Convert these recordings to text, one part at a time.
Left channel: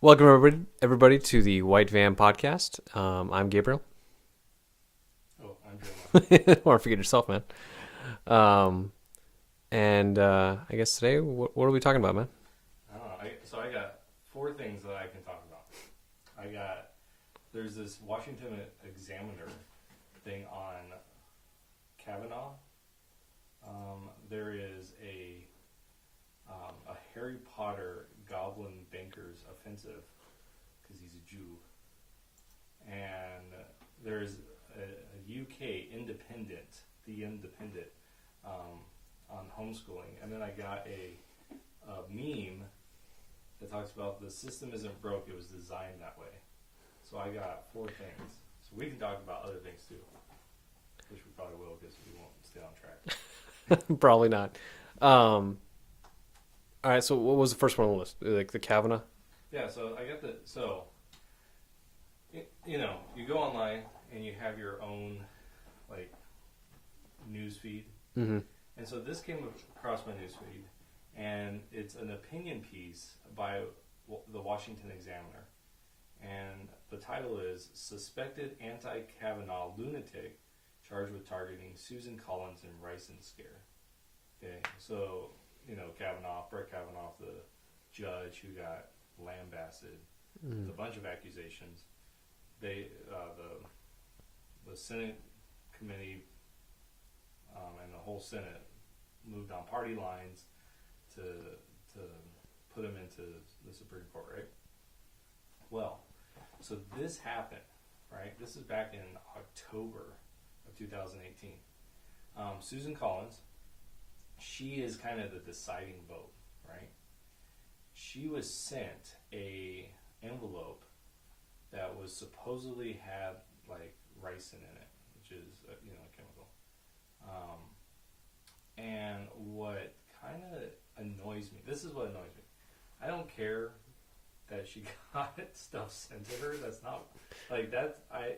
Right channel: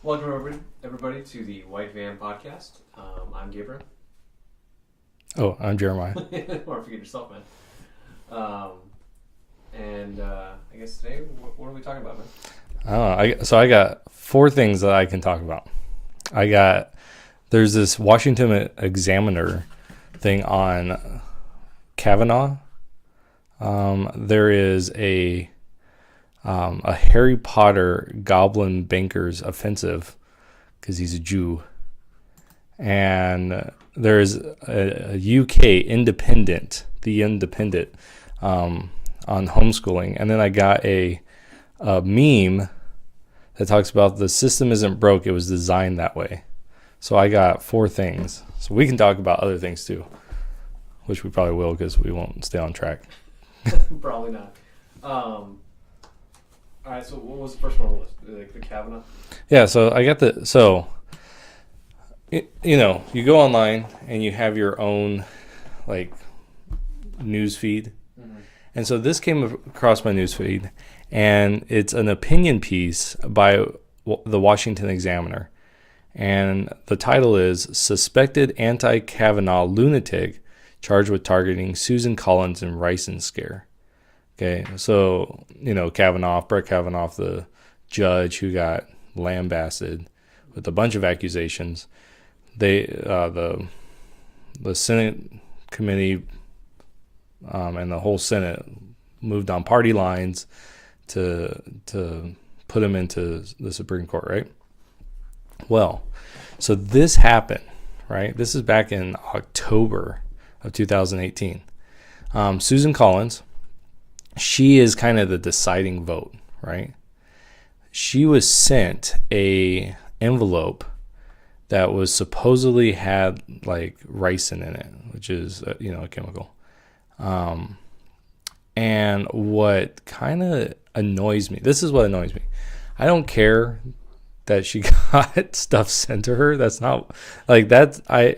Welcome, everybody, to the White Van Podcast. I'm Gabriel. Oh, I'm Jeremiah. Or forget yourself, man. I guess today, what are we talking about, man? I got four things that I can talk about. There's this Washington Examiner thing on Kavanaugh. There is a Harry Potter Goblin Bankers offensive because he's a Jew. And there's a UK Independent, The Independent, on homeschooling. And then I got a meme that talks about the system isn't broke, it was designed that way. So I got four things. So we can talk about other things too, which we probably will because we won't stay on track. Probably not. All right, so what was the first one on the list? Like the Kavanaugh? Yeah, so I got you go online and you have your own like news feed. Mm-hmm. And so this came across my news feed, and it's an opinion piece by the Washington Examiner. And the title is Suspected Anti-Kavanaugh Lunatic Charged with Targeting Susan Collins in Ricin Scare. Okay, so, Brett Kavanaugh, the judge who got lambasted with a bunch of accusations. The Senate committee and the whole Senate moved on party lines to put him into the Supreme Court, right? Well, so this happened, right? This is back in October of 2018. Susan Collins, she is kind of the deciding vote, right? She was sent a envelope that was supposedly had like ricin in it, which is a chemical. And what kind of annoys me, this is what annoys me. I don't care that she got stuff sent to her. That's not like that. I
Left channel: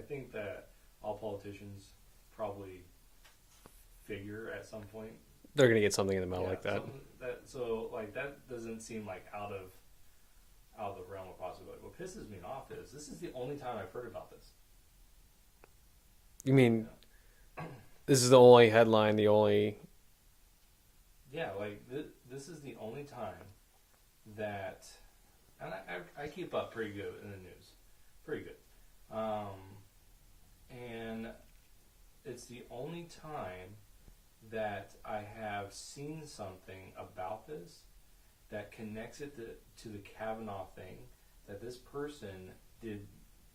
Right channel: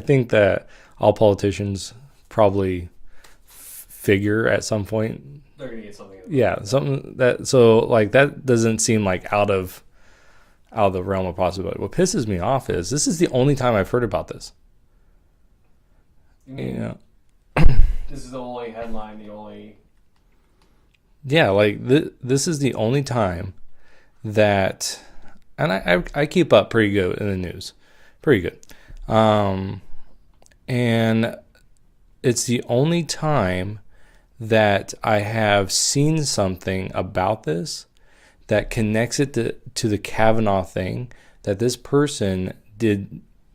think that all politicians probably figure at some point They're going to get something in the mail. Yeah, like something that doesn't seem like out of the realm of possibility. What pisses me off is this is the only time I've heard about this. You mean this is the only headline, the only... Yeah, like this is the only time that... And I keep up pretty good in the news. Pretty good. And it's the only time that I have seen something about this that connects it to the Kavanaugh thing, that this person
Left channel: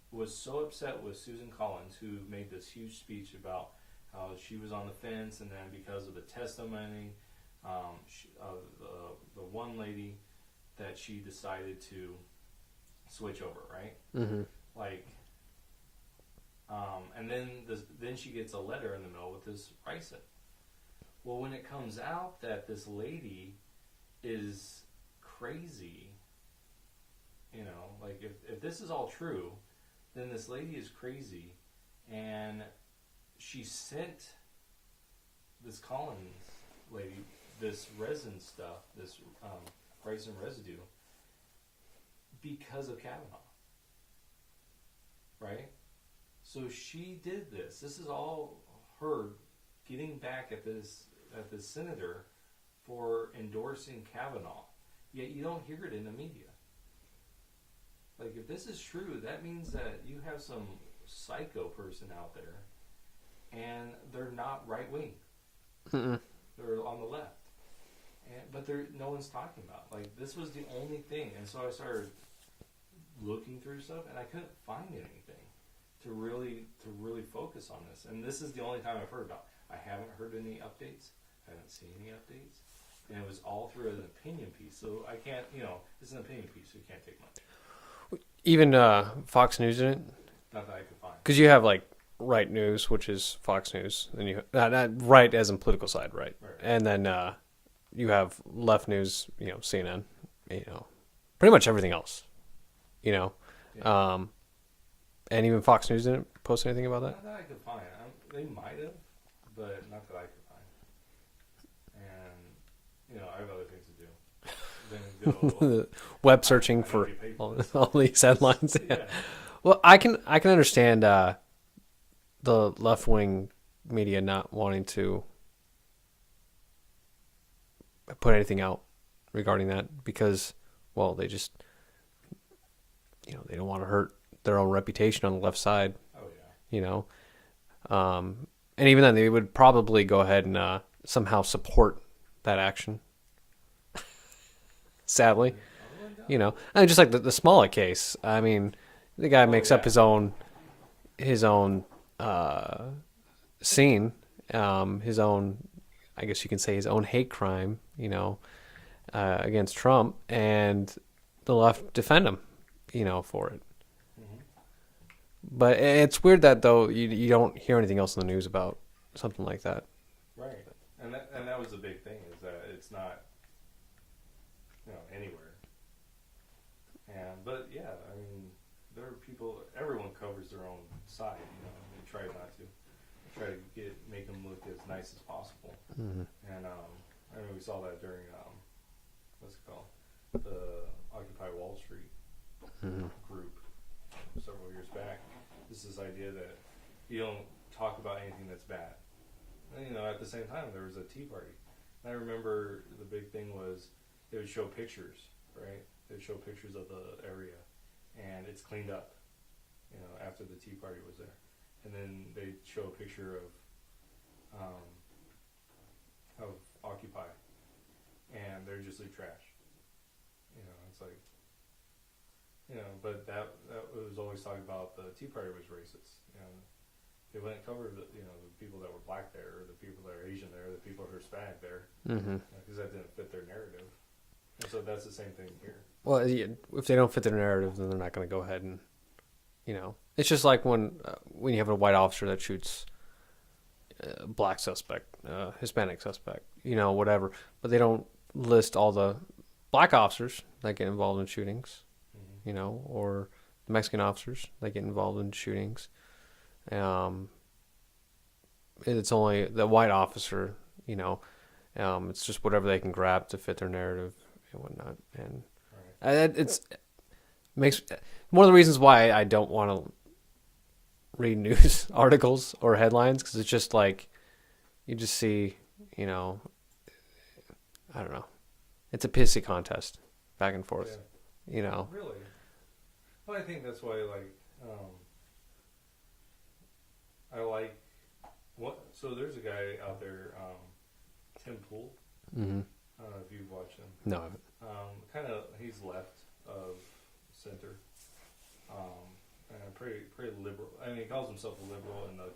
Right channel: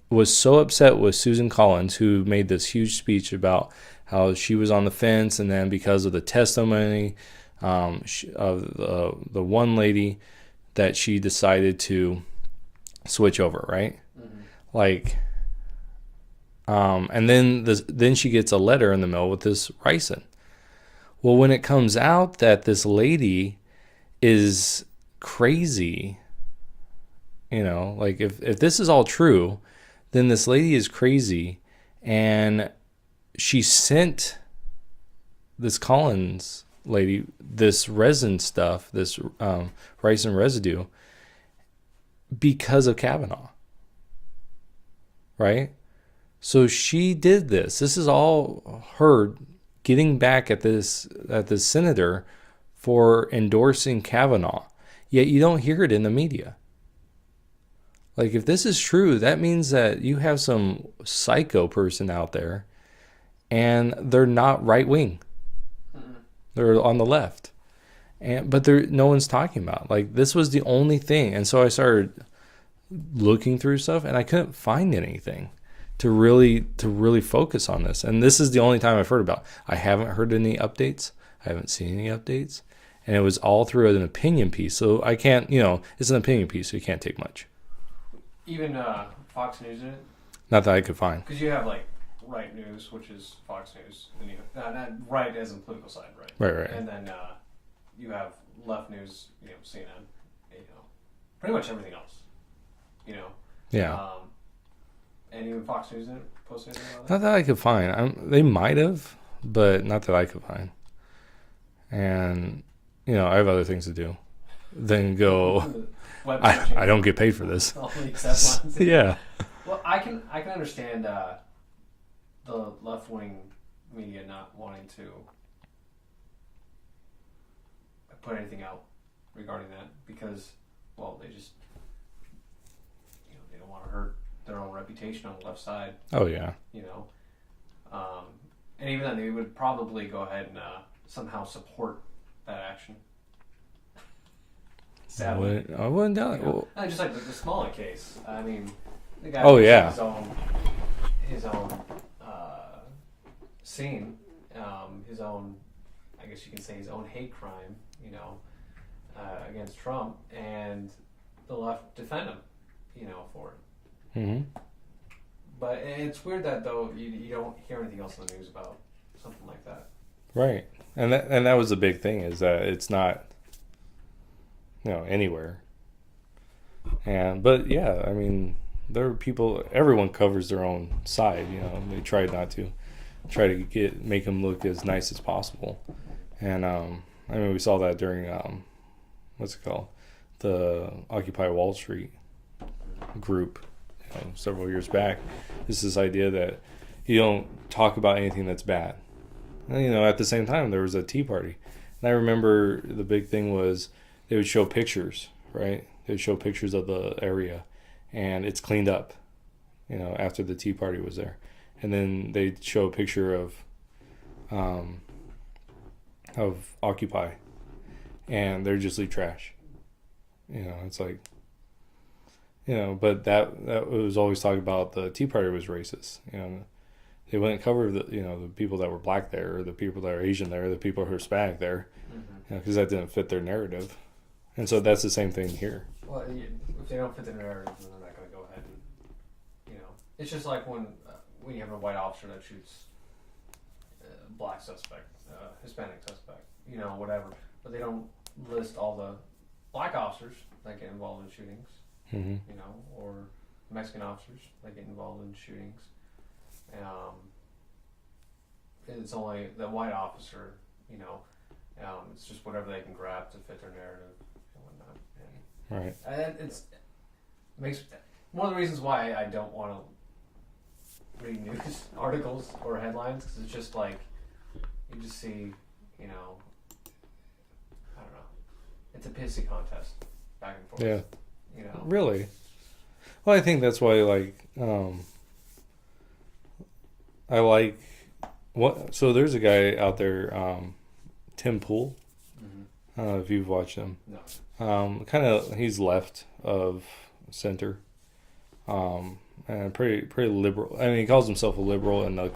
was so upset with Susan Collins, who made this huge speech about how she was on the fence, and then because of the testimony of the one lady, that she decided to switch over, right? Mm-hmm. And then she gets a letter in the mail with this ricin. Well, when it comes out that this lady is crazy, if this is all true, then this lady is crazy, and she sent this Collins lady this resin stuff, this ricin residue, because of Kavanaugh, right? So she did this. This is all her getting back at this senator for endorsing Kavanaugh. Yet you don't hear it in the media. Like, if this is true, that means that you have some psycho person out there, and they're not right wing. They're on the left. But no one's talking about. Like, this was the only thing. And so I started looking through stuff, and I couldn't find anything to really focus on this. And this is the only time I've heard about it. I haven't heard any updates. I haven't seen any updates. And it was all through an opinion piece. So I can't, it's an opinion piece, so you can't take much. Even Fox News in it? Not that I could find. Because you have like right news, which is Fox News, and you not right as in political side, right? Right. And then you have left news, CNN, pretty much everything else, Yeah. And even Fox News didn't post anything about that? Not that I could find. They might have, but not that I could find. And, I have other things to do. than go. Web searching. I don't get paid for this. All these headlines. Yeah. Well, I can understand the left wing media not wanting to put anything out regarding that because, well, they just, they don't want to hurt their own reputation on the left side. Oh yeah. And even then, they would probably go ahead and somehow support that action. Sadly, I wouldn't doubt. I mean, just like the Smollett case. I mean, the guy Oh, makes yeah. up his own scene, his own, I guess you can say, his own hate crime, against Trump, and the left defend him, for it. Mm-hmm. But it's weird that though you don't hear anything else in the news about something like that. Right, and that was the big thing, is that it's not, anywhere. But yeah, I mean, there are people. Everyone covers their own side. They try not to make them look as nice as possible. Mm-hmm. And I mean, we saw that during what's it called, the Occupy Wall Street group, several years back. It's this idea that you don't talk about anything that's bad. And, at the same time, there was a Tea Party, and I remember the big thing was they would show pictures, right? They would show pictures of the area, and it's cleaned up, after the Tea Party was there. And then they'd show a picture of Occupy, and they're just leave trash. It's like, but that was always talking about the Tea Party was racist. They wouldn't cover the people that were black there, or the people that are Asian there, or the people who are Hispanic there, because that didn't fit their narrative. And so that's the same thing here. Well, if they don't fit their narrative, then they're not going to go ahead and, it's just like when you have a white officer that shoots a black suspect, Hispanic suspect, whatever, but they don't list all the black officers that get involved in shootings, or Mexican officers that get involved in shootings. It's only the white officer, it's just whatever they can grab to fit their narrative and whatnot. And right, it's makes one of the reasons why I don't want to read news articles or headlines, because it's just like you just see, I don't know, it's a pissy contest back and forth. Yeah, really. Well, I think that's why, I like what. So there's a guy out there, Tim Pool. Mm-hmm. I don't know if you've watched him. No. Kind of, he's left of center, and pretty liberal. I mean, he calls himself a liberal in the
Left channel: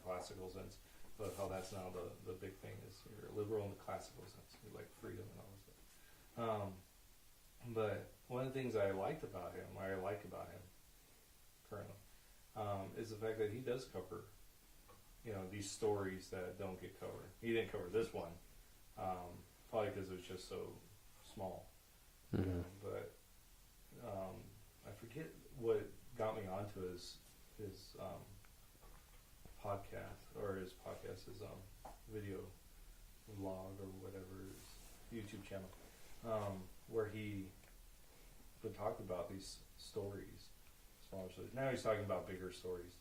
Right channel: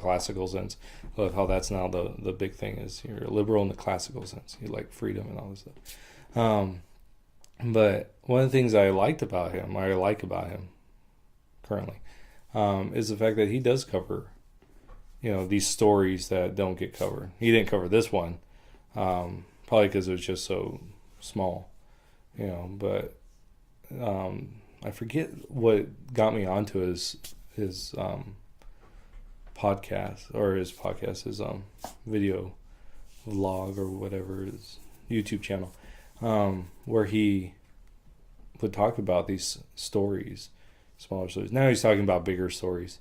classical sense. But how that's now the big thing is you're a liberal in the classical sense. You like freedom and all this stuff. But one of the things I like about him currently, is the fact that he does cover, these stories that don't get covered. He didn't cover this one, probably because it was just so small, but I forget what got me onto his podcast, his video vlog or whatever, his YouTube channel, where he would talk about these stories, smaller stories. Now he's talking about bigger stories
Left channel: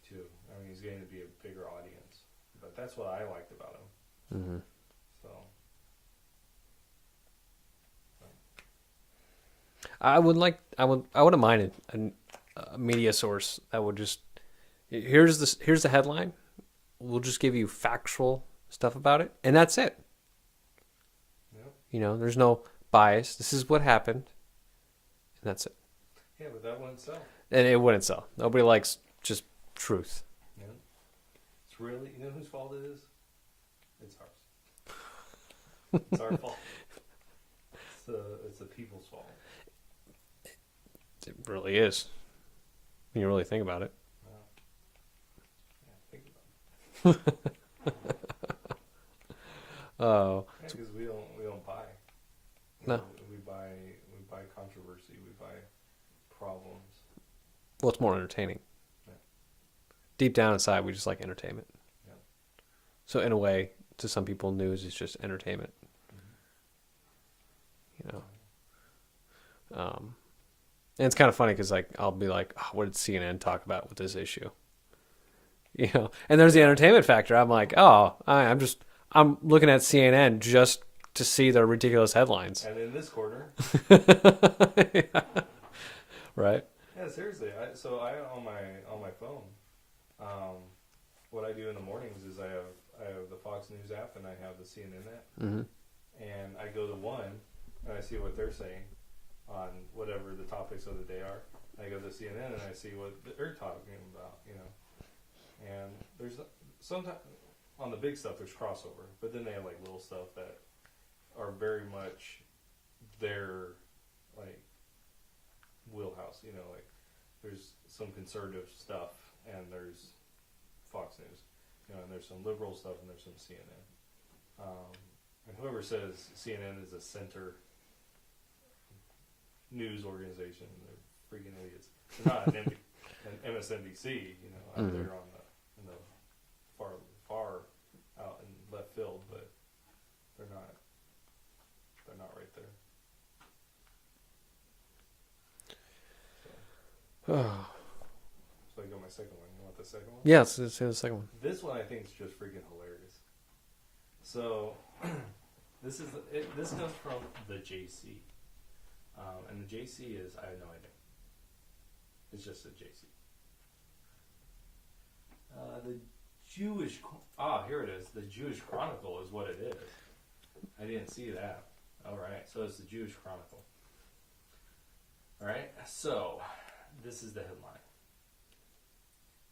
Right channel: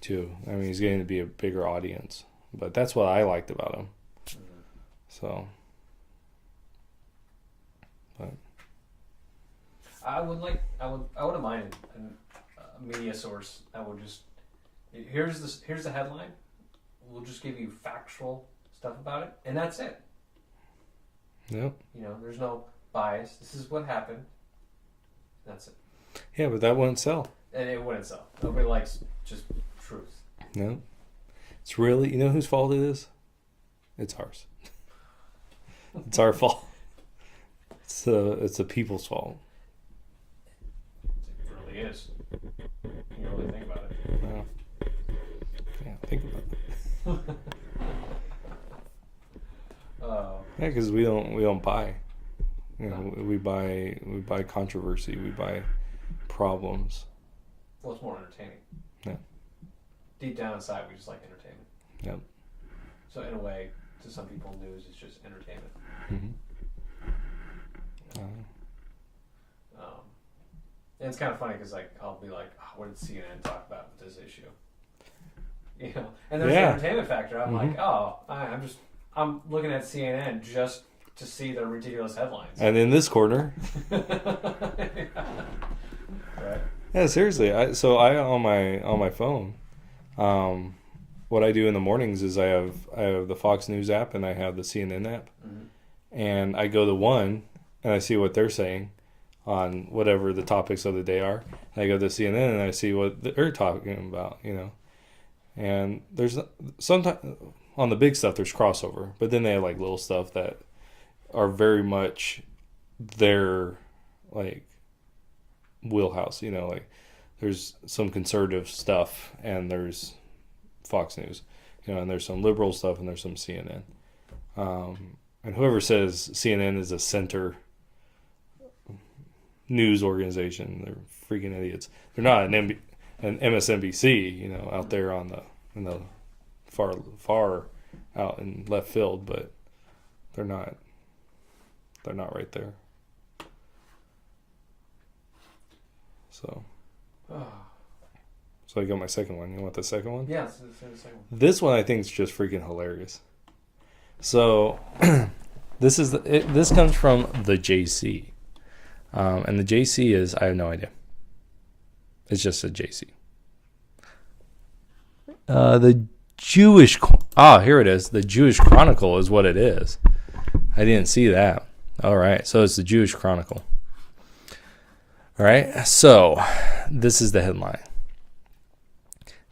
too. I mean, he's getting to be a bigger audience, but that's what I liked about him. Mm-hmm. So, but I wouldn't mind a media source that would just, here's the headline, we'll just give you factual stuff about it, and that's it. Yep. There's no bias. This is what happened, and that's it. Yeah, but that wouldn't sell. And it wouldn't sell. Nobody likes just truth. No. It's really, whose fault it is? It's ours. It's our fault. It's the people's fault. It really is. When you really think about it. Yeah. Yeah, think about it. Oh. Yeah, because we don't buy. No. We buy controversy. We buy problems. Well, it's more entertaining. Yeah. Deep down inside, we just like entertainment. Yep. So in a way, to some people, news is just entertainment. Mm-hmm. And it's kind of funny because like I'll be like, oh, what did CNN talk about with this issue? You know, and there's the entertainment factor. I'm like, oh, I'm looking at CNN just to see the ridiculous headlines. And in this corner, Yeah. Right. yeah, seriously. I on my phone, what I do in the mornings is I have the Fox News app and I have the CNN app, and I go to one and I see what they're saying on whatever the topics of the day are. And I go to CNN and I see what they're talking about, you know. And there's sometimes on the big stuff there's crossover, but then they have like little stuff that are very much their like wheelhouse, you know, like there's some conservative stuff and there's Fox News, you know, and there's some liberal stuff and there's some CNN. And whoever says CNN is a center news organization, they're freaking idiots. They're not an MSNBC, you know, out there on in the far out in left field, but they're not right there. So I got my second one. You want the second one? Yeah, let's do the second one. This one I think is just freaking hilarious. So this comes from the JC. And the JC is, I have no idea. It's just a JC. The Jewish... here it is. The Jewish Chronicle is what it is. I didn't see that. All right. So it's the Jewish Chronicle. All right. So this is the headline.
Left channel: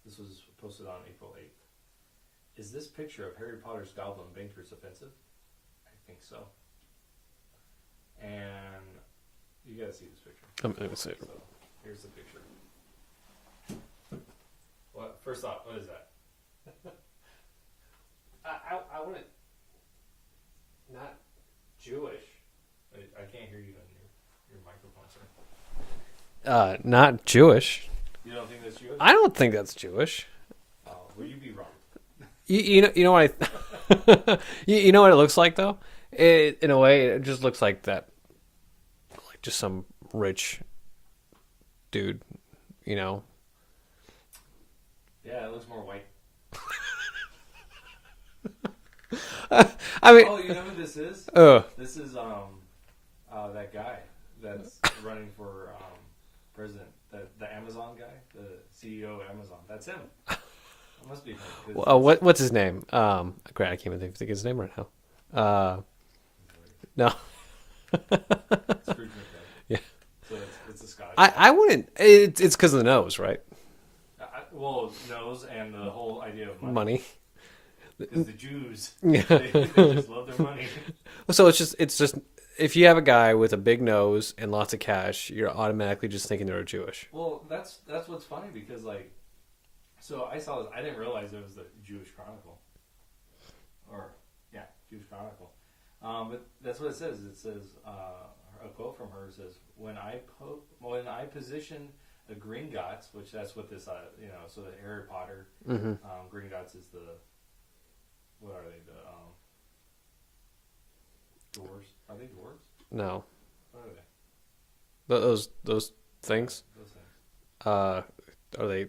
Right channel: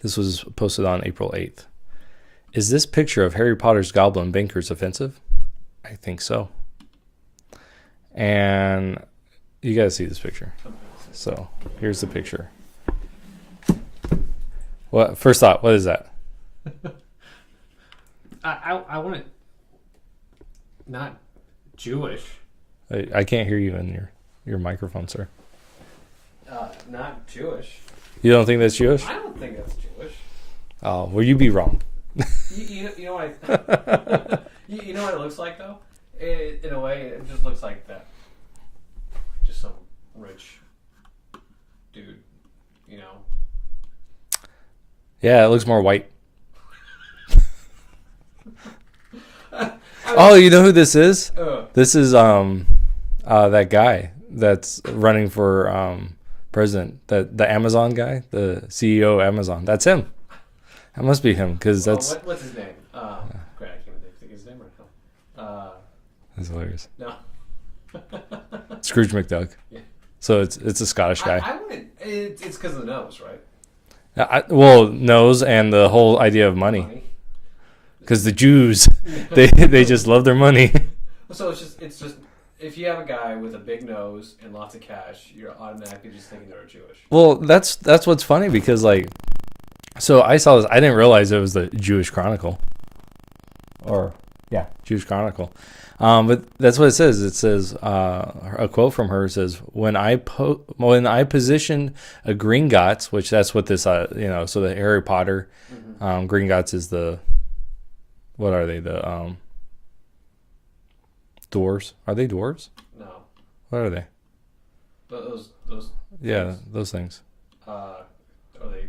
This was posted on April 8th. Is this picture of Harry Potter's goblin bankers offensive? I think so. And you got to see this picture. So here's the picture. What first thought? What is that? I want it not Jewish. I can't hear you in your microphone, sir. Not Jewish. You don't think that's Jewish? I don't think that's Jewish. Oh, well, you be wrong. You know what you know what it looks like though. In a way, it just looks like that, like just some rich dude, you know. Yeah, it looks more white. I mean, oh, you know who this is? Oh, This is that guy that's running for president. The Amazon guy, the CEO of Amazon. That's him. That must be him because that's what's his name? Great, I can't even think of his name right now. That's hilarious. No, Scrooge McDuck. Yeah. So it's a Scottish guy. I wouldn't. It's because of the nose, right? Well, nose and the whole idea of money. Because the Jews, they just love their money. So it's just if you have a guy with a big nose and lots of cash, you're automatically just thinking they're Jewish. Well, that's what's funny because like, so I saw this. I didn't realize it was the Jewish Chronicle. Jewish Chronicle. But that's what it says. It says a quote from her says, "When I positioned a Gringotts, which that's what this so the Harry Potter Gringotts is the what are they the dwarves? Are they dwarves? No. What are they? Those things. Yeah, those things. Are they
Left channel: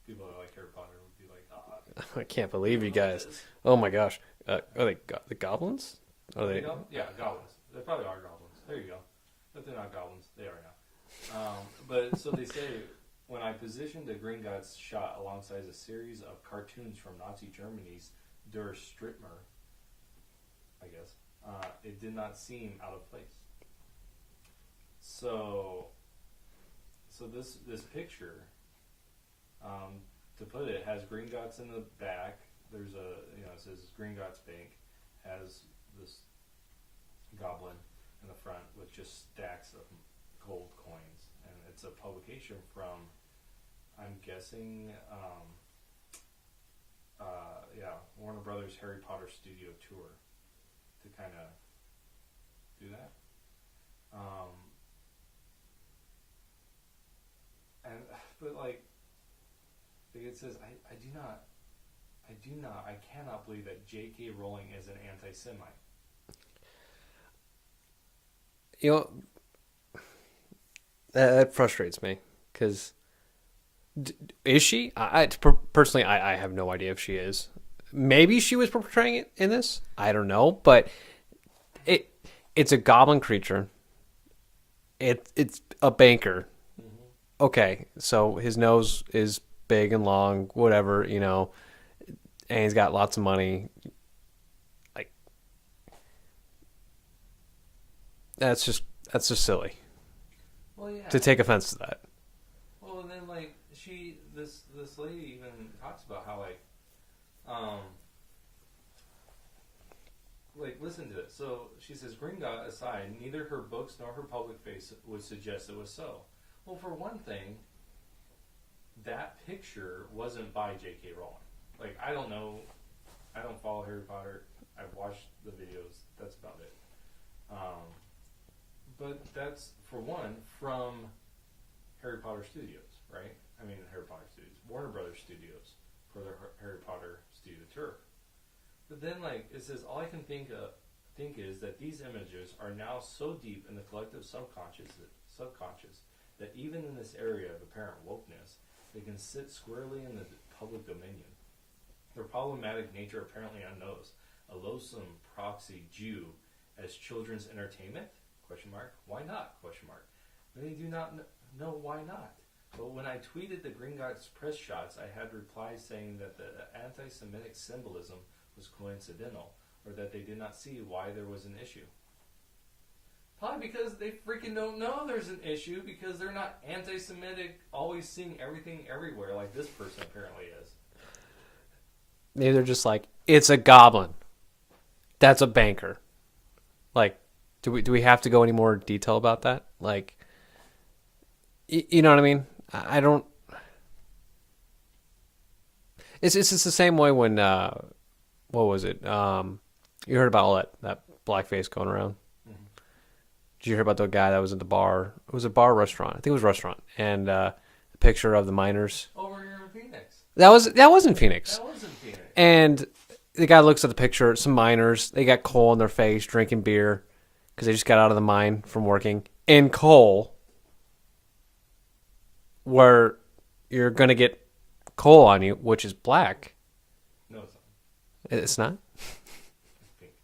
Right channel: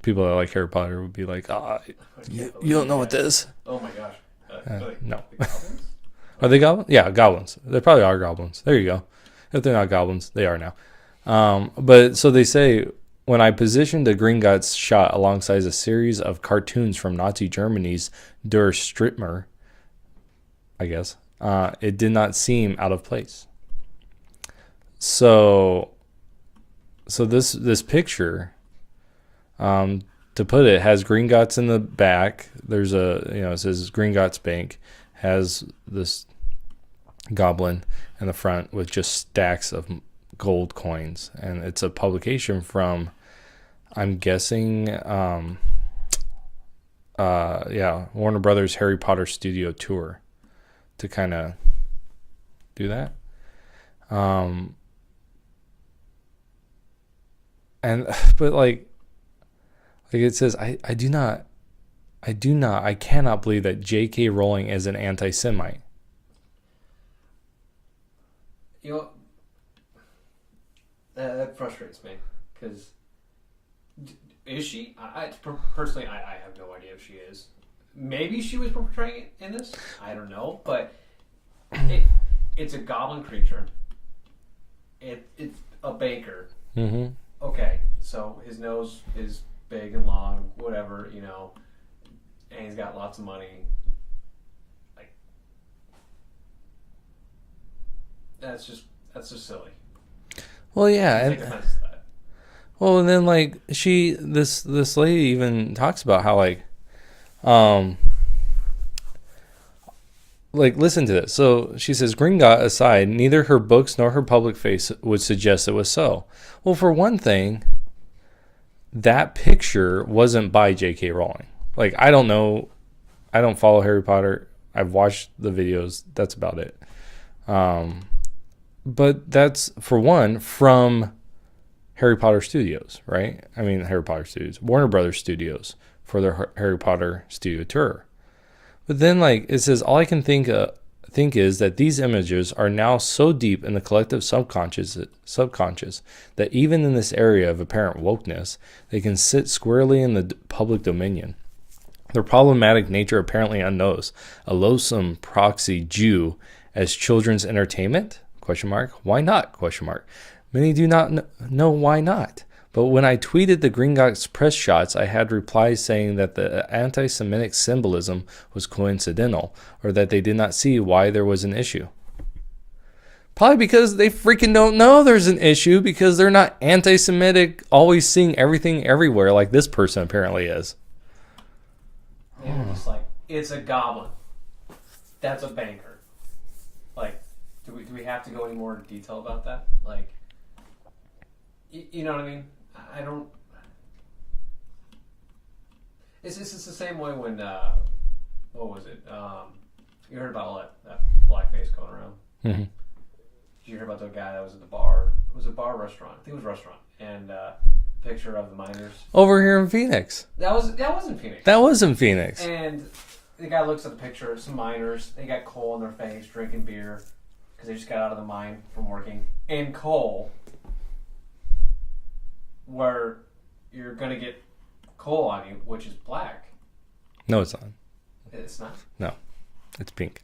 people that like Harry Potter would be like, I can't believe you don't know what this is. Oh my gosh. Are they the goblins? Are they goblins? Yeah, goblins. They probably are goblins. There you go. If they're not goblins, they are now. But so they say, when I positioned the Gringotts shot alongside a series of cartoons from Nazi Germany's Der Strittmer, I guess, it did not seem out of place. So this picture, to put it, has Gringotts in the back. There's it says Gringotts Bank, has this goblin in the front with just stacks of gold coins, and it's a publication from, I'm guessing, Warner Brothers Harry Potter Studio Tour, to kind of do that. But like it says, I cannot believe that J.K. Rowling is an anti-Semite. You know, That frustrates me because is she? Personally, I have no idea if she is. Maybe she was portraying it in this. I don't know, but it's a goblin creature. It's a banker. Mm-hmm. Okay, so his nose is big and long, whatever, and he's got lots of money. Like that's just silly. Well, yeah. To take offense to that. Well, and then like this lady even talks about how listen to this. So she says, Gringotts aside, neither her books nor her public face would suggest it was so. Well, for one thing, that picture wasn't by J.K. Rowling. Like, I don't know. I don't follow Harry Potter. I've watched the videos. That's about it. But that's, for one, from Harry Potter Studios, right? I mean, Harry Potter Studios. Warner Brothers Studios for their Harry Potter studio tour. But then, it says, all I can think is that these images are now so deep in the collective subconscious that even in this area of apparent wokeness, they can sit squarely in the public dominion. Their problematic nature apparently unnoticed. A loathsome proxy Jew as children's entertainment? ? Why not? ? Many do not know why not. But when I tweeted the Gringotts press shots, I had replies saying that the anti-Semitic symbolism was coincidental, or that they did not see why there was an issue. Probably because they freaking don't know there's an issue, because they're not anti-Semitic, always seeing everything everywhere like this person apparently is. Maybe they're just like, it's a goblin. That's a banker. Like, do we have to go any more detail about that? Like, you know what I mean? I don't. It's just the same way when what was it? You heard about all that blackface going around. Mm-hmm. Did you hear about the guy that was at the bar? It was a bar restaurant. I think it was a restaurant, and a picture of the miners over here in Phoenix. That wasn't Phoenix. That wasn't Phoenix. And the guy looks at the picture. Some miners. They got coal in their face, drinking beer, because they just got out of the mine from working in coal, where you're going to get coal on you, which is black. No, it's not. It's not? No, it's pink.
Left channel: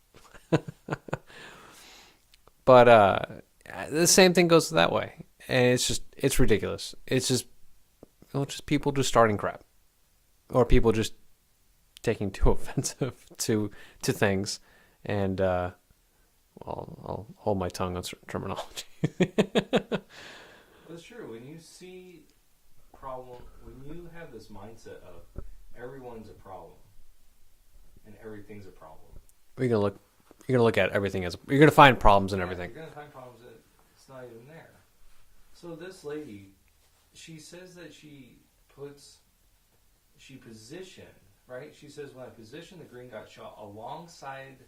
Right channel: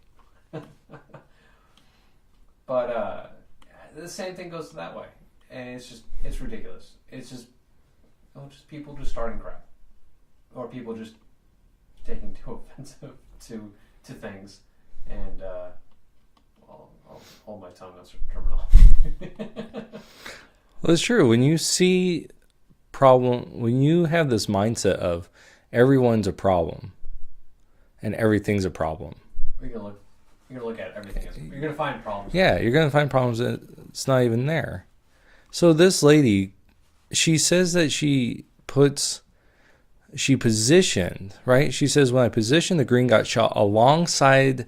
But the same thing goes that way. And it's ridiculous. It's just people just starting crap. Or people just taking too offensive to things. And I'll hold my tongue on certain terminology. Well, it's true. When you see when you have this mindset of everyone's a problem and everything's a problem, you're gonna look at everything as you're gonna find problems. You're gonna find problems that it's not even there. So this lady, she says that she positioned, right? She says, when I positioned the Gringotts shot alongside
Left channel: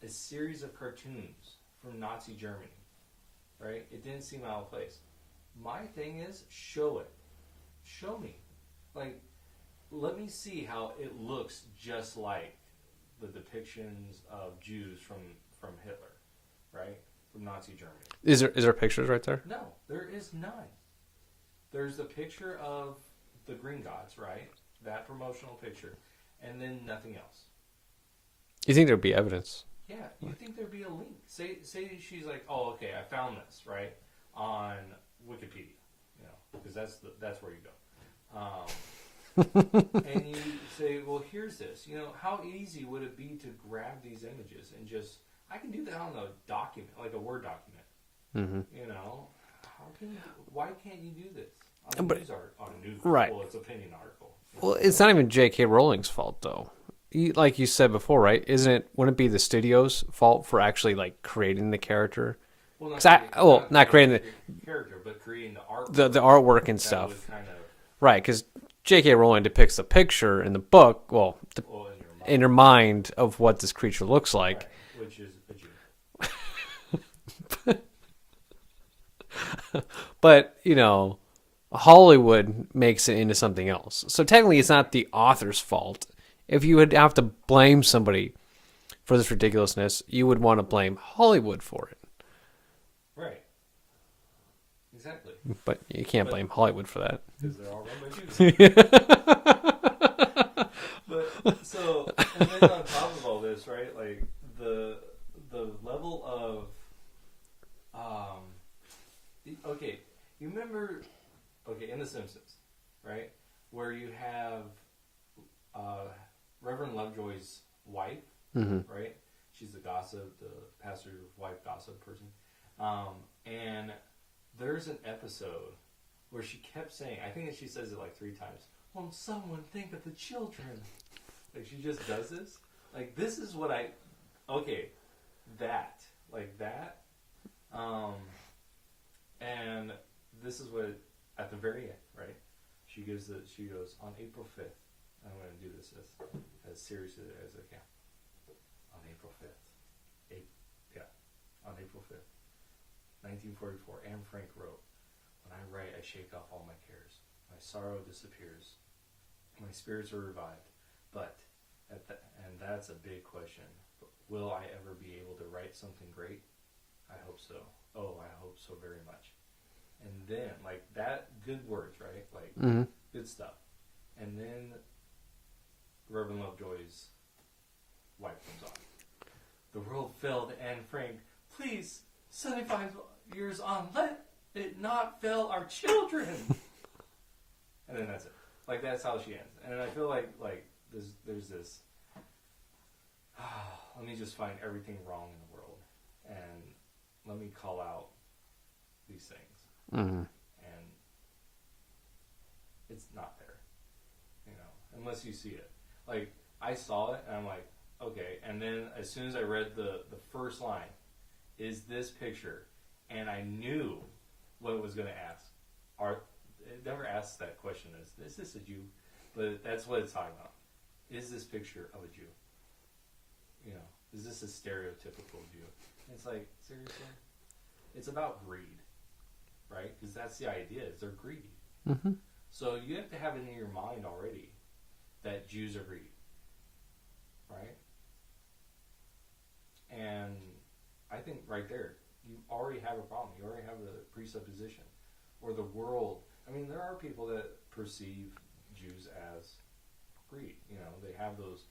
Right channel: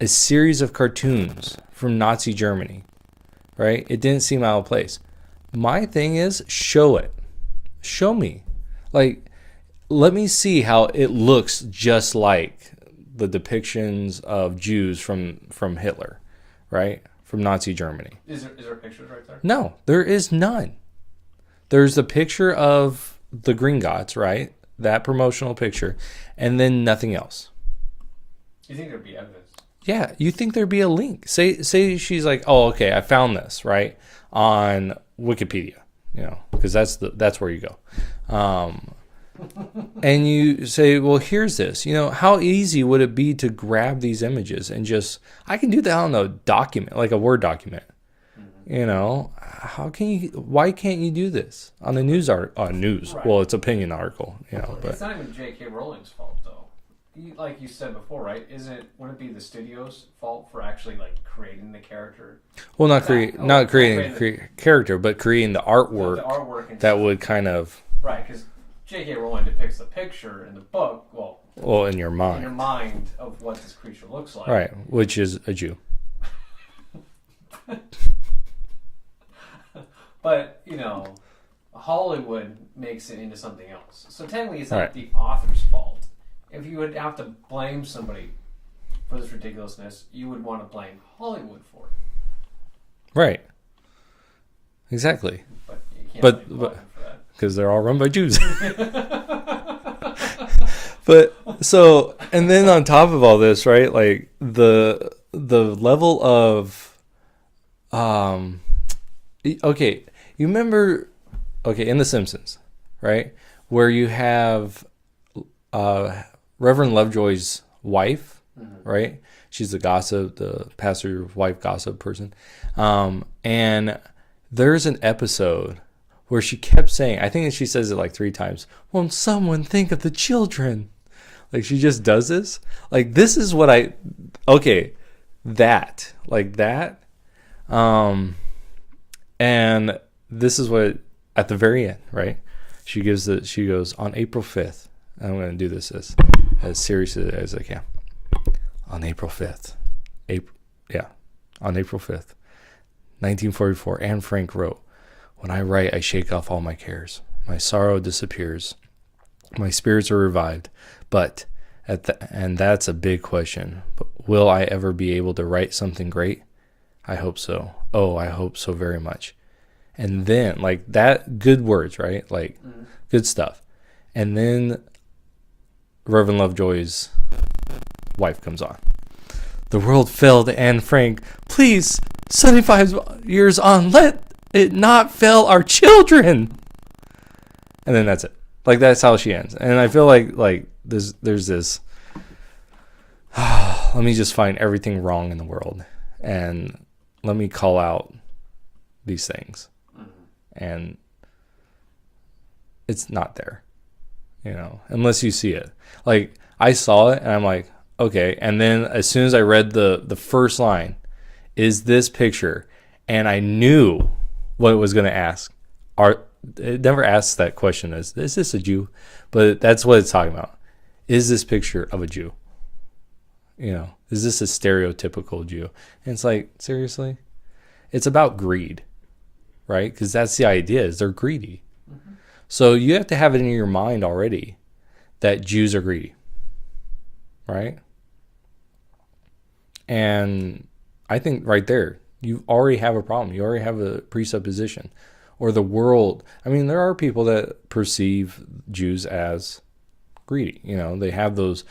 a series of cartoons from Nazi Germany, right? It didn't seem out of place. My thing is, show it. Show me. Let me see how it looks just like the depictions of Jews from Hitler, right? From Nazi Germany. Is there pictures right there? No, there is none. There's the picture of the Gringotts, right? That promotional picture, and then nothing else. You think there'd be evidence? Yeah, you think there'd be a link. Say she's like, oh, okay, I found this, right, on Wikipedia, because that's where you go. And you say, well, here's this. How easy would it be to grab these images and I can do that on a document, like a Word document. Mm-hmm. Why can't you do this on the news article? News. Right. Well, it's opinion article. It's not even J.K. Rowling's fault, though. Like you said before, right? Wouldn't it be the studio's fault for actually creating the character? Well, not creating the character, but creating the artwork. The artwork and stuff. That would kind of... Right, because J.K. Rowling depicts the picture in the book, in your mind. In your mind of what this creature looks like. Right, which is a Jew. But, Hollywood makes it into something else. So technically it's not the author's fault. If you would have to blame somebody for this ridiculousness, you would want to blame Hollywood for it. Right. Exactly. But you can't But- blame Hollywood for that. Because they're all run by Jews. But so, and then on top of all this, right? Like the level of, okay, you remember, okay, in The Simpsons, right, where you have Reverend Lovejoy's wife, right? She's the gossip, the pastor's wife gossip person, and there's an episode where she kept saying, I think she says it like 3 times, won't someone think of the children? Like, she just does this. Like, this is what that. And this is what, at the very end, right? She goes, on April 5th, I'm going to do this as serious as I can. On April 5th, on April 5th, 1944, Anne Frank wrote, when I write, I shake off all my cares. My sorrow disappears. My spirits are revived. But, and that's a big question, but will I ever be able to write something great? I hope so. Oh, I hope so very much. And then, like, that, good words, right? Like, good stuff. And then Reverend Lovejoy's wife comes on. The world fell to Anne Frank. Please, 75 years on, let it not fail our children. And then that's it. Like, that's how she ends. And I feel like there's this, let me just find everything wrong in the world. And let me call out these things. And it's not there, unless you see it. Like, I saw it and I'm like, okay. And then as soon as I read the first line, is this picture, and I knew what it was going to ask. It never asks that question, is this a Jew? But that's what it's talking about. Is this picture of a Jew? Is this a stereotypical Jew? And it's like, seriously? It's about greed, right? Because that's the idea, is they're greedy. So you have to have it in your mind already that Jews are greedy, right? And I think right there, you already have a problem. You already have a presupposition. Or the world. I mean, there are people that perceive Jews as greedy. They have those,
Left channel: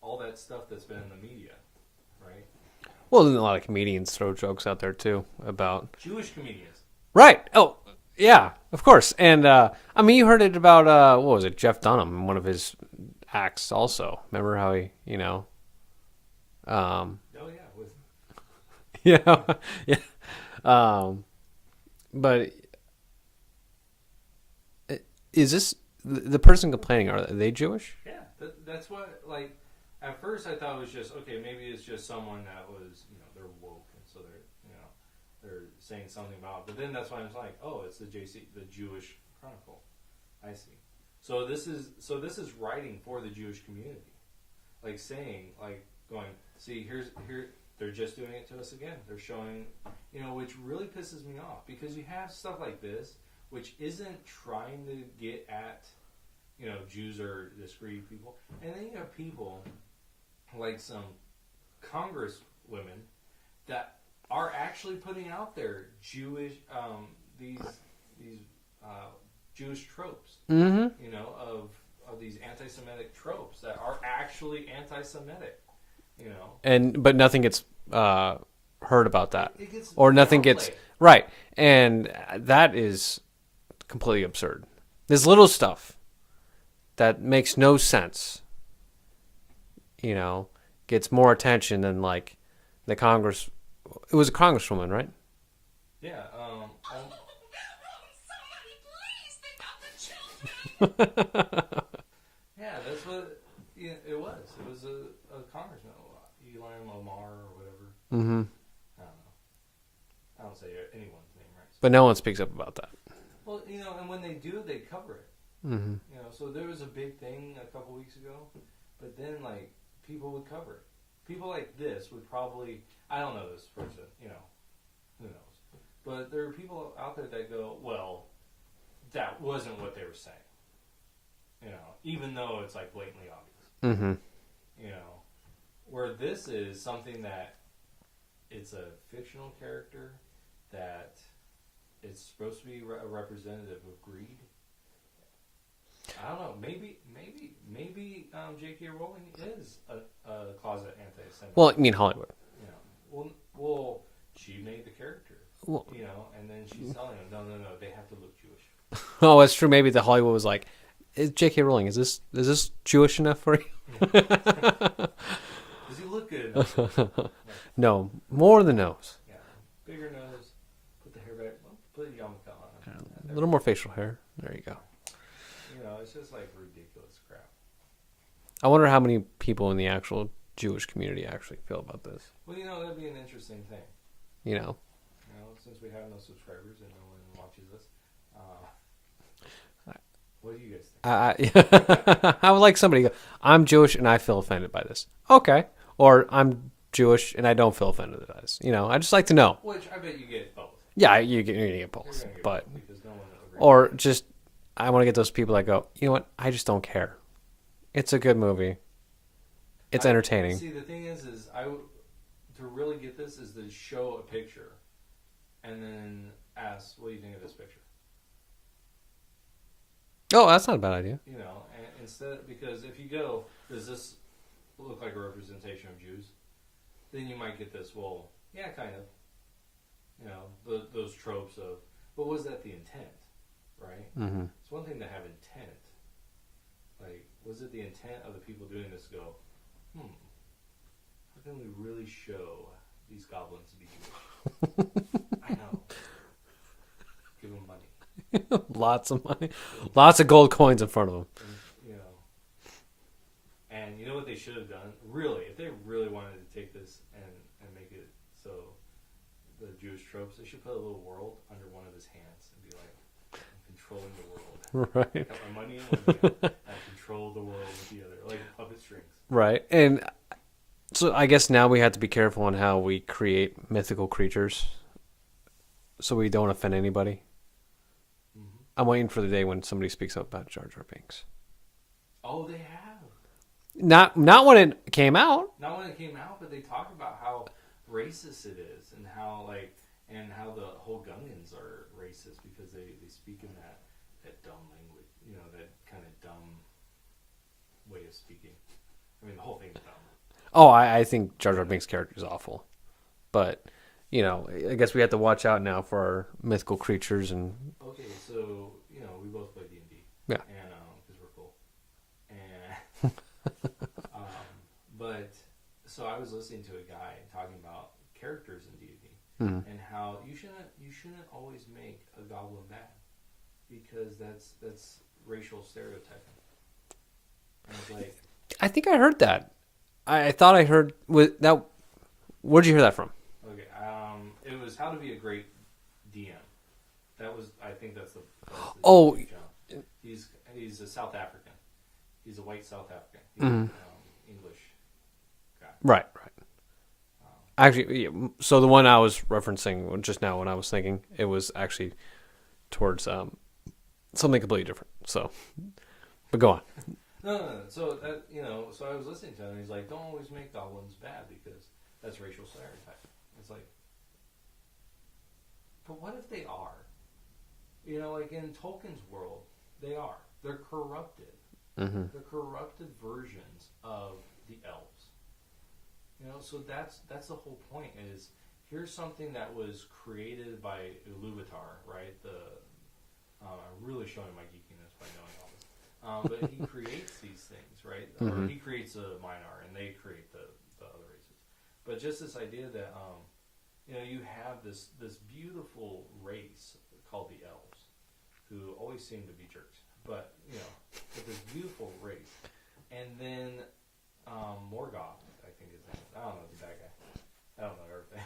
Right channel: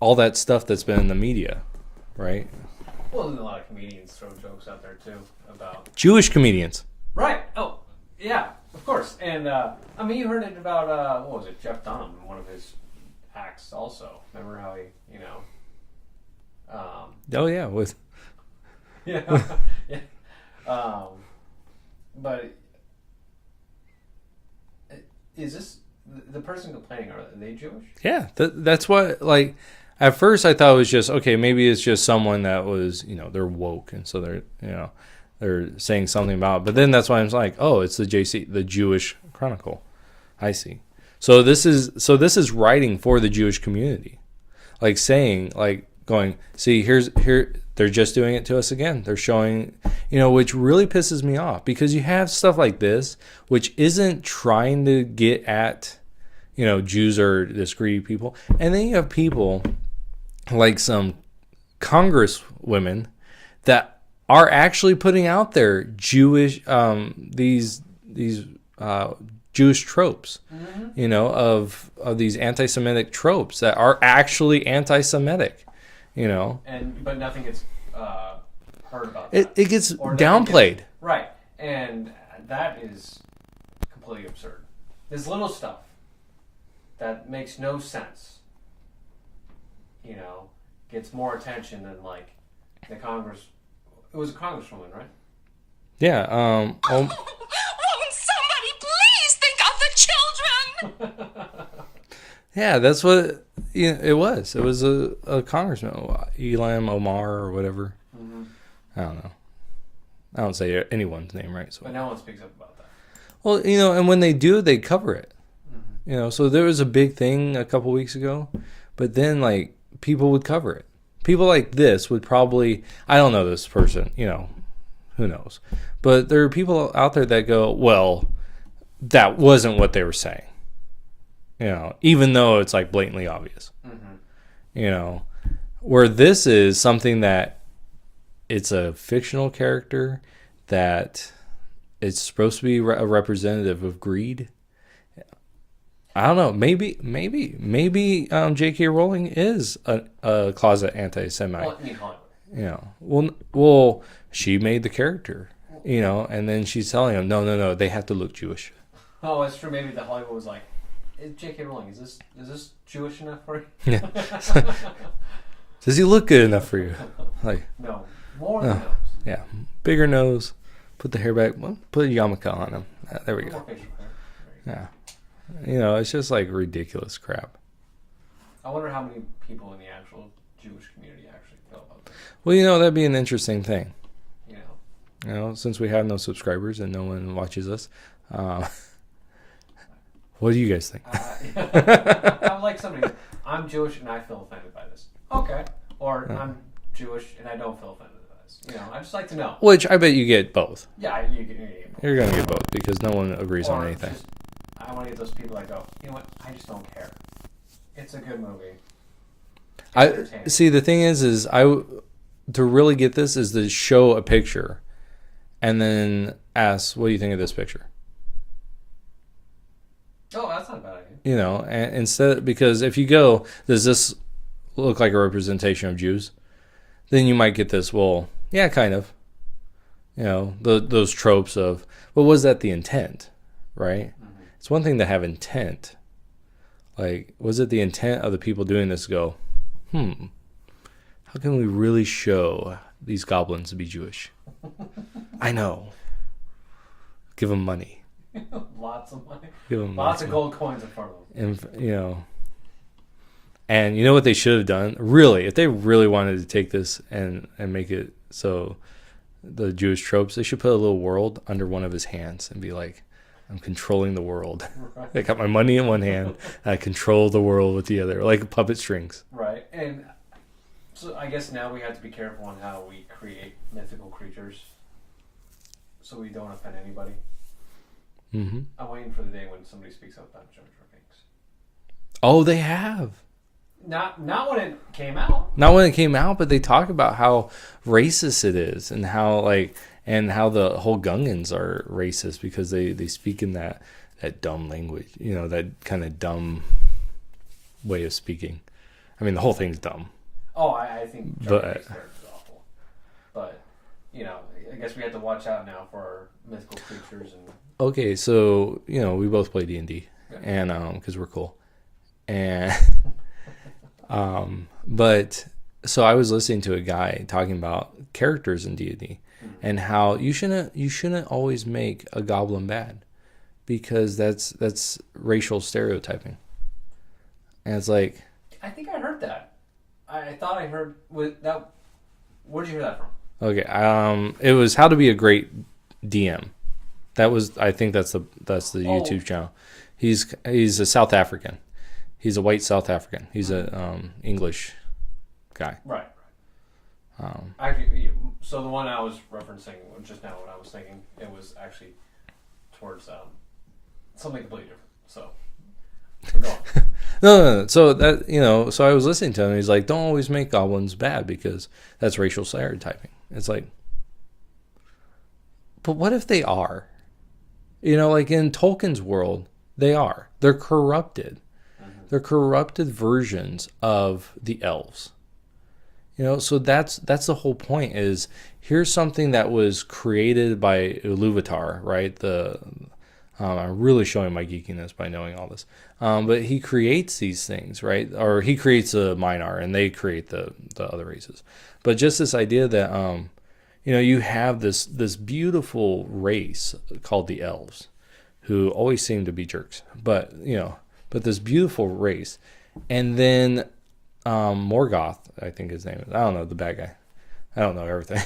all that stuff that's been in the media, right? Well, there's a lot of comedians throw jokes out there, too, about... Jewish comedians. Right. Oh, yeah, of course. And, you heard it about, what was it, Jeff Dunham in one of his acts also. Remember how he, Oh, yeah. With yeah. Yeah. But is this the person complaining? Are they Jewish? Yeah, that's what, like, at first I thought it was just, okay, maybe it's just someone that was, they're woke. And so they're saying something about it. But then that's why I'm like, oh, it's the Jewish Chronicle. I see. So this is writing for the Jewish community. Like saying, like going, see, here, they're just doing it to us again. They're showing, which really pisses me off, because you have stuff like this, which isn't trying to get at, Jews are this greedy people. And then you have people like some congresswomen that are actually putting out there Jewish, these Jewish tropes, of these anti-Semitic tropes that are actually anti-Semitic. But nothing gets heard about that. It gets or nothing downplayed. Right. And that is completely absurd. This little stuff that makes no sense, gets more attention than like the Congress. It was a congresswoman, right? Yeah. Won't somebody please think of the children? Yeah, that's what it was. It was a congressman, Elam Omar or whatever. I don't know. I don't say anyone's name right. So. But no one speaks up about that. Well, and when they do, they cover it. So there was a big thing a couple weeks ago, but then like people would cover it. People like this would probably, I don't know this person, who knows. But there are people out there that go, well, that wasn't what they were saying. Even though it's like blatantly obvious. Where this is something that it's a fictional character that it's supposed to be a representative of greed. I don't know. Maybe J.K. Rowling is a closet anti-Semite. Well, I mean Hollywood. Well, she made the character, and then she's telling him, no, they have to look Jewish. Oh, that's true. Maybe the Hollywood was like, J.K. Rowling, is this Jewish enough for you? Yeah. Does he look good enough for you? Like, no, more than the nose. Yeah, bigger nose. Put the hair back. Well, put a yarmulke on him. A little more facial hair. There you go. Yeah. It's just like ridiculous crap. I wonder how many people in the actual Jewish community actually feel about this. Well, that'd be an interesting thing. Since we have no subscribers and no one watches us, what do you guys think? I would like somebody. I'm Jewish and I feel offended by this. Okay, or I'm Jewish and I don't feel offended by this. I just like to know. Which I bet you get both. Yeah, you're gonna get both. You're gonna get both because no one agrees. Or on anything. just, I want to get those people that go, you know what? I just don't care. It's a good movie. It's entertaining. See, the thing is to really get this is to show a picture, and then ask, "What do you think of this picture?" Oh, that's not a bad idea. And instead, because if you go, does this look like a representation of Jews? Then you might get this. Well, yeah, kind of. Those tropes of, well, was that the intent, right? Mm-hmm. It's one thing to have intent. Like, was it the intent of the people doing this to go, how can we really show these goblins to be Jewish? I know. Give them money. Lots of money. Lots of gold coins in front of them. And you know what they should have done? Really, if they really wanted to take this and make it so the Jewish tropes, they should put a little world under one of his hands and be like, I'm controlling the world. Right. I got my money in one hand and I control the world with the other, like puppet strings. Right. And so I guess now we have to be careful on how we create mythical creatures so we don't offend anybody. Mm-hmm. I'm waiting for the day when somebody speaks up about Jar Jar Binks. Oh, they have. Not when it came out. Not when it came out, but they talk about how racist it is and how the whole Gungans are racist because they speak in that dumb language, that kind of dumb way of speaking. I mean, the whole thing's dumb. Oh, I think Jar Jar Binks' character is awful. But, I guess we have to watch out now for our mythical creatures. And okay, so, we both play D&D. Yeah. And, because we're cool. And, but, so I was listening to a guy talking about characters in D&D. Mm-hmm. And how you shouldn't always make a goblin bad, because that's racial stereotyping. And it's like, I think I heard that. I thought I heard with that. Where'd you hear that from? Okay, it was How to Be a Great DM. I think that's the YouTube channel. He's a South African. He's a white South African. He's an English guy. Right. Actually, so the one I was referencing just now when I was thinking, it was actually towards something completely different. So, but go on. No. So that, so I was listening to him. And he's like, don't always make goblins bad because that's racial stereotyping. It's like, but what if they are? Like in Tolkien's world, they are. They're corrupted. Mm-hmm. They're corrupted versions of the elves. So that's the whole point. Is here's something that was created by Iluvatar, right? I'm really showing my geekiness by knowing all this. But he creates these things, right? Or he creates a Minar, and they create the other races. But just this idea that you have this beautiful race called the elves, who always seem to be jerks. But this beautiful race, and then Morgoth, I think his name is. I don't know, the bad guy. I don't know everything.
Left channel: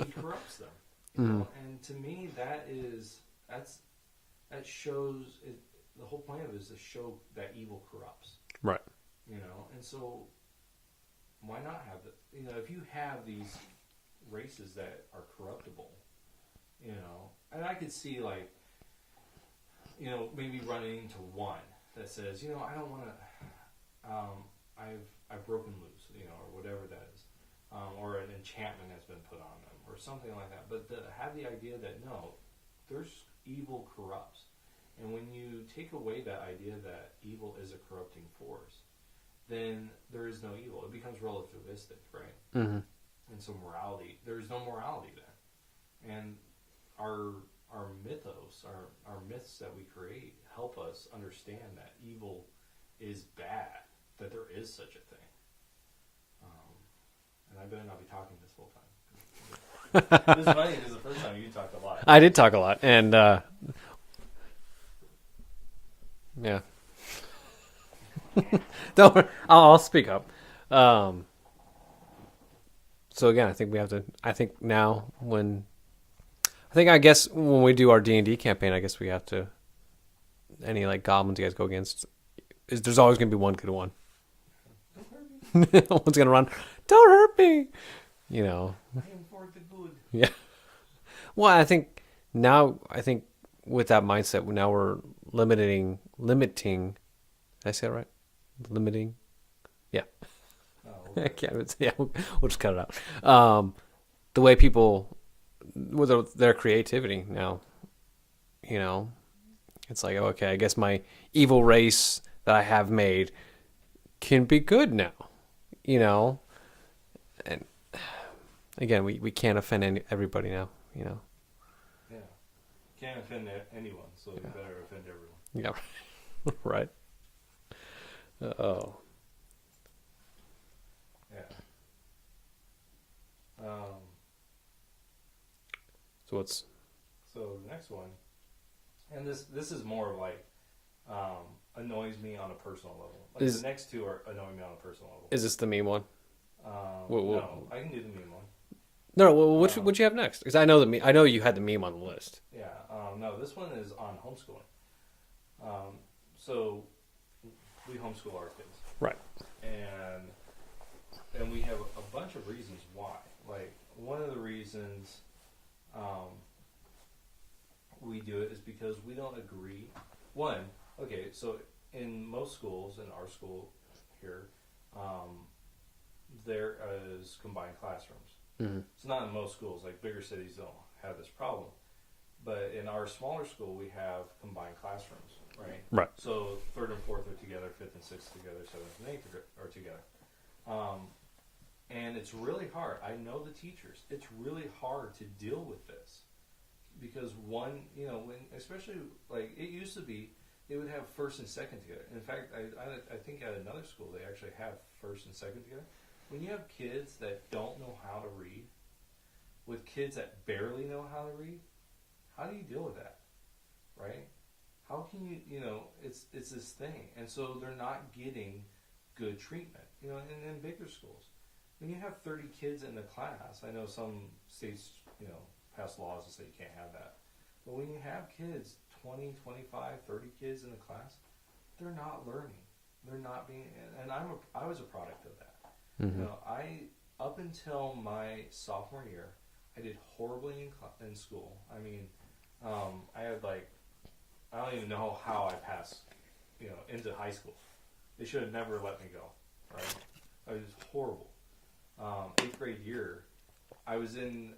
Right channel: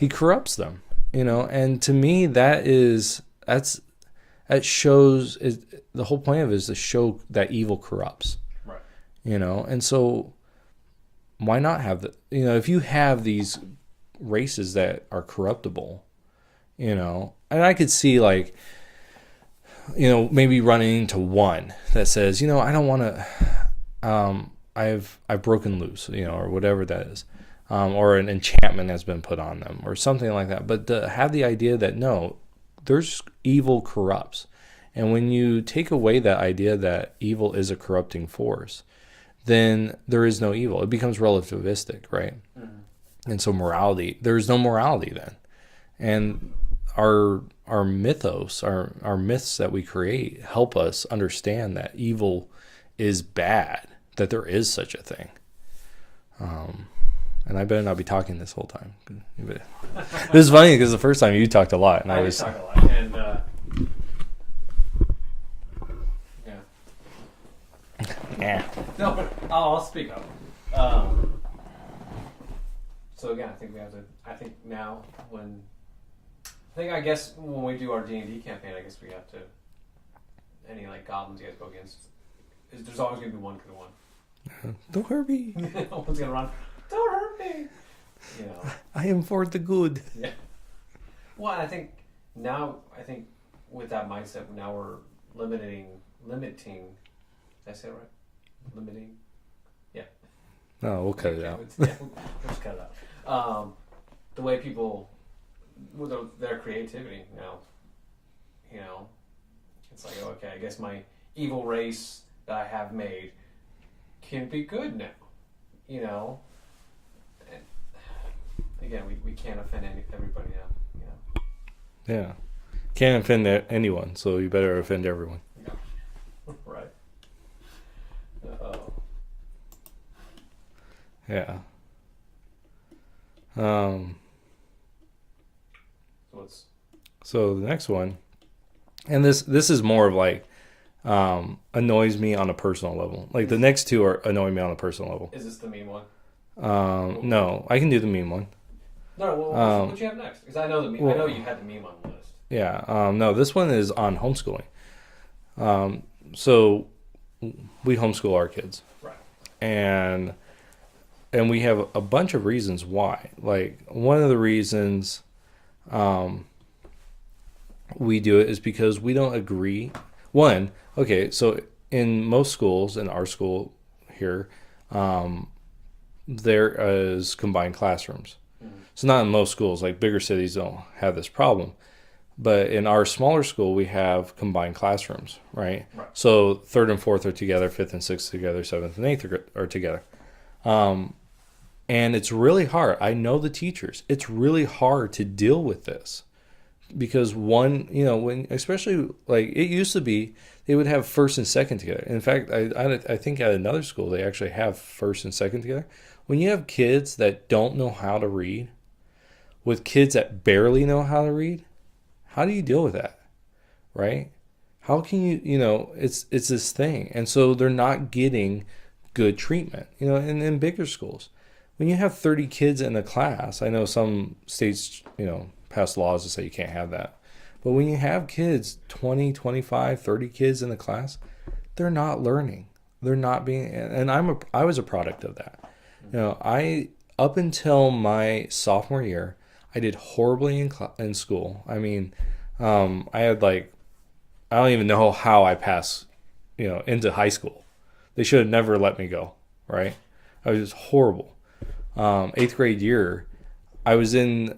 He corrupts them, and to me that shows the whole point of it is to show that evil corrupts. Right. And so why not have if you have these races that are corruptible, and I could see like, maybe running into one that says, I don't want to, I've broken loose, or whatever that is. or an enchantment has been put on them, or something like that. But to have the idea that no, there's evil corrupts, and when you take away that idea that evil is a corrupting force, then there is no evil. It becomes relativistic, right? Mm-hmm. And so morality, there's no morality then, and our mythos, our myths that we create help us understand that evil is bad, that there is such a thing. And I better not be talking this whole time. This is funny because the first time you talked a lot. I did talk a lot, and yeah. Yeah. Don't. I'll speak up. So again, I think we have to. I think now when. I guess when we do our D&D campaign, I guess we have to. Any like goblins you guys go against, there's always gonna be one good one. Don't hurt me. One's gonna run. Don't hurt me. You know. I am for the good. Yeah. Well, I think now. With that mindset, now we're limiting. Did I say it right? Limiting. Yeah. No, we'll cut it out. Yeah, we'll just cut it out. The way people, with their creativity now, you know, it's like, okay, I guess my evil race that I have made can be good now, you know. And again, we can't offend everybody now, you know. Yeah. Can't offend anyone, so you better offend everyone. Yeah. Right. Oh. Yeah. So the next one, and this is more of like annoys me on a personal level. Like the next two are annoying me on a personal level. Is this the meme one? No, I can do the meme one. No, well, what you have next? Because I know the meme. I know you had the meme on the list. Yeah. No, this one is on homeschooling. So we homeschool our kids, right? And we have a bunch of reasons why. Like one of the reasons we do it is because we don't agree. One, okay, so in most schools, in our school here, there is combined classrooms. Mm-hmm. So not in most schools, like bigger cities don't have this problem. But in our smaller school, we have combined classrooms, right? Right. So 3rd and 4th are together, 5th and 6th together, 7th and 8th are together. And it's really hard. I know the teachers. It's really hard to deal with this because one, you know, when especially like it used to be, they would have 1st and 2nd together. In fact, I think at another school they actually have 1st and 2nd together. When you have kids that don't know how to read with kids that barely know how to read, how do you deal with that, right? How can you know, it's this thing. And so they're not getting good treatment, you know, in bigger schools. When you have 30 kids in a class, I know some states, you know, pass laws to say you can't have that. But when you have kids, 20, 25, 30 kids in the class, they're not learning. They're not being, and I was a product of that. Mm-hmm. You know, up until my sophomore year, I did horribly in school. I mean, I had like, I don't even know how I passed, you know, into high school. They should have never let me go, right? I was horrible. 8th grade year, I was in,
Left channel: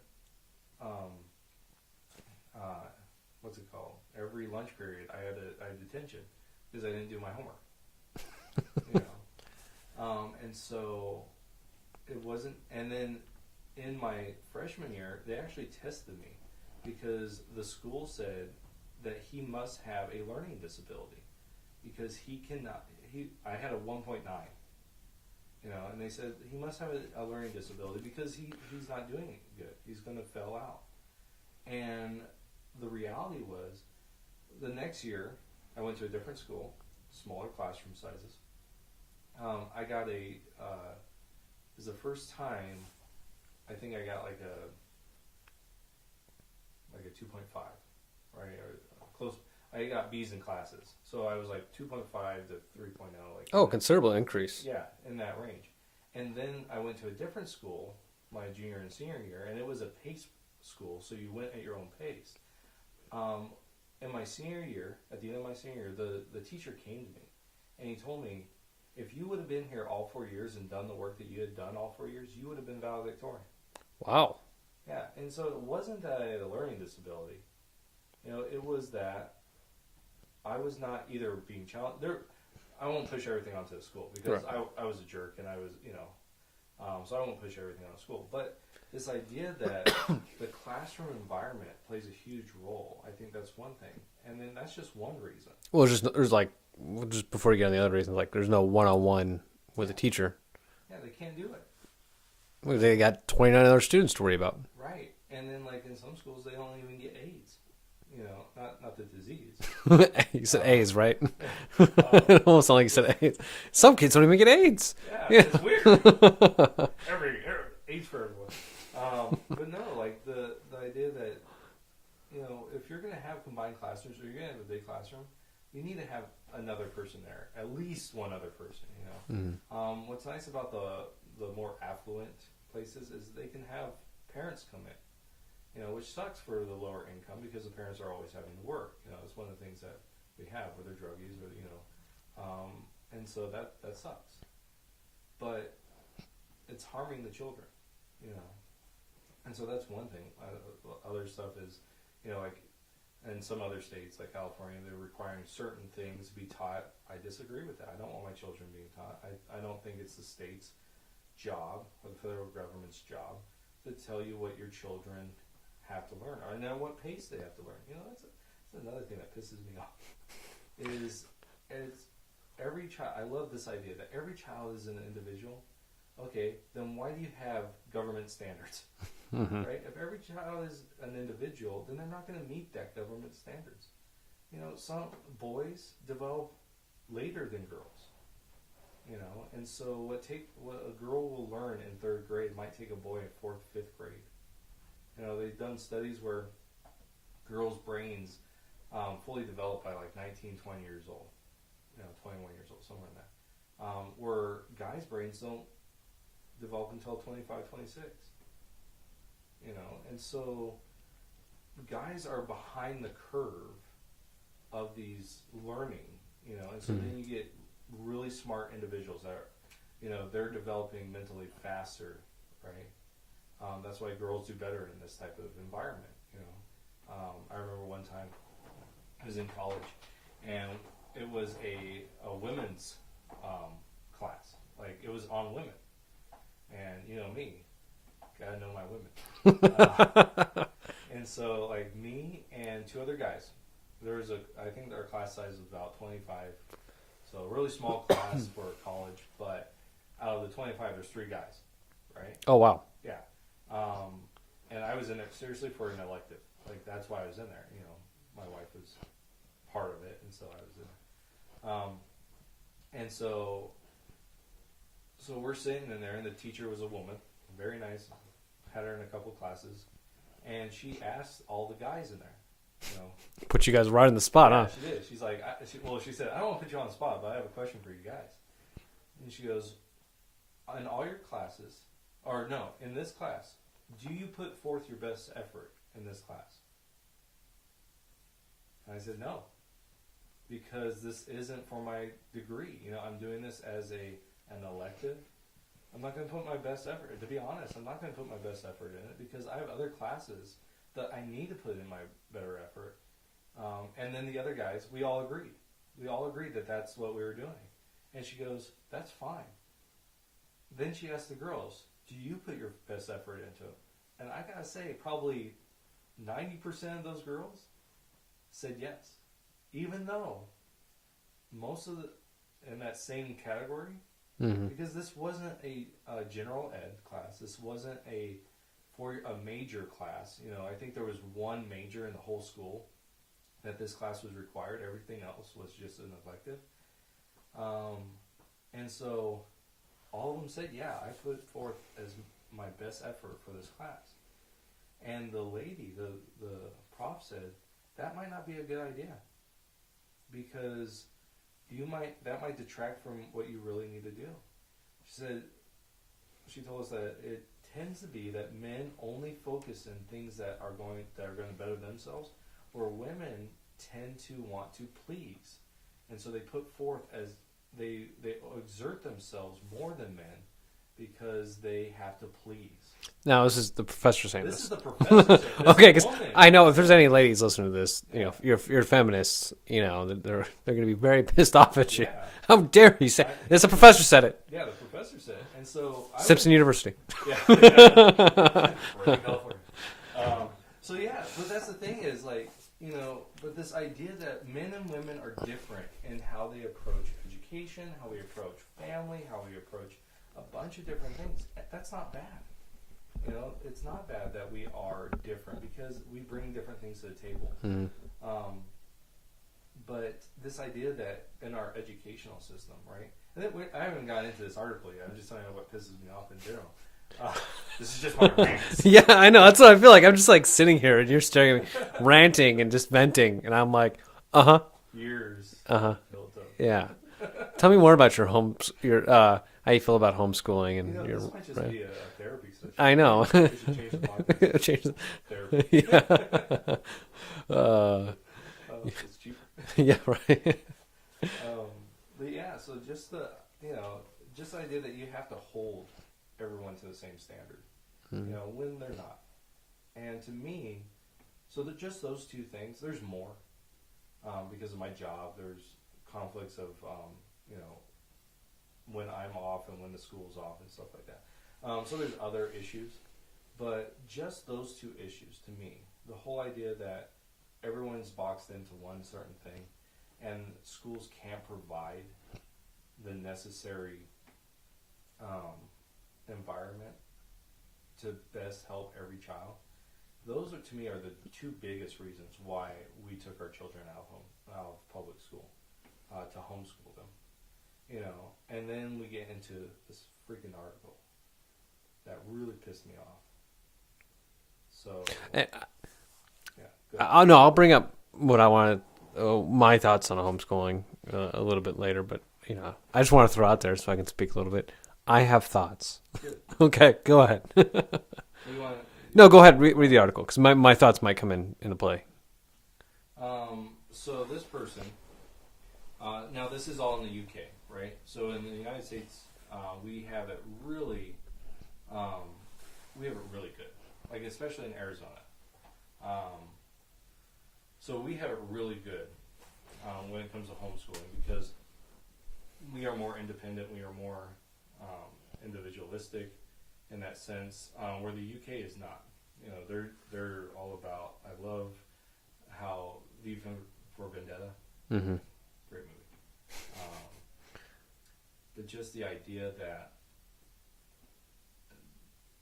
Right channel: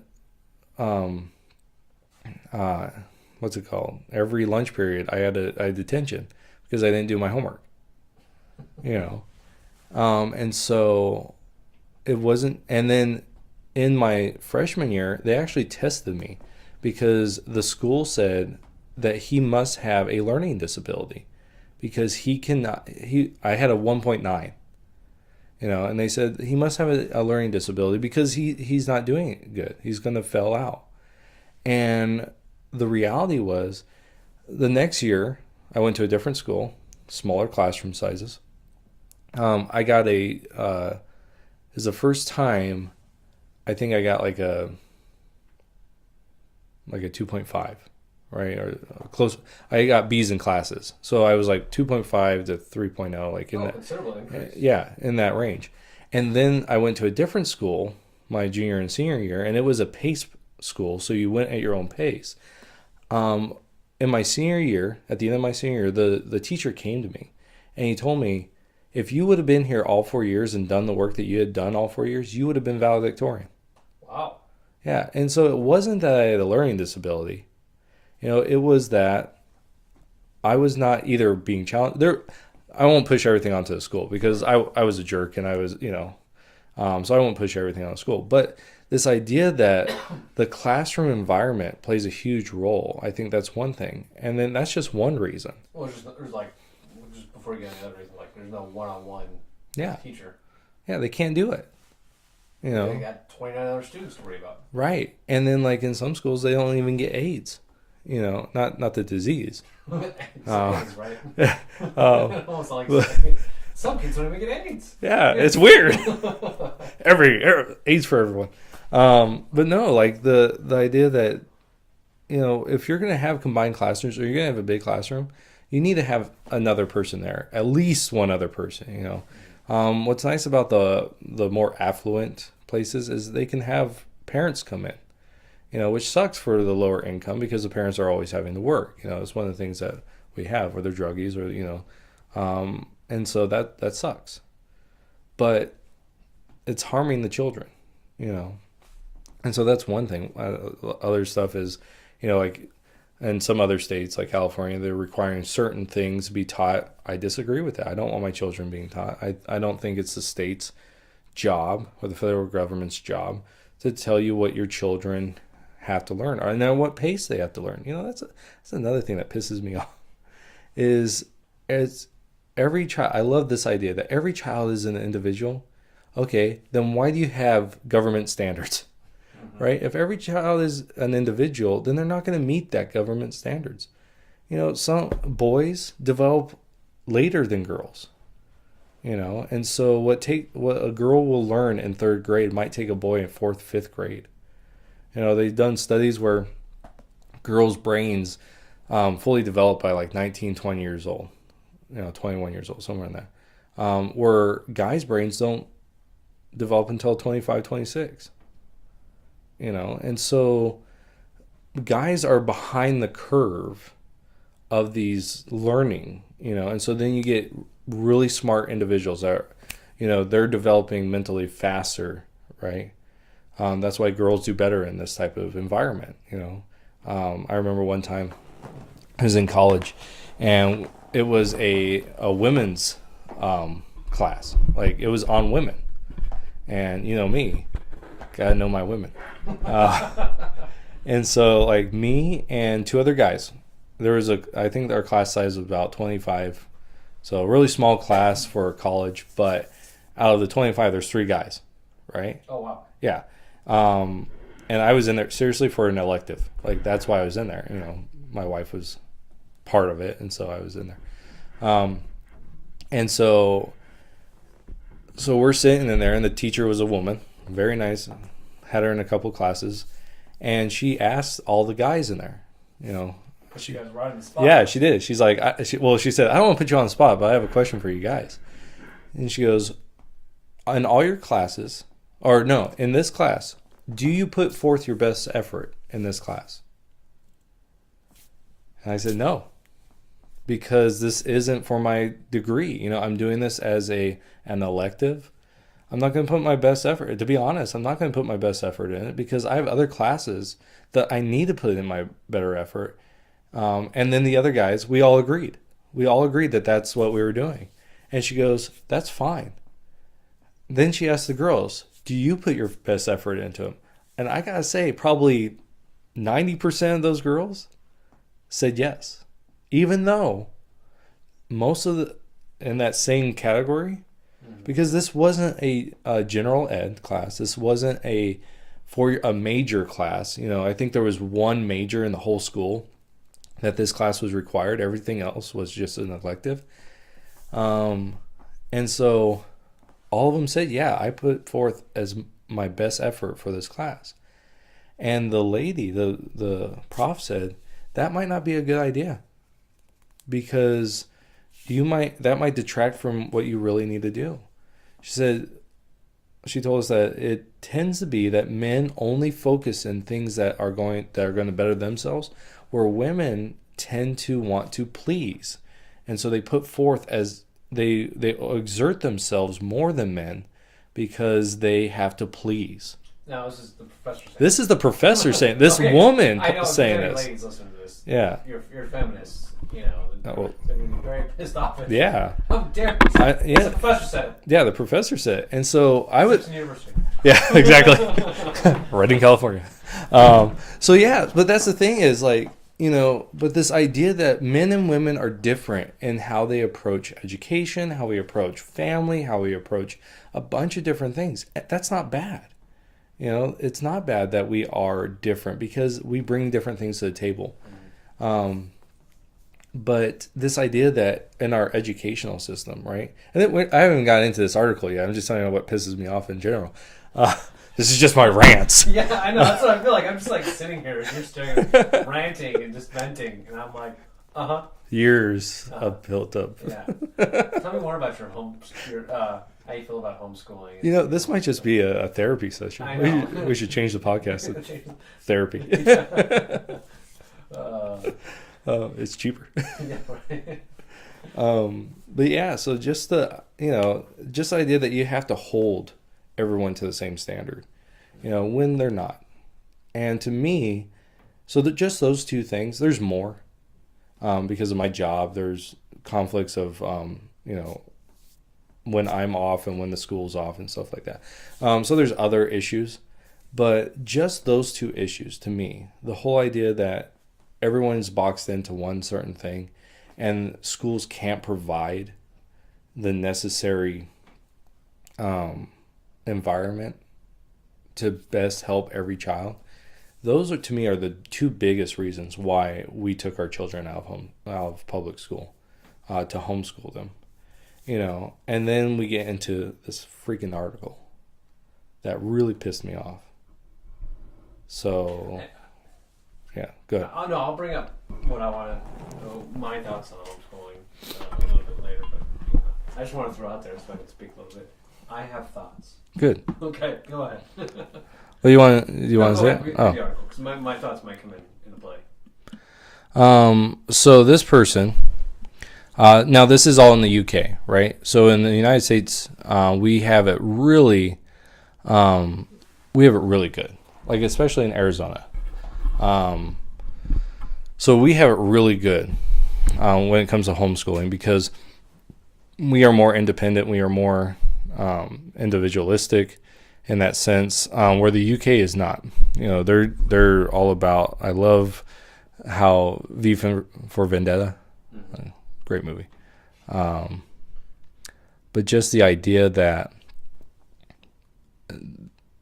what's it called? Every lunch period, I had detention because I didn't do my homework, you know? And so it wasn't, and then in my freshman year, they actually tested me because the school said that he must have a learning disability because I had a 1.9, you know, and they said he must have a learning disability because he's not doing it good. He's going to fail out. And the reality was the next year I went to a different school, smaller classroom sizes. I got it was the first time I think I got like a 2.5, right? Or close. I got B's in classes. So I was like 2.5 to 3.0. Like considerable increase. Yeah, in that range. And then I went to a different school my junior and senior year, and it was a pace school, so you went at your own pace. In my senior year, at the end of my senior year, the teacher came to me, and he told me, If you would have been here all 4 years and done the work that you had done all 4 years, you would have been valedictorian. Wow. Yeah, and so it wasn't that I had a learning disability. It was that I was not either being challenged. I won't push everything onto the school because I was a jerk and I was, so I won't push everything on the school. But this idea that the classroom environment plays a huge role, I think that's one thing. And then that's just one reason. Well, just before you get on the other reasons, like there's no one-on-one with Yeah. a teacher. Yeah, they can't do it. They got 29 other students to worry about. Right. And then like in some schools, they don't even get AIDS. Not the disease. AIDS, right? Oh. Almost like AIDS. Some kids don't even get AIDS. Yeah, it's weird. every AIDS for everyone. But no, like the idea that if you're gonna have combined classrooms or you're gonna have a big classroom, you need to have another person there, at least one other person. Mm-hmm. What's nice about the more affluent places is they can have parents come in. Which sucks for the lower income because the parents are always having to work. It's one of the things that we have, where they're druggies or and so that sucks. But it's harming the children, and so that's one thing. Other stuff is, like in some other states like California, they're requiring certain things to be taught. I disagree with that. I don't want my children being taught. I don't think it's the state's job or the federal government's job to tell you what your children have to learn, and at what pace they have to learn. That's another thing that pisses me off. Is every child. I love this idea that every child is an individual. Okay, then why do you have government standards, right? If every child is an individual, then they're not going to meet that government standards. Some boys develop later than girls. And so what a girl will learn in 3rd grade might take a boy in 4th, 5th grade. They've done studies where girls' brains fully develop by like 19, 20 years old, 21 years old, somewhere in there, where guys' brains don't develop until 25, 26. And so guys are behind the curve of these learning, and so then you get really smart individuals that are, they're developing mentally faster, right? That's why girls do better in this type of environment. I remember one time I was in college, and it was a women's class. Like it was on women, and me, gotta know my women. And so like me and 2 other guys, I think our class size was about 25, so a really small class for college. But out of the 25, there's 3 guys, right? Oh wow. Yeah. And I was in there seriously for an elective. Like that's why I was in there. My wife was part of it, and so I was in there. And so we're sitting in there, and the teacher was a woman, very nice. Had her in a couple classes, and she asked all the guys in there, Put you guys right in the spot. Yeah, she did. She's like, she said, I don't want to put you on the spot, but I have a question for you guys. And she goes, in all your classes, or no, in this class, do you put forth your best effort in this class? And I said, no, because this isn't for my degree. I'm doing this as an elective. I'm not going to put my best effort. To be honest, I'm not going to put my best effort in it because I have other classes that I need to put in my better effort. And then the other guys, we all agreed. We all agreed that that's what we were doing. And she goes, that's fine. Then she asked the girls, do you put your best effort into them? And I got to say, probably 90% of those girls said yes. Even though most of in that same category, because this wasn't a general ed class. This wasn't for a major class. I think there was one major in the whole school that this class was required. Everything else was just an elective. And so all of them said, yeah, I put forth as my best effort for this class. And the lady, the prof said, that might not be a good idea because that might detract from what you really need to do. She told us that it tends to be that men only focus in things that are going to better themselves, where women tend to want to please. And so they put forth as they exert themselves more than men because they have to please. Now, this is the professor saying This is the professor saying. This Okay, 'cause woman. I know if there's saying any this. ladies listening to this, Yeah. you're feminists. You know, they're Right. going to be very pissed off at you. Yeah. How dare you say? Yeah. It's the professor said it. Yeah, the professor said it. And so I was. Simpson University. Yeah, exactly. Right in California. So yeah, but that's the thing is like, you know, but this idea that men and women are different in how they approach education, how we approach family, how we approach a bunch of different things. That's not bad. You know, it's not bad that we are different because we bring different things to the table. But this idea that in our educational system, right? And then I haven't gotten into this article yet. I'm just telling you what pisses me off in general. This is just my rants. Yeah, I know. That's what I feel like. I'm just like sitting here and you're staring at me, ranting and just venting. And I'm like, Years of built up. yeah. Tell me more about your how you feel about homeschooling. And You know, this might just be a therapy session. I know. We should change the podcast to Change the- therapy. It's cheaper. yeah, right. But yeah, so just the, you know, just the idea that you have to hold everyone to the same standard, you know, when they're not. And to me, so that just those two things, there's more, because of my job, there's conflicts of, you know, when I'm off and when the school's off and stuff like that. So there's other issues, but just those two issues to me, the whole idea that everyone's boxed into one certain thing and schools can't provide the necessary environment to best help every child. Those are, to me, are the two biggest reasons why we took our children out of public school, to homeschool them, you know. And then we get into this freaking article that really pissed me off. So yeah, go ahead. Oh no, I'll bring up what I wanted, my thoughts on homeschooling a little bit later. But you know, I just want to throw out there so I can speak a little bit. I have thoughts. Good. Okay, go ahead. Well, you want? No, go ahead. Read the article because my thoughts might come into play. So this person, now this is all in the UK, right? So in the United States, we have it really good, like especially in Arizona. So we have it really good when it comes to homeschooling because we are more independent, we are more individualistic in that sense, where the UK is not. You know, they're all about. I love how V for Vendetta, great movie, but just the idea that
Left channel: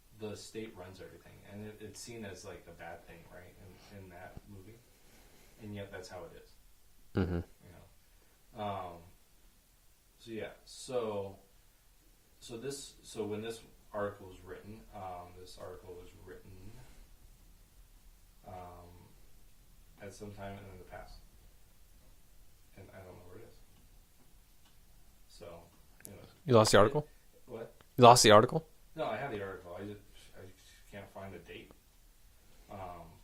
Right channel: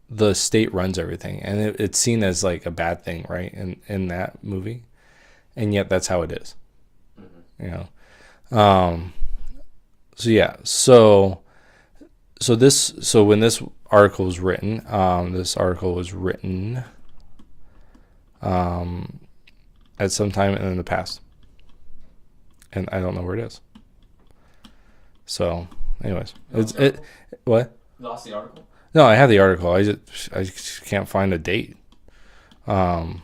the state runs everything, and it's seen as like a bad thing, right? In that movie, and yet that's how it is. You know, so yeah, so when this article was written, at some time in the past, and I don't know where it is. So, anyways, You lost the article? What? You lost the article? No, I have the article. I just can't find a date on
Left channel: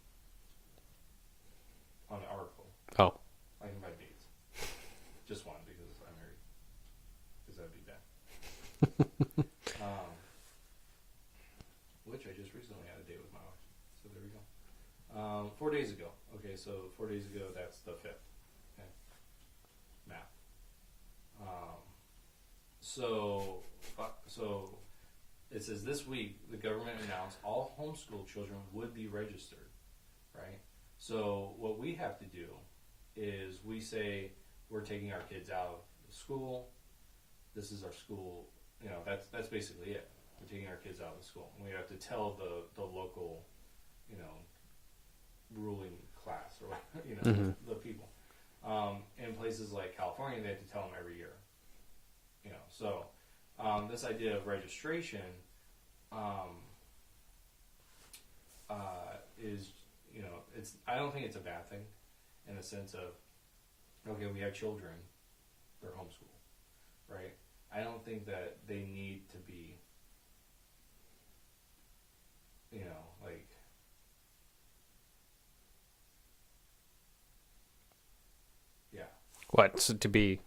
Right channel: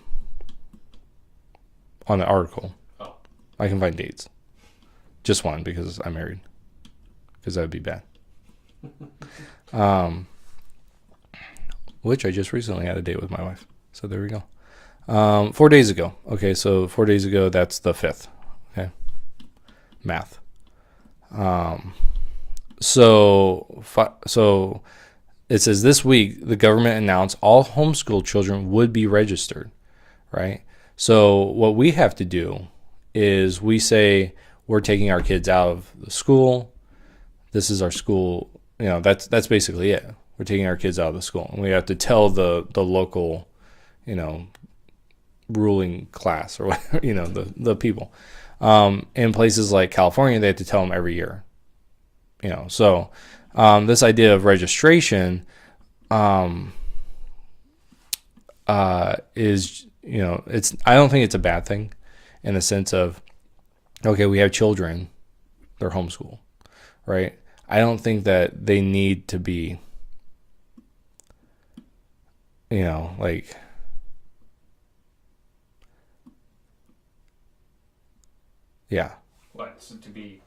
the article. Oh, I can find dates. Just one because I'm married. Because that would be bad. Which I just recently had a date with my wife. So there we go. 4 days ago. Okay, so 4 days ago, that's the 5th. Okay. Math. So it says this week the government announced all homeschool children would be registered, right? So what we have to do is we say we're taking our kids out of the school. This is our school. You know, that's basically it. We're taking our kids out of the school, and we have to tell the local, you know, ruling class or whatever, you know, the people. In places like California, they have to tell them every year. You know, so this idea of registration is, you know, I don't think it's a bad thing in the sense of, okay, we have children, they're homeschooled, right? I don't think that they need to be, you know, like, yeah. what? So to be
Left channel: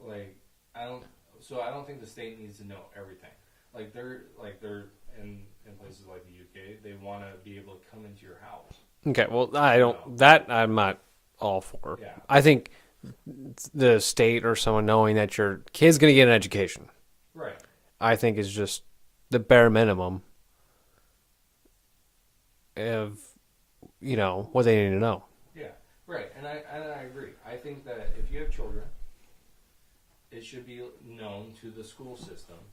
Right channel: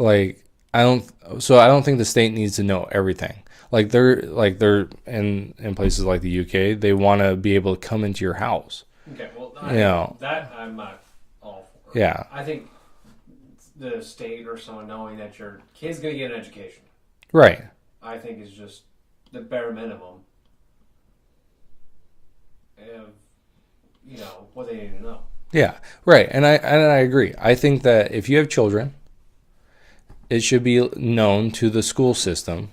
Like, I don't think the state needs to know everything. They're in places like the UK, they want to be able to come into your house. Okay, well, that I'm not all for. Yeah. I think the state or someone knowing that your kid's going to get an education, Right. I think is just the bare minimum of, what they need to know. Yeah. Right. And I agree. I think that if you have children, it should be known to the school system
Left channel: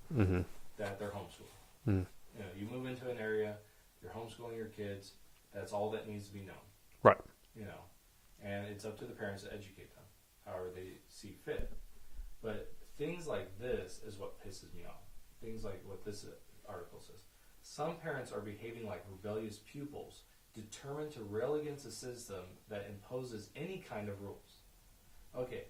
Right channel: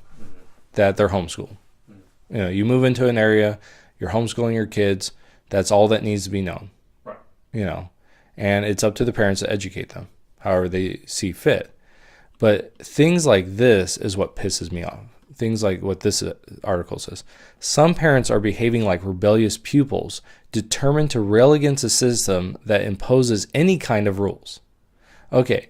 that they're homeschooled. You move into an area, you're homeschooling your kids. That's all that needs to be known. Right. And it's up to the parents to educate them however they see fit. But things like this is what pisses me off. Things like what this article says. Some parents are behaving like rebellious pupils, determined to rail against a system that imposes any kind of rules. Okay,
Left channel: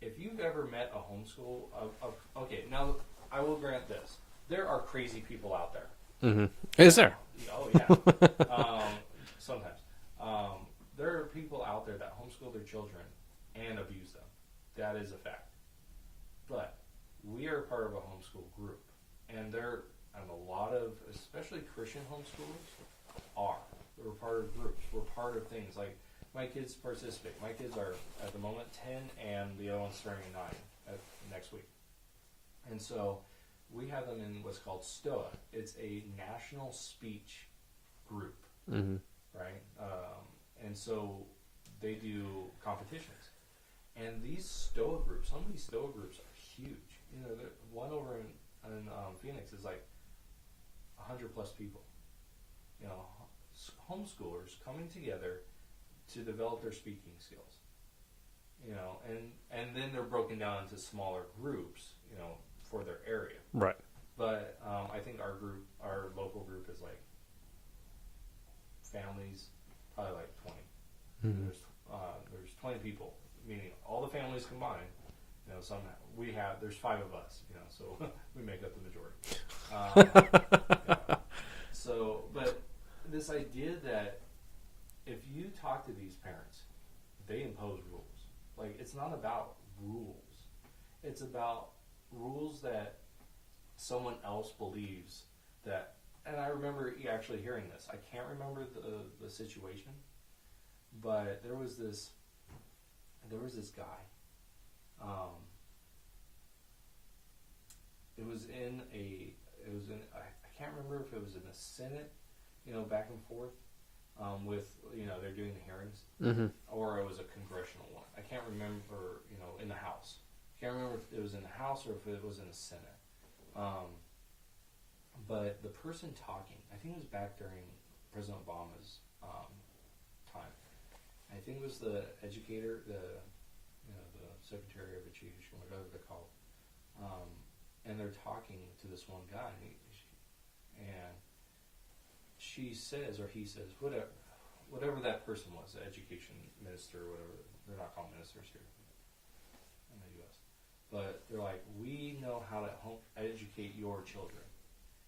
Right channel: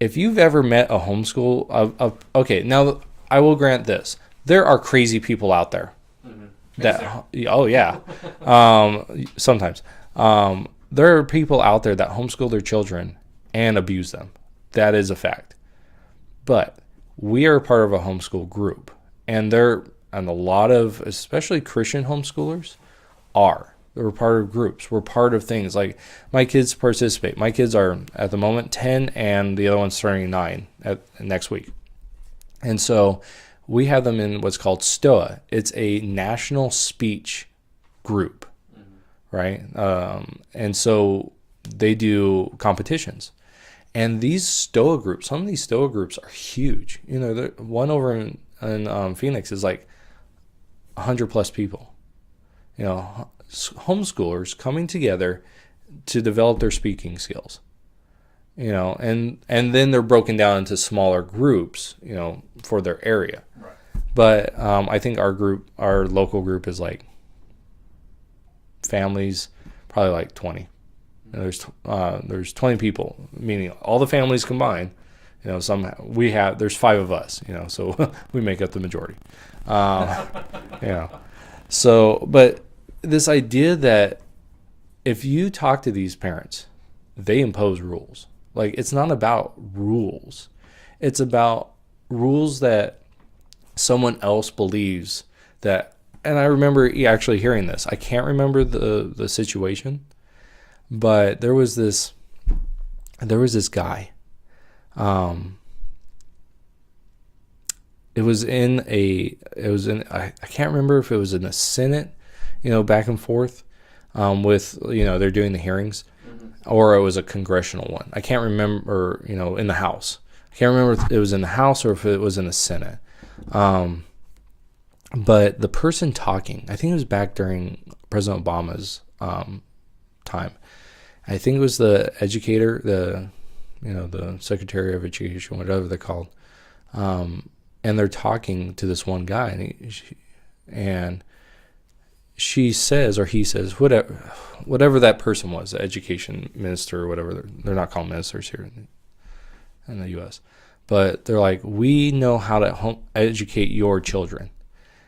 if you've ever met a homeschool, okay, now I will grant this. There are crazy people out there. Is there? Oh, yeah. Sometimes. There are people out there that homeschool their children and abuse them. That is a fact. But we are part of a homeschool group. And a lot of, especially Christian homeschoolers, We're part of groups. We're part of things. Like, my kids participate. My kids are, at the moment, 10, and the other one's turning 9 next week. And so we have them in what's called STOA. It's a national speech group, right? And so they do competitions. And these STOA groups, some of these STOA groups are huge. One over in Phoenix is like 100 plus people. Homeschoolers coming together to develop their speaking skills. And then they're broken down into smaller groups, for their area. Right. But I think our local group is like families, probably like 20. There's 20 people, meaning all the families combined. There's 5 of us, so we make up the majority. So, but this idea that if you talk to these parents, they impose rules. Like, it's not about rules. It's about rules that someone else believes that. And I remember actually hearing this. I can't remember the situation, but there was this guy. I can't remember if it was in the Senate, back and forth, with, they're doing the hearings, or it was a congressional one. I can't remember, in the House. I can't remember if it was in the House or if it was in the Senate. But the person talking, I think it was back during President Obama's time. I think it was the educator, the Secretary of Education, whatever they're called. And they're talking to this one guy, and she says, or he says, whatever that person was, the education minister or whatever. They're not called ministers here in the U.S. But they're like, we know how to educate your children.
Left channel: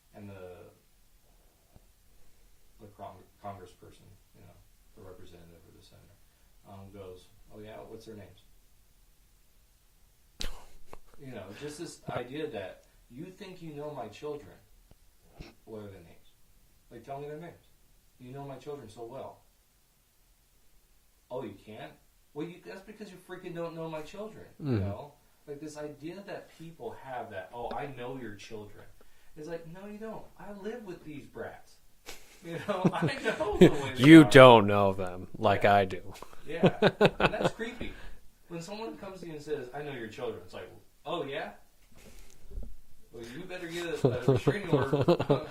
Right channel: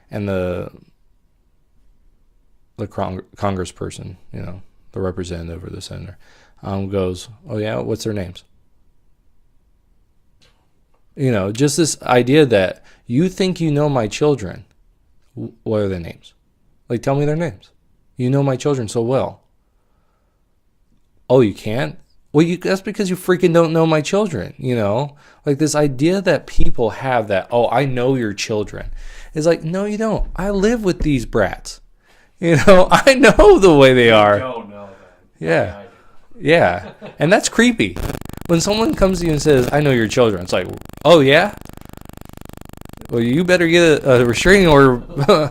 And the congressperson, the representative or the senator, goes, oh yeah, what's their names? Just this idea that you think you know my children. What are their names? Like, tell me their names. You know my children so well. Oh, you can't? Well, that's because you freaking don't know my children, Like, this idea that people have that, oh, I know your children. It's like, no, you don't. I live with these brats. I know the way they are. You don't know them like I do. Yeah. And that's creepy. When someone comes to you and says, I know your children, it's like, oh, yeah? Well, you better get a restraining order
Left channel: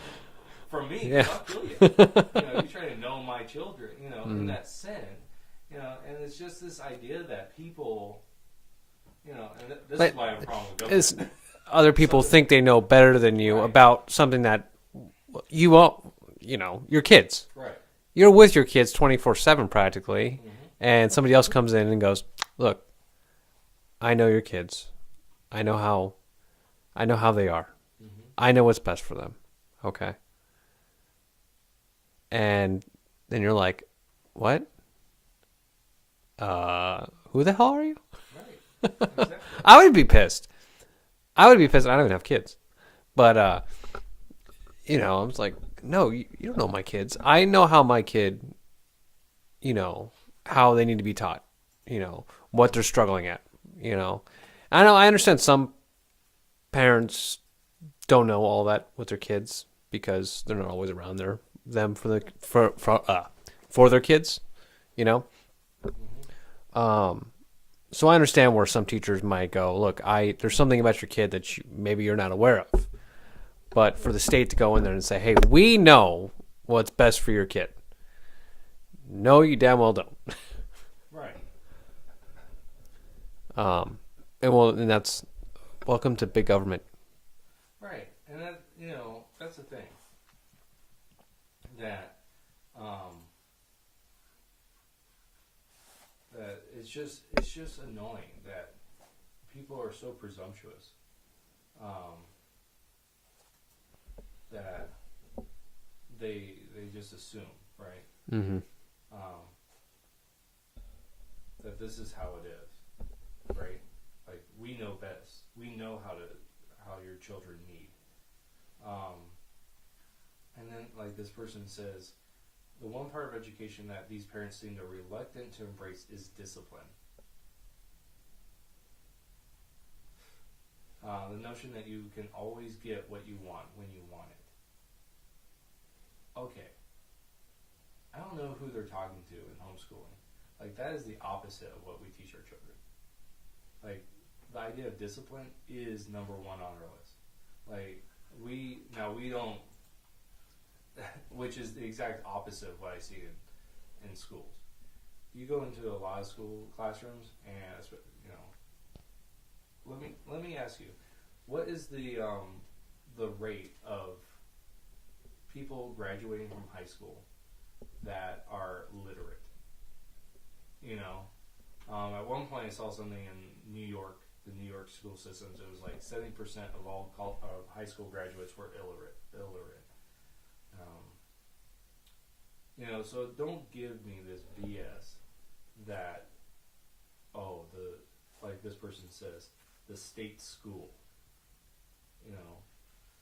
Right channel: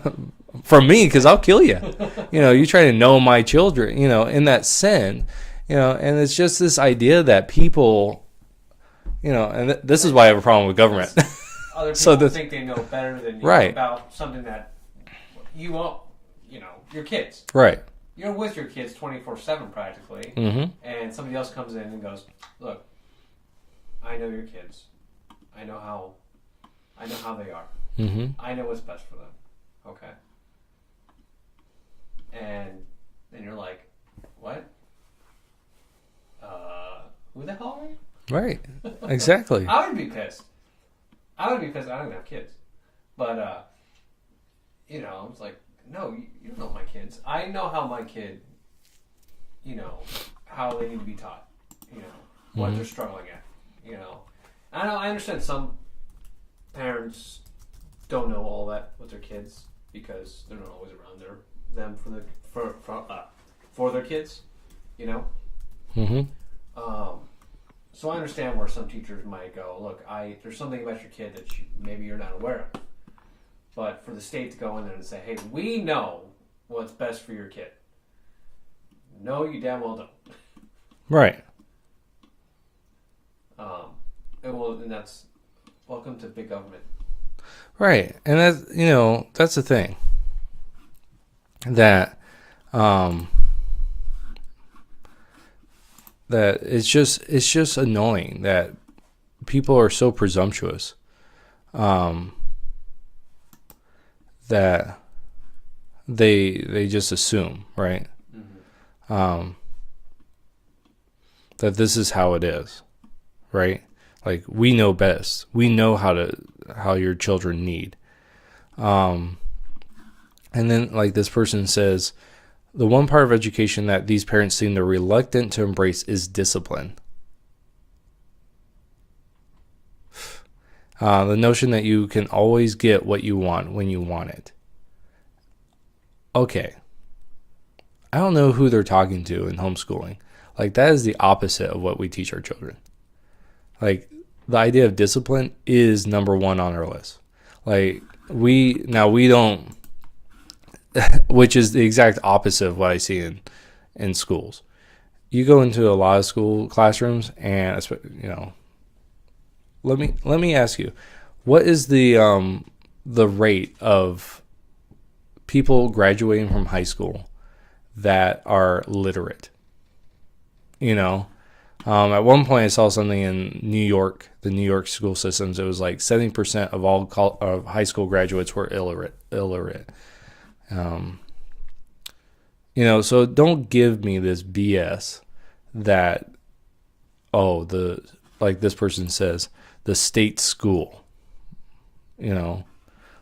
from me, because I'll kill you. You try to know my children, in that sin, and it's just this idea that people, and this is why I have a problem with government. Other people think they know better than you about something that you won't, your kids. Right. You're with your kids 24/7 practically, and somebody else comes in and goes, look, I know your kids. I know how they are. I know what's best for them. Okay. And then you're like, what? Who the hell are you? Right. Exactly. I would be pissed. I would be pissed. I don't even have kids, but you know, I was like, no, you don't know my kids. I know how my kid, you know, how they need to be taught. You know what they're struggling at. You know, I understand some parents don't know all that with their kids because they're not always around them for their kids. You know. Mm-hmm. So I understand where some teachers might go, look, there's something about your kid that maybe you're not aware of. But for the state to go in there and say, hey, we know what's best for your kid. No, you damn well don't. Right. And that's welcome to big government. Right. And that's the thing. That that it's just annoying that people are so presumptuous, that they just assume, right? Mm-hmm. That this is how it is, right? Like, we know best. We know how your children need. And then, like, this person says, the one part of education that these parents seem to reluctant to embrace is discipline. The notion that you can always get what you want when you want it. Okay. I don't know who they're talking to in homeschooling. Like, that is the opposite of what we teach our children. Like, the idea of discipline is number one on our list. Like, we don't, which is the exact opposite of what I see in schools. You go into a lot of school classrooms, and let me ask you, what is the rate of people graduating from high school that are literate? At one point I saw something in New York, the New York school systems. It was like 70% of all of high school graduates were illiterate. So don't give me this BS that, like this person says, the state school,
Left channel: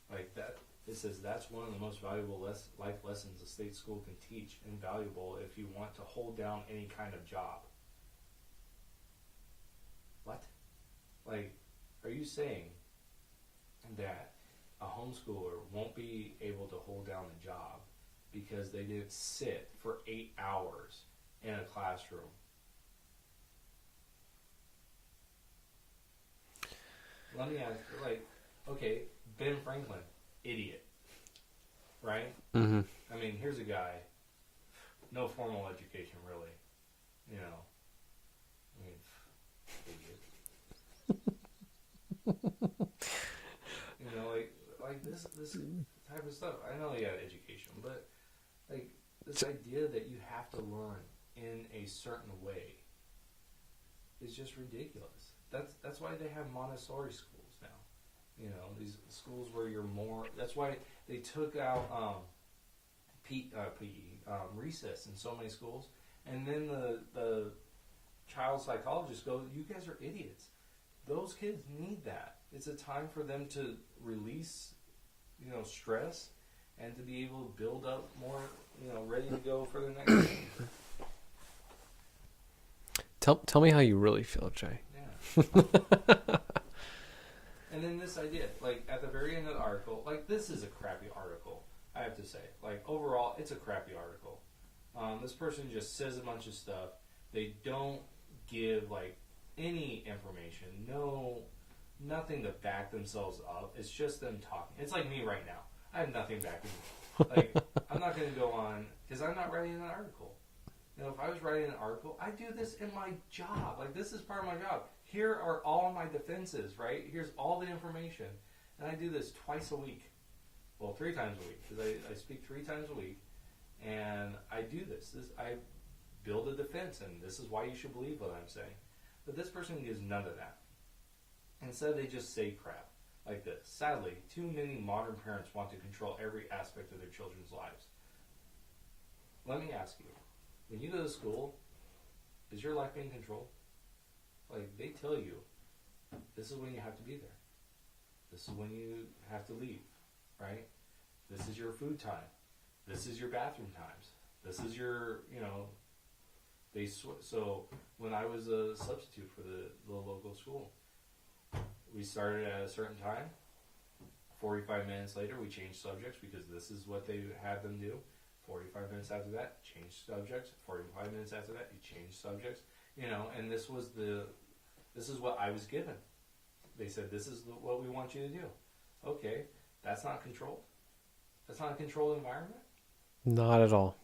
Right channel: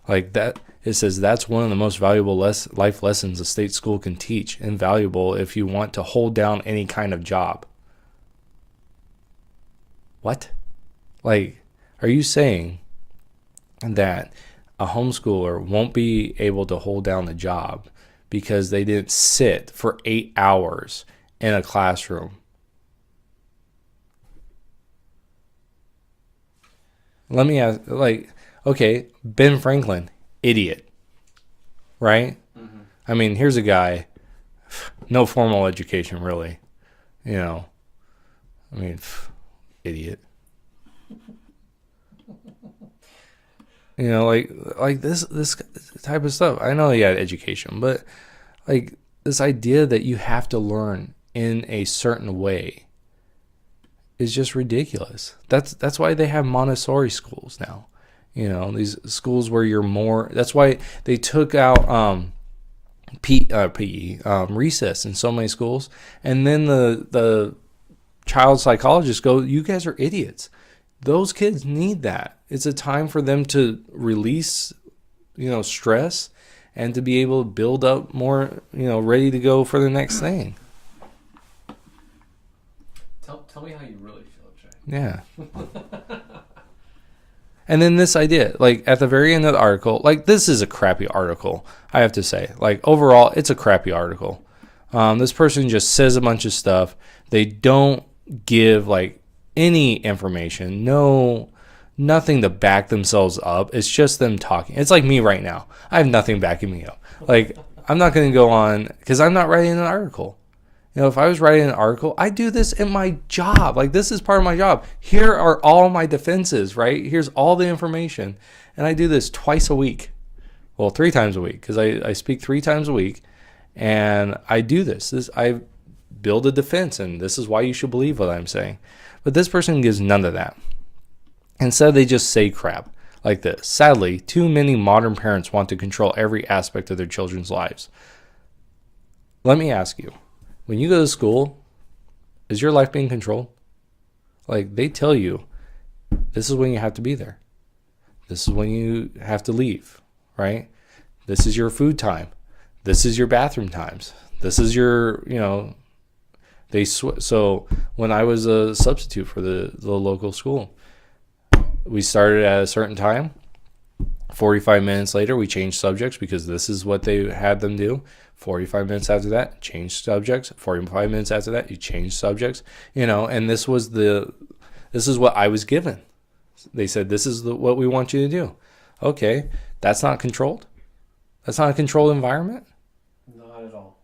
like that. It says that's one of the most valuable life lessons a state school can teach, invaluable if you want to hold down any kind of job. What? Like, are you saying that a homeschooler won't be able to hold down a job because they didn't sit for 8 hours in a classroom? Let me ask, okay, Ben Franklin, idiot, right? Mm-hmm. I mean, here's a guy, no formal education, really. Idiot. Like this type of stuff. I know he had education, but like this idea that you have to learn in a certain way is just ridiculous. That's why they have Montessori schools now. These schools where you're more. That's why they took out PE recess in so many schools, and then the child psychologists go, "You guys are idiots. Those kids need that. It's a time for them to release, stress, and to be able to build up more, ready to go for the next thing." Tell me how you really feel, Jay. Yeah. And then this idea, like at the very end of the article, like this is a crappy article, I have to say. Like overall, it's a crappy article. This person just says a bunch of stuff. They don't give like any information, nothing to back themselves up. It's just them talking. It's like me right now. I have nothing backing me up. Like I'm not going to go on because I'm not writing an article. If I was writing an article, I do this in my job. Like this is part of my job. Here are all my defenses, right? Here's all the information. And I do this twice a week. Well, 3 times a week because I speak 3 times a week. And I do this. I build a defense, and this is why you should believe what I'm saying. But this person gives none of that. Instead, they just say crap like this. Sadly, too many modern parents want to control every aspect of their children's lives. Let me ask you, when you go to school, is your life being controlled? Like, they tell you, this is when you have to be there. This is when you have to leave, right? This is your food time. This is your bathroom times. This is your, so when I was a substitute for the local school, we started at a certain time. 45 minutes later, we changed subjects because this is what they had them do. 45 minutes after that, change subjects. 45 minutes after that, you change subjects. And this is what I was given. They said, this is what we want you to do. Okay, that's not controlled. That's not a controlled environment. Not at all.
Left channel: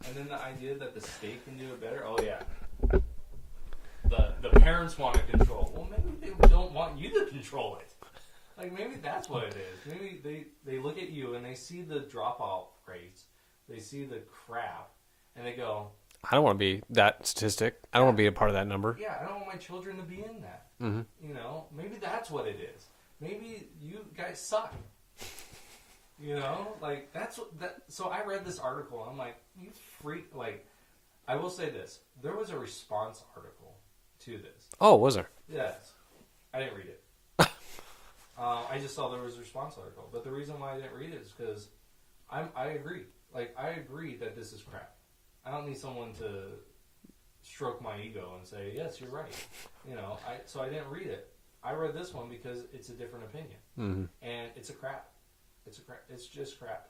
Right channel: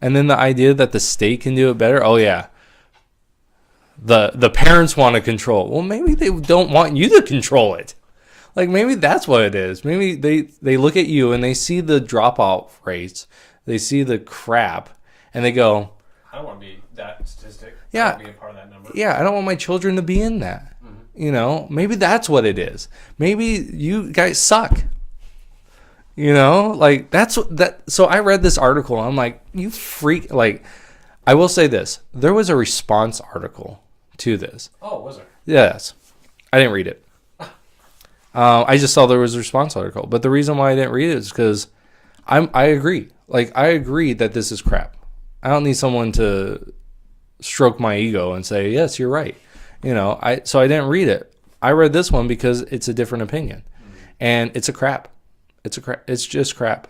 And then the idea that the state can do it better. Oh yeah, the parents want to control. Well, maybe they don't want you to control it. Like maybe that's what it is. Maybe they look at you and they see the dropout rates, they see the crap, and they go, I don't want to be that statistic. I Yeah. don't want to be a part of that number. yeah, I don't want my children to be in that. Maybe that's what it is. Maybe you guys suck. Like that's that. So I read this article and I'm like, you freak. Like, I will say this: there was a response article to this. Oh, was there? Yes, I didn't read it. I just saw there was a response article, but the reason why I didn't read it is because I agree. Like I agree that this is crap. I don't need someone to stroke my ego and say yes, you're right. So I didn't read it. I read this one because it's a different opinion, and it's a crap. It's just crap.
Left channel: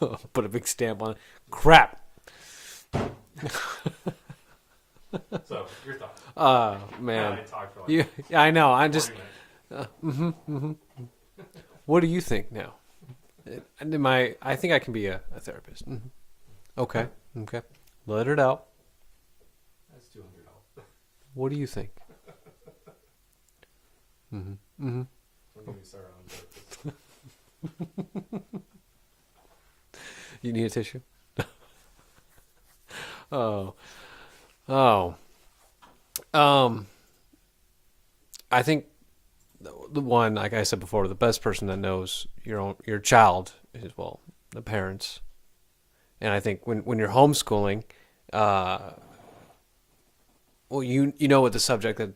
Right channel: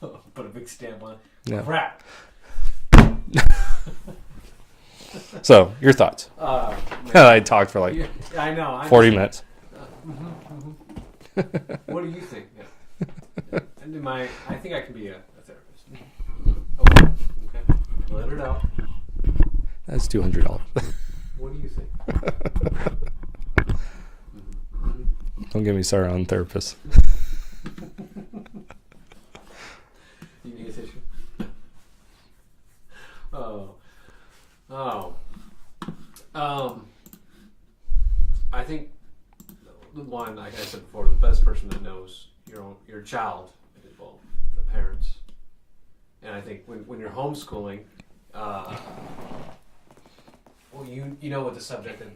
Put a big stamp on it. Yeah. Crap. So your thoughts? Man. I talked for like Yeah, I know. 40 minutes. What do you think now? I think I can be a therapist. Okay. Let it out. That's $200. What do you think? Don't get me started on therapists. You need a tissue? Oh. I think the one, like I said before, the best person that knows your child is, well, the parents. And I think when you're homeschooling, well, you know what the subject that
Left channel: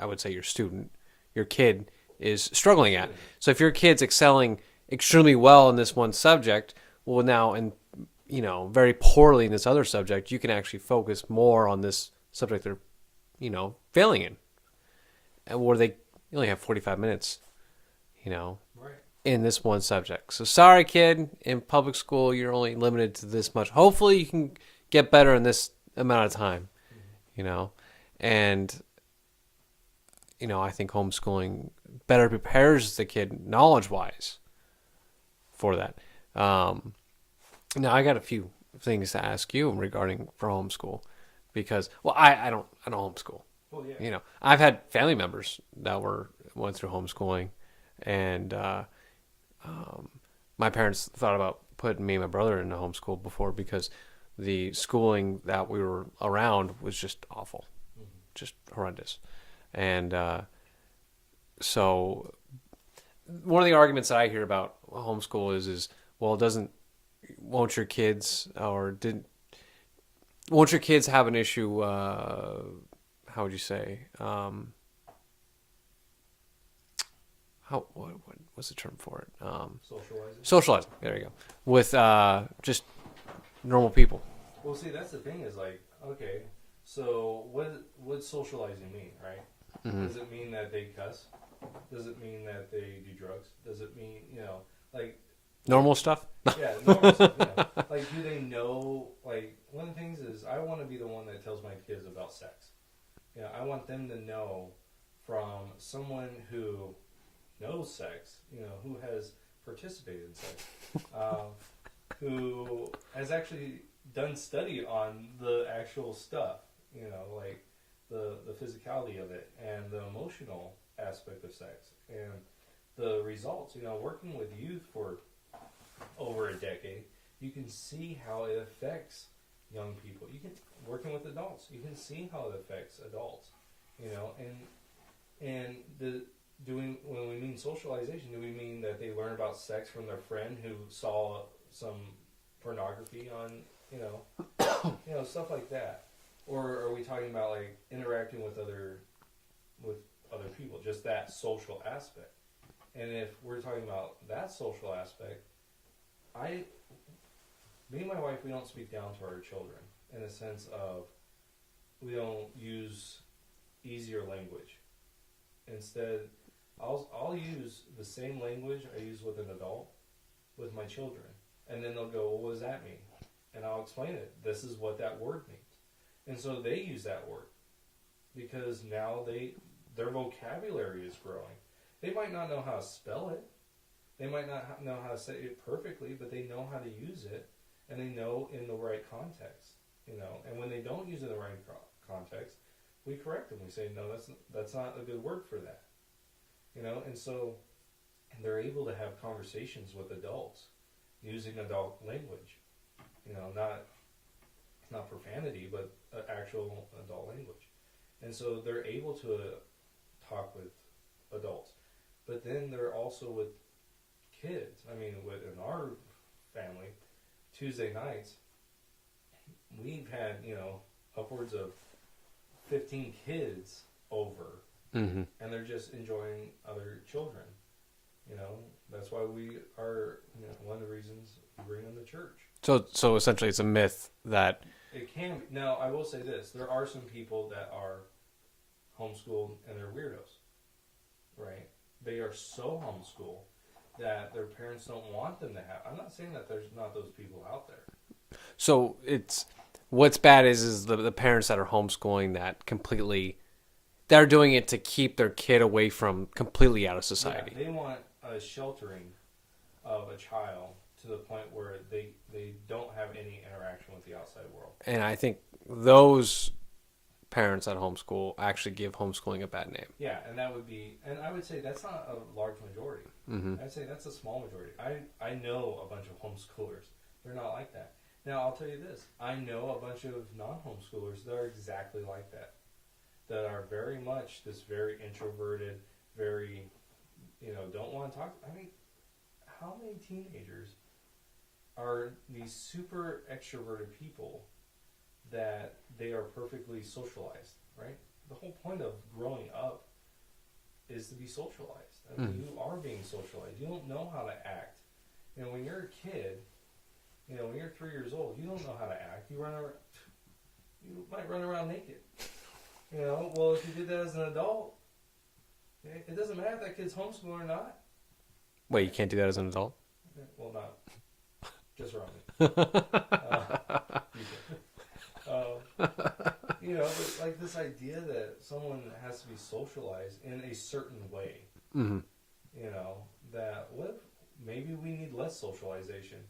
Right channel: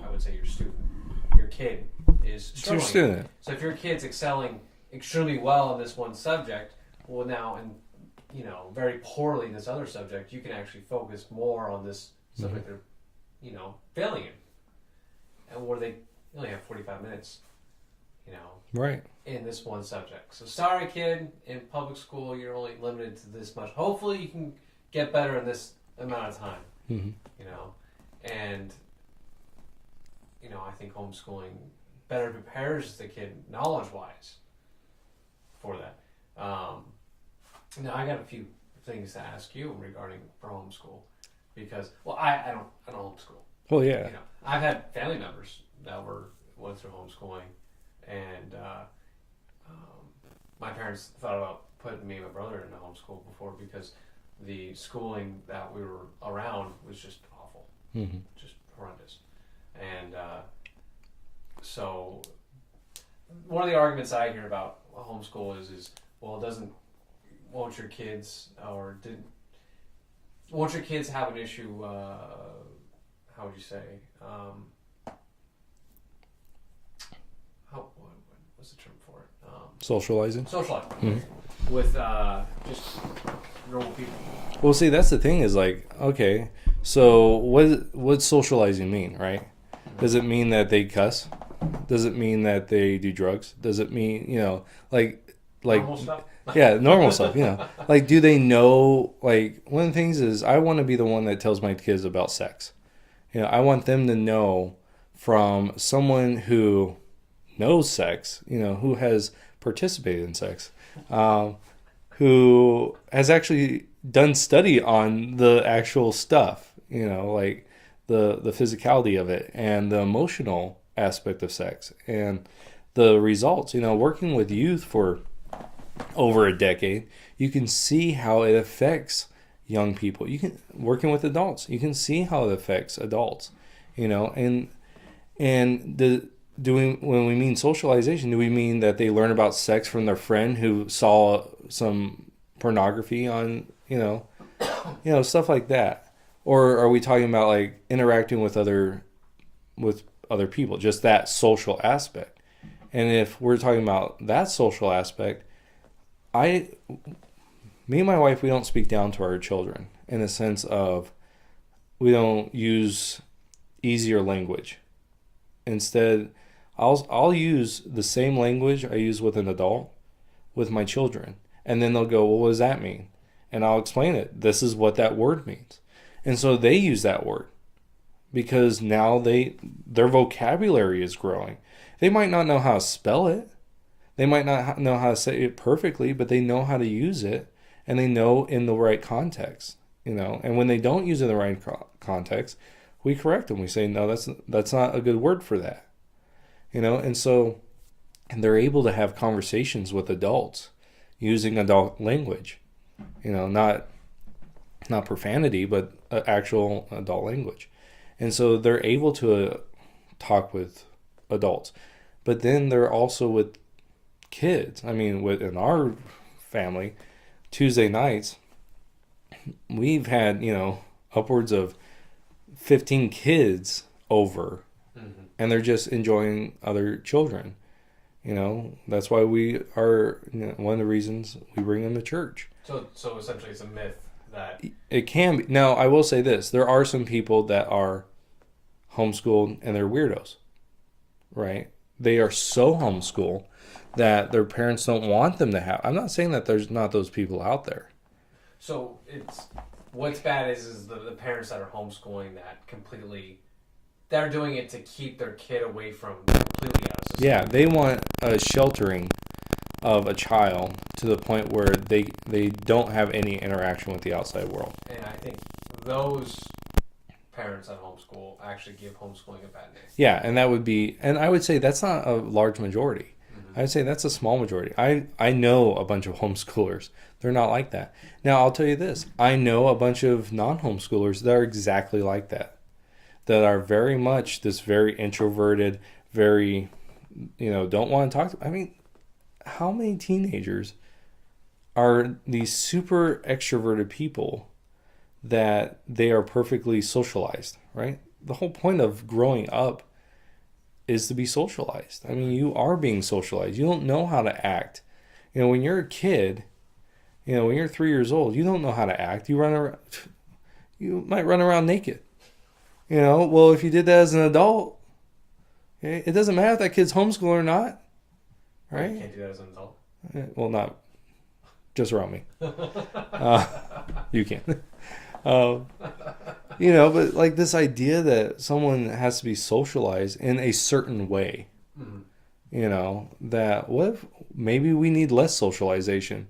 I would say your kid is struggling at. So if your kid's excelling extremely well in this one subject, well, now and very poorly in this other subject, you can actually focus more on this subject they're failing in, and where you only have 45 minutes Right. in this one subject. So sorry, kid, in public school you're only limited to this much. Hopefully you can get better in this amount of time. And I think homeschooling better prepares the kid knowledge-wise for that. Now I got a few things to ask you regarding for homeschool, because I don't homeschool. Well, yeah. I've had family members that went through homeschooling, and my parents thought about putting me and my brother in a homeschool before, because the schooling that we were around was just awful, just horrendous. And so one of the arguments I hear about homeschool is well, won't your kids have an issue? How would you say? What's the term for it? Socializing. Socializing. There you go. With just normal people. Well, see, that's the thing is like, okay, so what socializing mean, right? Does it mean that they cuss? Does it mean that they do drugs? Does it mean, like Normal stuff? Yeah, normal stuff, Like, do they know, like, one of the things is I want to be the one that tells my kids about sex. I want them to know from someone who knows sex, who has participated in sex, who has actually done study on the actual stuff, like the physicality of it and the emotional aspect of sex and the results. Working with youth for over a decade, you can see how it affects young people. Working with adults, you can see how it affects adults, and when we mean socialization, do we mean that they learn about sex from their friend who saw some pornography on, stuff like that? Or are we talking about like interacting with other people, just that social aspect. And if we're talking about that social aspect, me and my wife, we don't speak down to our children in the sense of we don't use easier language. Instead, I'll use the same language I use with an adult with my children. And then they'll go, well, what does that mean? And I'll explain it. This is what that word means. And so they use that word because now their vocabulary is growing. They might not know how to spell it. They might not know how to say it perfectly, but they know how to use it, and they know in the right context, And when they don't use it in the right context, we correct them. We say, no, that's not a good word for that, And so, and they're able to have conversations with adults using adult language, not profanity, but actual adult language. And so they're able to talk with adults, but then they're also with kids. I mean, in our family, Tuesday nights, we've had, upwards of 15 kids over, and they're just enjoying other children. That's why we are, one of the reasons we bring them to church. So essentially it's a myth that it can be. Now, I will say this. There are some people that are homeschooled and they're weirdos, right? They are so homeschooled that their parents don't want them to have. I'm not saying that there's not those people out there. So it's what's bad is the parents that are homeschooling that completely, they're doing it to keep their kid away from completely out of society. Yeah, they want a sheltering of a child to the point where they don't have any interaction with the outside world. And I think those parents that homeschool actually give homeschooling a bad name. Yeah, and that would be, and I would say that's not a large majority. I would say that's a small majority. I know a bunch of homeschoolers. They're not like that. Now, I'll tell you this. I know a bunch of non-homeschoolers that are exactly like that. That are very much this very introverted, very, don't want to talk to. I mean, how many teenagers are these super extroverted people that they are perfectly socialized, right? The whole point of growing up is to be socialized. I mean, you are being socialized. You don't know how to act. When you're a kid, when you're 3 years old, you don't know how to act. You might run around naked. Well, if you did that as an adult, it doesn't matter if that kid's homeschooled or not. Wait, right? You can't do that as an adult? Well, not just around me. You can. But like this idea that someone has to be socialized in a certain way, that what if maybe we need less socialization?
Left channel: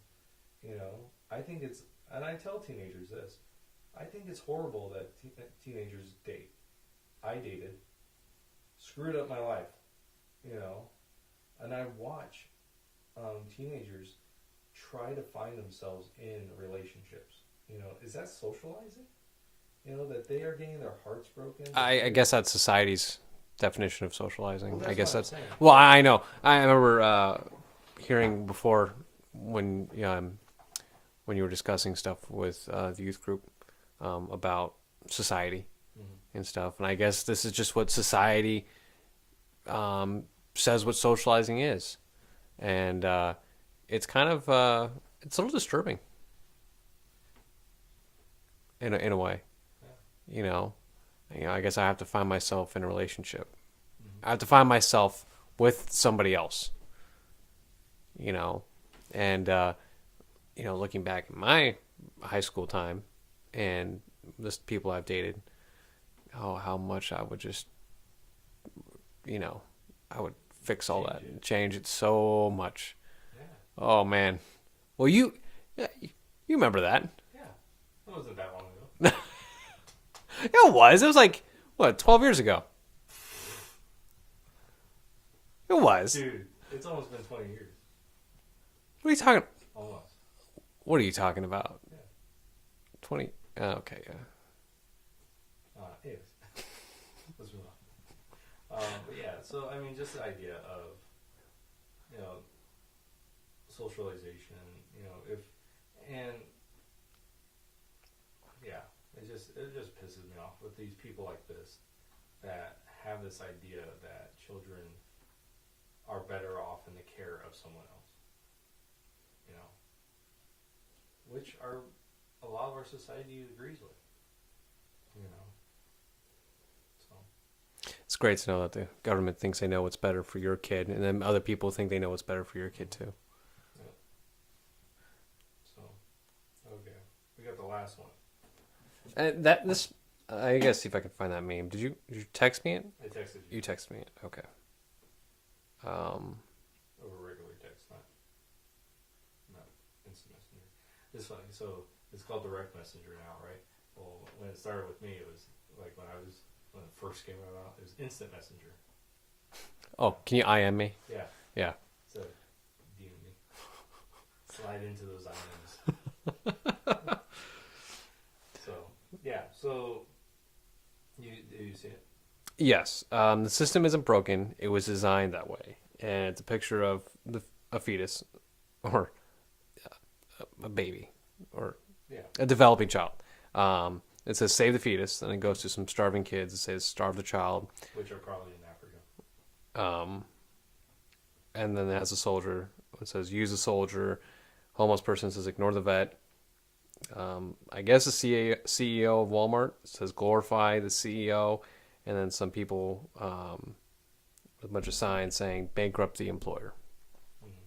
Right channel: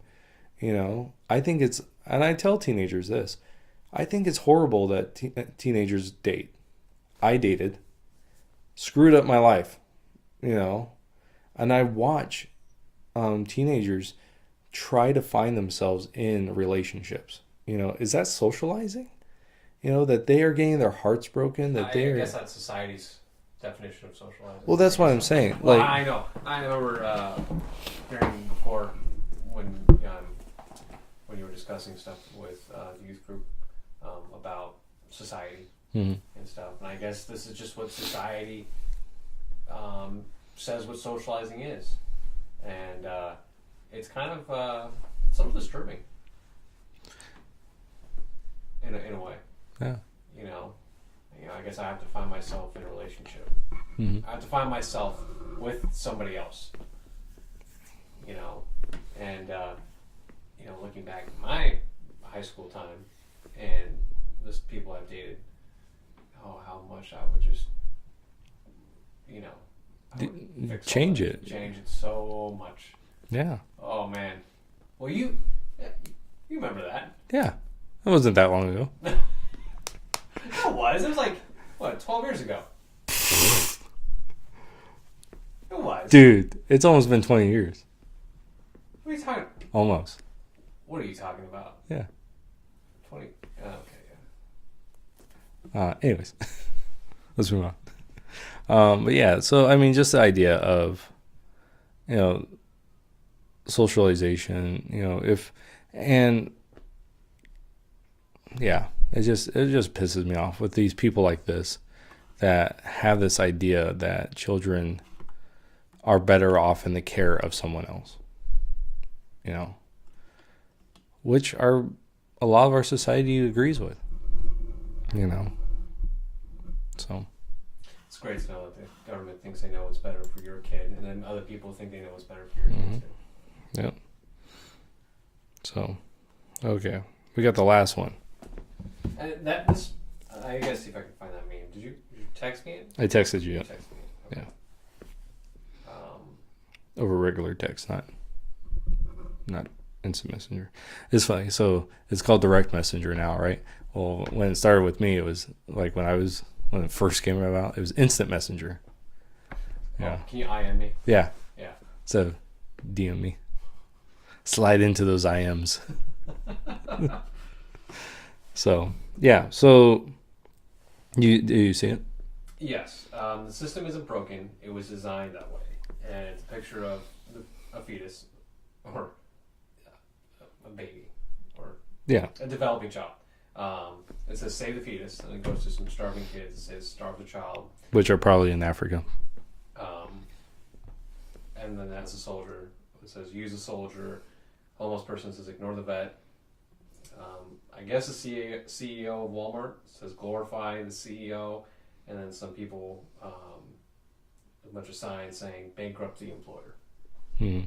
I think it's, and I tell teenagers this, I think it's horrible that teenagers date. I dated, screwed up my life, and I watch teenagers try to find themselves in relationships. Is that socializing? That they are getting their hearts broken? I guess that's society's definition of socializing. Well, that's what I'm saying. Well, I know. I remember hearing before when you were discussing stuff with the youth group about society and stuff. And I guess this is just what society says what socializing is. And it's kind of, it's a little disturbing. In a way. Yeah. I guess I have to find myself in a relationship. I have to find myself with somebody else. And looking back at my high school time and the people I've dated, how much I would just, I would fix all change that. it. Change it so much. Yeah. Oh man. Well, you remember that? Yeah. It wasn't that long ago. It was. It was like, 12 years ago. It was. Dude, it's almost been 20 years. What are you talking? Almost. What are you talking about? Yeah. 20. Okay, yeah. Anyways, let's move on. But yeah, so I mean, just the idea of, socialization, yeah, it just pisses me off with these people like this that have this idea that children are better off in the care of someone else, you know, which are a lot of our society agrees with, you know. So It's great to know that the government thinks they know what's better for your kid, and then other people think they know what's better for your kid too. Yep. So, okay, we got the last one. I gotta see if I can find that meme. Did you text me it? I texted you. You texted me it. Okay. Over regular text, not instant messenger. It's funny. So it's called direct messenger now, right? Well, when it started with me, it was like when it first came about, it was instant messenger. Oh, Yeah. can you IM me? Yeah. Yeah. So DM me. Slide into those IMs. So yeah. So do you see it? Yes. The system isn't broken. It was designed that way, and it's a picture of a fetus, or a baby, or Yeah. a developing child. It says "Save the fetus," and it goes to some starving kids. It says "Starve the child," Which are probably in Africa. and then it has a soldier. It says "Use a soldier." Homeless person says "Ignore the vet." I guess the CEO of Walmart says "Glorify the CEO," and then some people, a bunch of signs saying "Bankrupt the employer." Mm-hmm.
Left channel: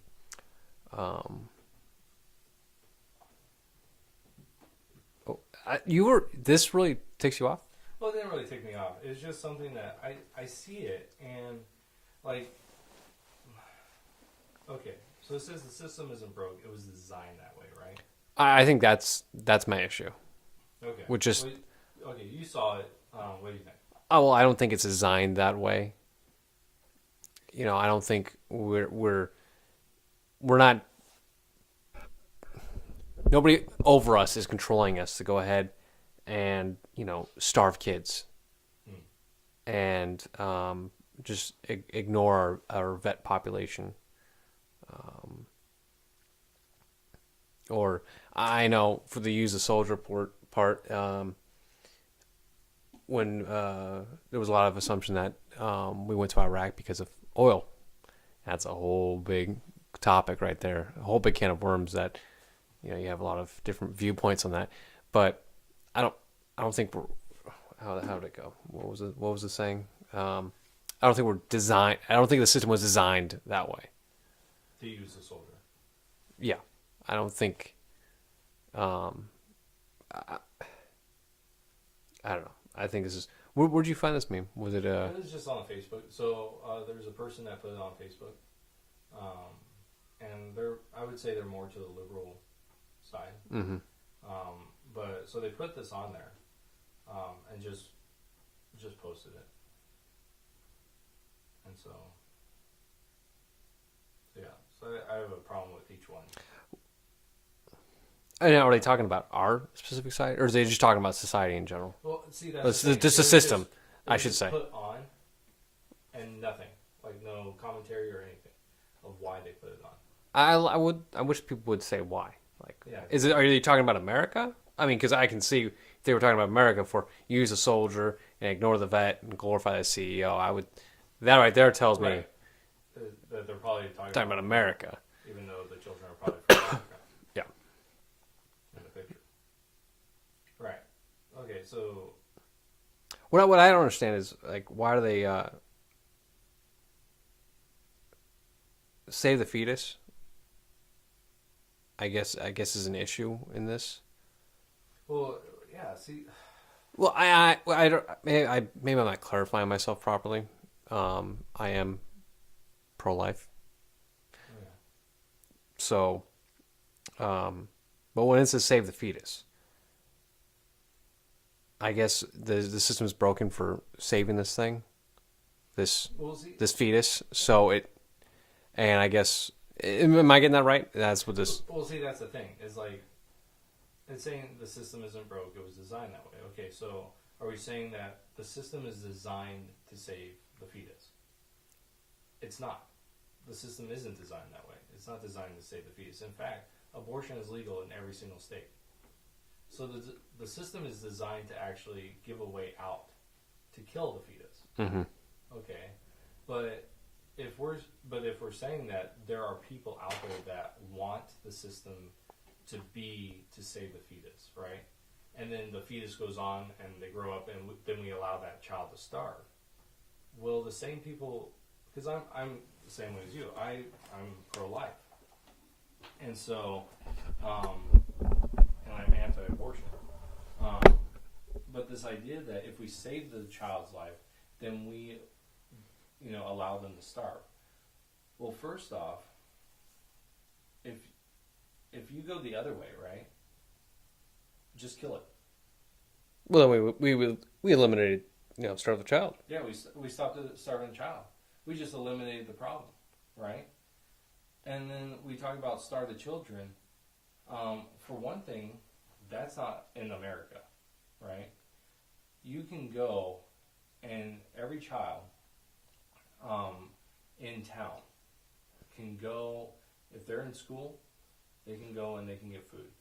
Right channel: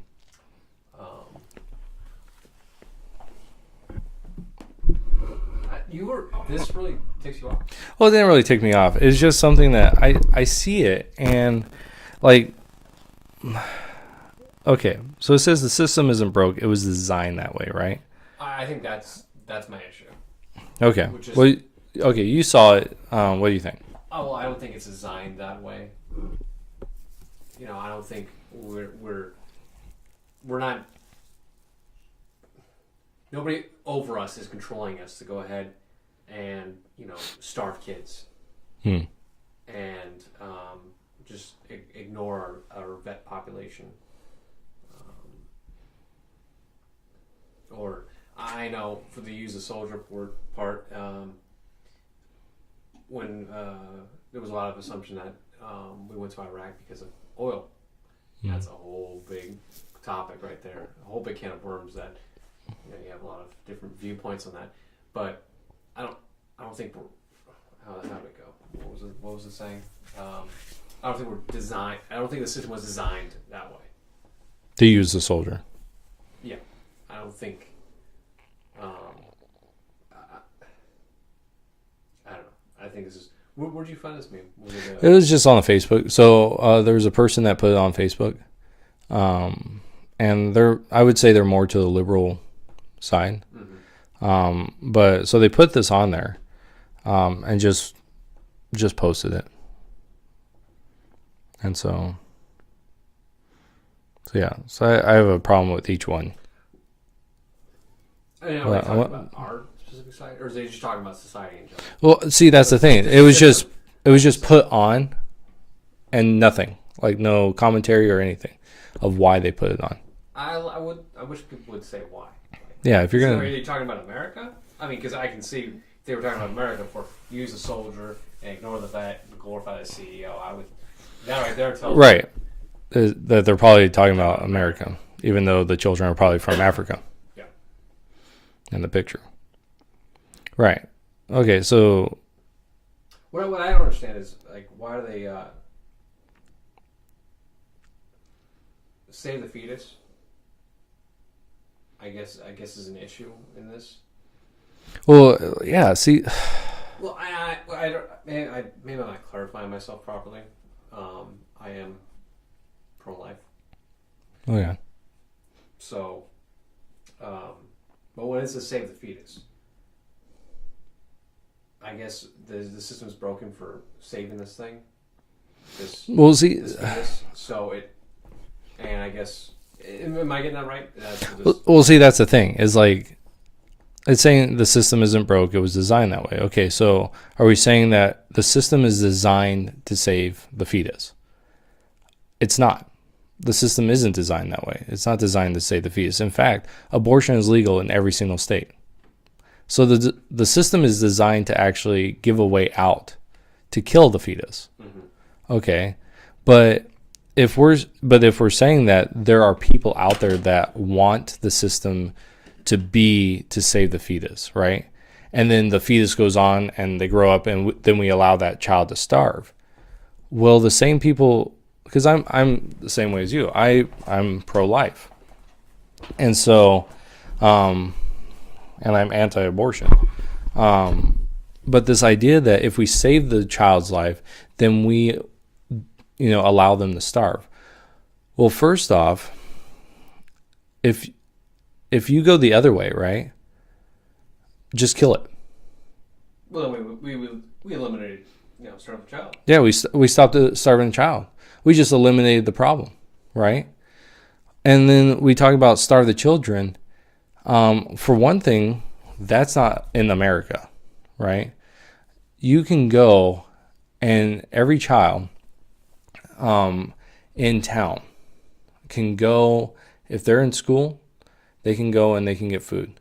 This really takes you off. Well, it didn't really tick me off. It's just something that I see it and like, okay, so it says the system isn't broke. It was designed that way, right? I think that's my issue. Okay. Which is well, okay. You saw it. What do you think? Oh, well, I don't think it's designed that way. You know, I don't think we're not. Nobody over us is controlling us to go ahead and, you know, starve kids and just ignore our vet population. Or I know for the use of soldier part, when there was a lot of assumption that we went to Iraq because of oil. That's a whole big topic right there, a whole big can of worms that, you know, you have a lot of different viewpoints on that. But I don't think we're, how did it go? What was it saying? I don't think I don't think the system was designed that way. To use the soldier. Yeah, I don't think. I don't know. I think this is. Where'd you find this meme? Was it? It was just on Facebook. So there was a person that put it on Facebook, and I would say they're more to the liberal side. Mm-hmm. But so they put this on there, and just posted it, and so yeah. So I have a problem with each one. Are they talking about our specific side, or is they just talking about society in general? Well, see, that's the thing. It was just put on, and nothing, like no commentary or anything, of why they put it on. I wish people would say why. Like, Yeah, if you're are you talking about America? I mean, because I can see if they were talking about America for use a soldier and ignore the vet and glorify the CEO. That right there tells me that they're probably talking about America, even though the children are probably from Africa. Yeah. In the picture. Right. Okay, so what I don't understand is, like, why do they save the fetus? I guess is an issue in this. Well, yeah, see, well, I don't, maybe I'm not clarifying myself properly. I am pro-life. oh yeah. So, but when it says save the fetus, I guess the system is broken for saving this thing, this fetus. So and I guess, am I getting that right? That's what this. Well, see, that's the thing. Is like, it's saying the system isn't broke. It was designed that way. Okay, so are we saying that the system is designed to save the fetus? It's not. The system isn't designed that way. It's not designed to save the fetus. In fact, abortion is legal in every single state. So the system is designed to actually give a way out to kill the fetus. Mm-hmm. Okay, but if we're saying that there are people out there that want the system to save the fetus, right? And then the fetus goes on and they grow up, and then we allow that child to starve. Well, the same people, because I'm the same way as you. I'm pro-life, and so, and I'm anti-abortion. But this idea that if we save the child's life, then we, allow them to starve. Well, first off, if you go the other way, right? Just kill it. Well, we eliminated, starve the child. Yeah, we stopped starving the child. We just eliminated the problem, right? And then we talk about starve the children. For one thing, that's not in America, right? You can go, and every child in town can go, if they're in school, they can go and they can get food,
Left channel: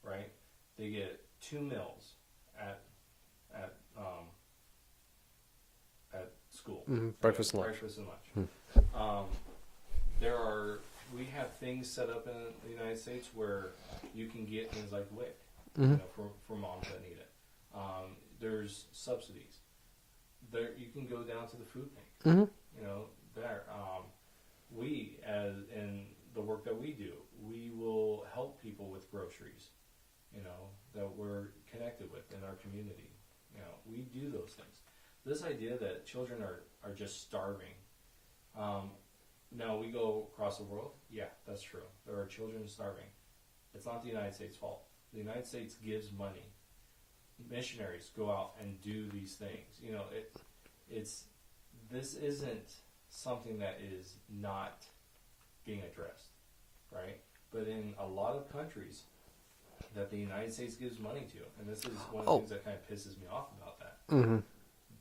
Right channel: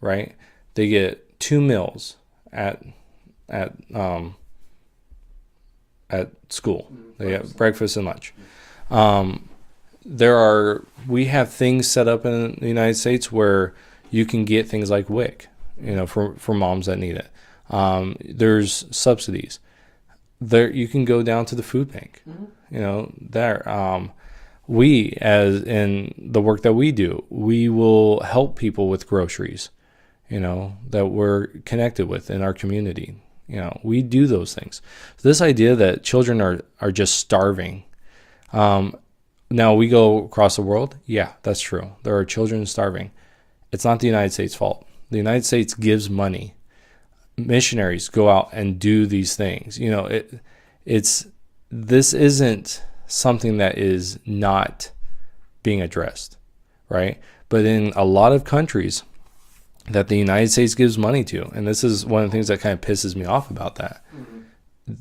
right? They get 2 meals at school. Mm-hmm. They get breakfast and lunch. Mm-hmm. We have things set up in the United States where you can get things like WIC, mm-hmm. For moms that need it. There's subsidies. There you can go down to the food bank. Mm-hmm. We, as in the work that we do, we will help people with groceries, that we're connected with in our community. We do those things. So this idea that children are just starving. Now we go across the world. Yeah, that's true. There are children starving. It's not the United States' fault. The United States gives money. Missionaries go out and do these things. This isn't something that is not being addressed, right? But in a lot of countries that the United States gives money to, and this is one of the things that kind of pisses me off about that, mm-hmm.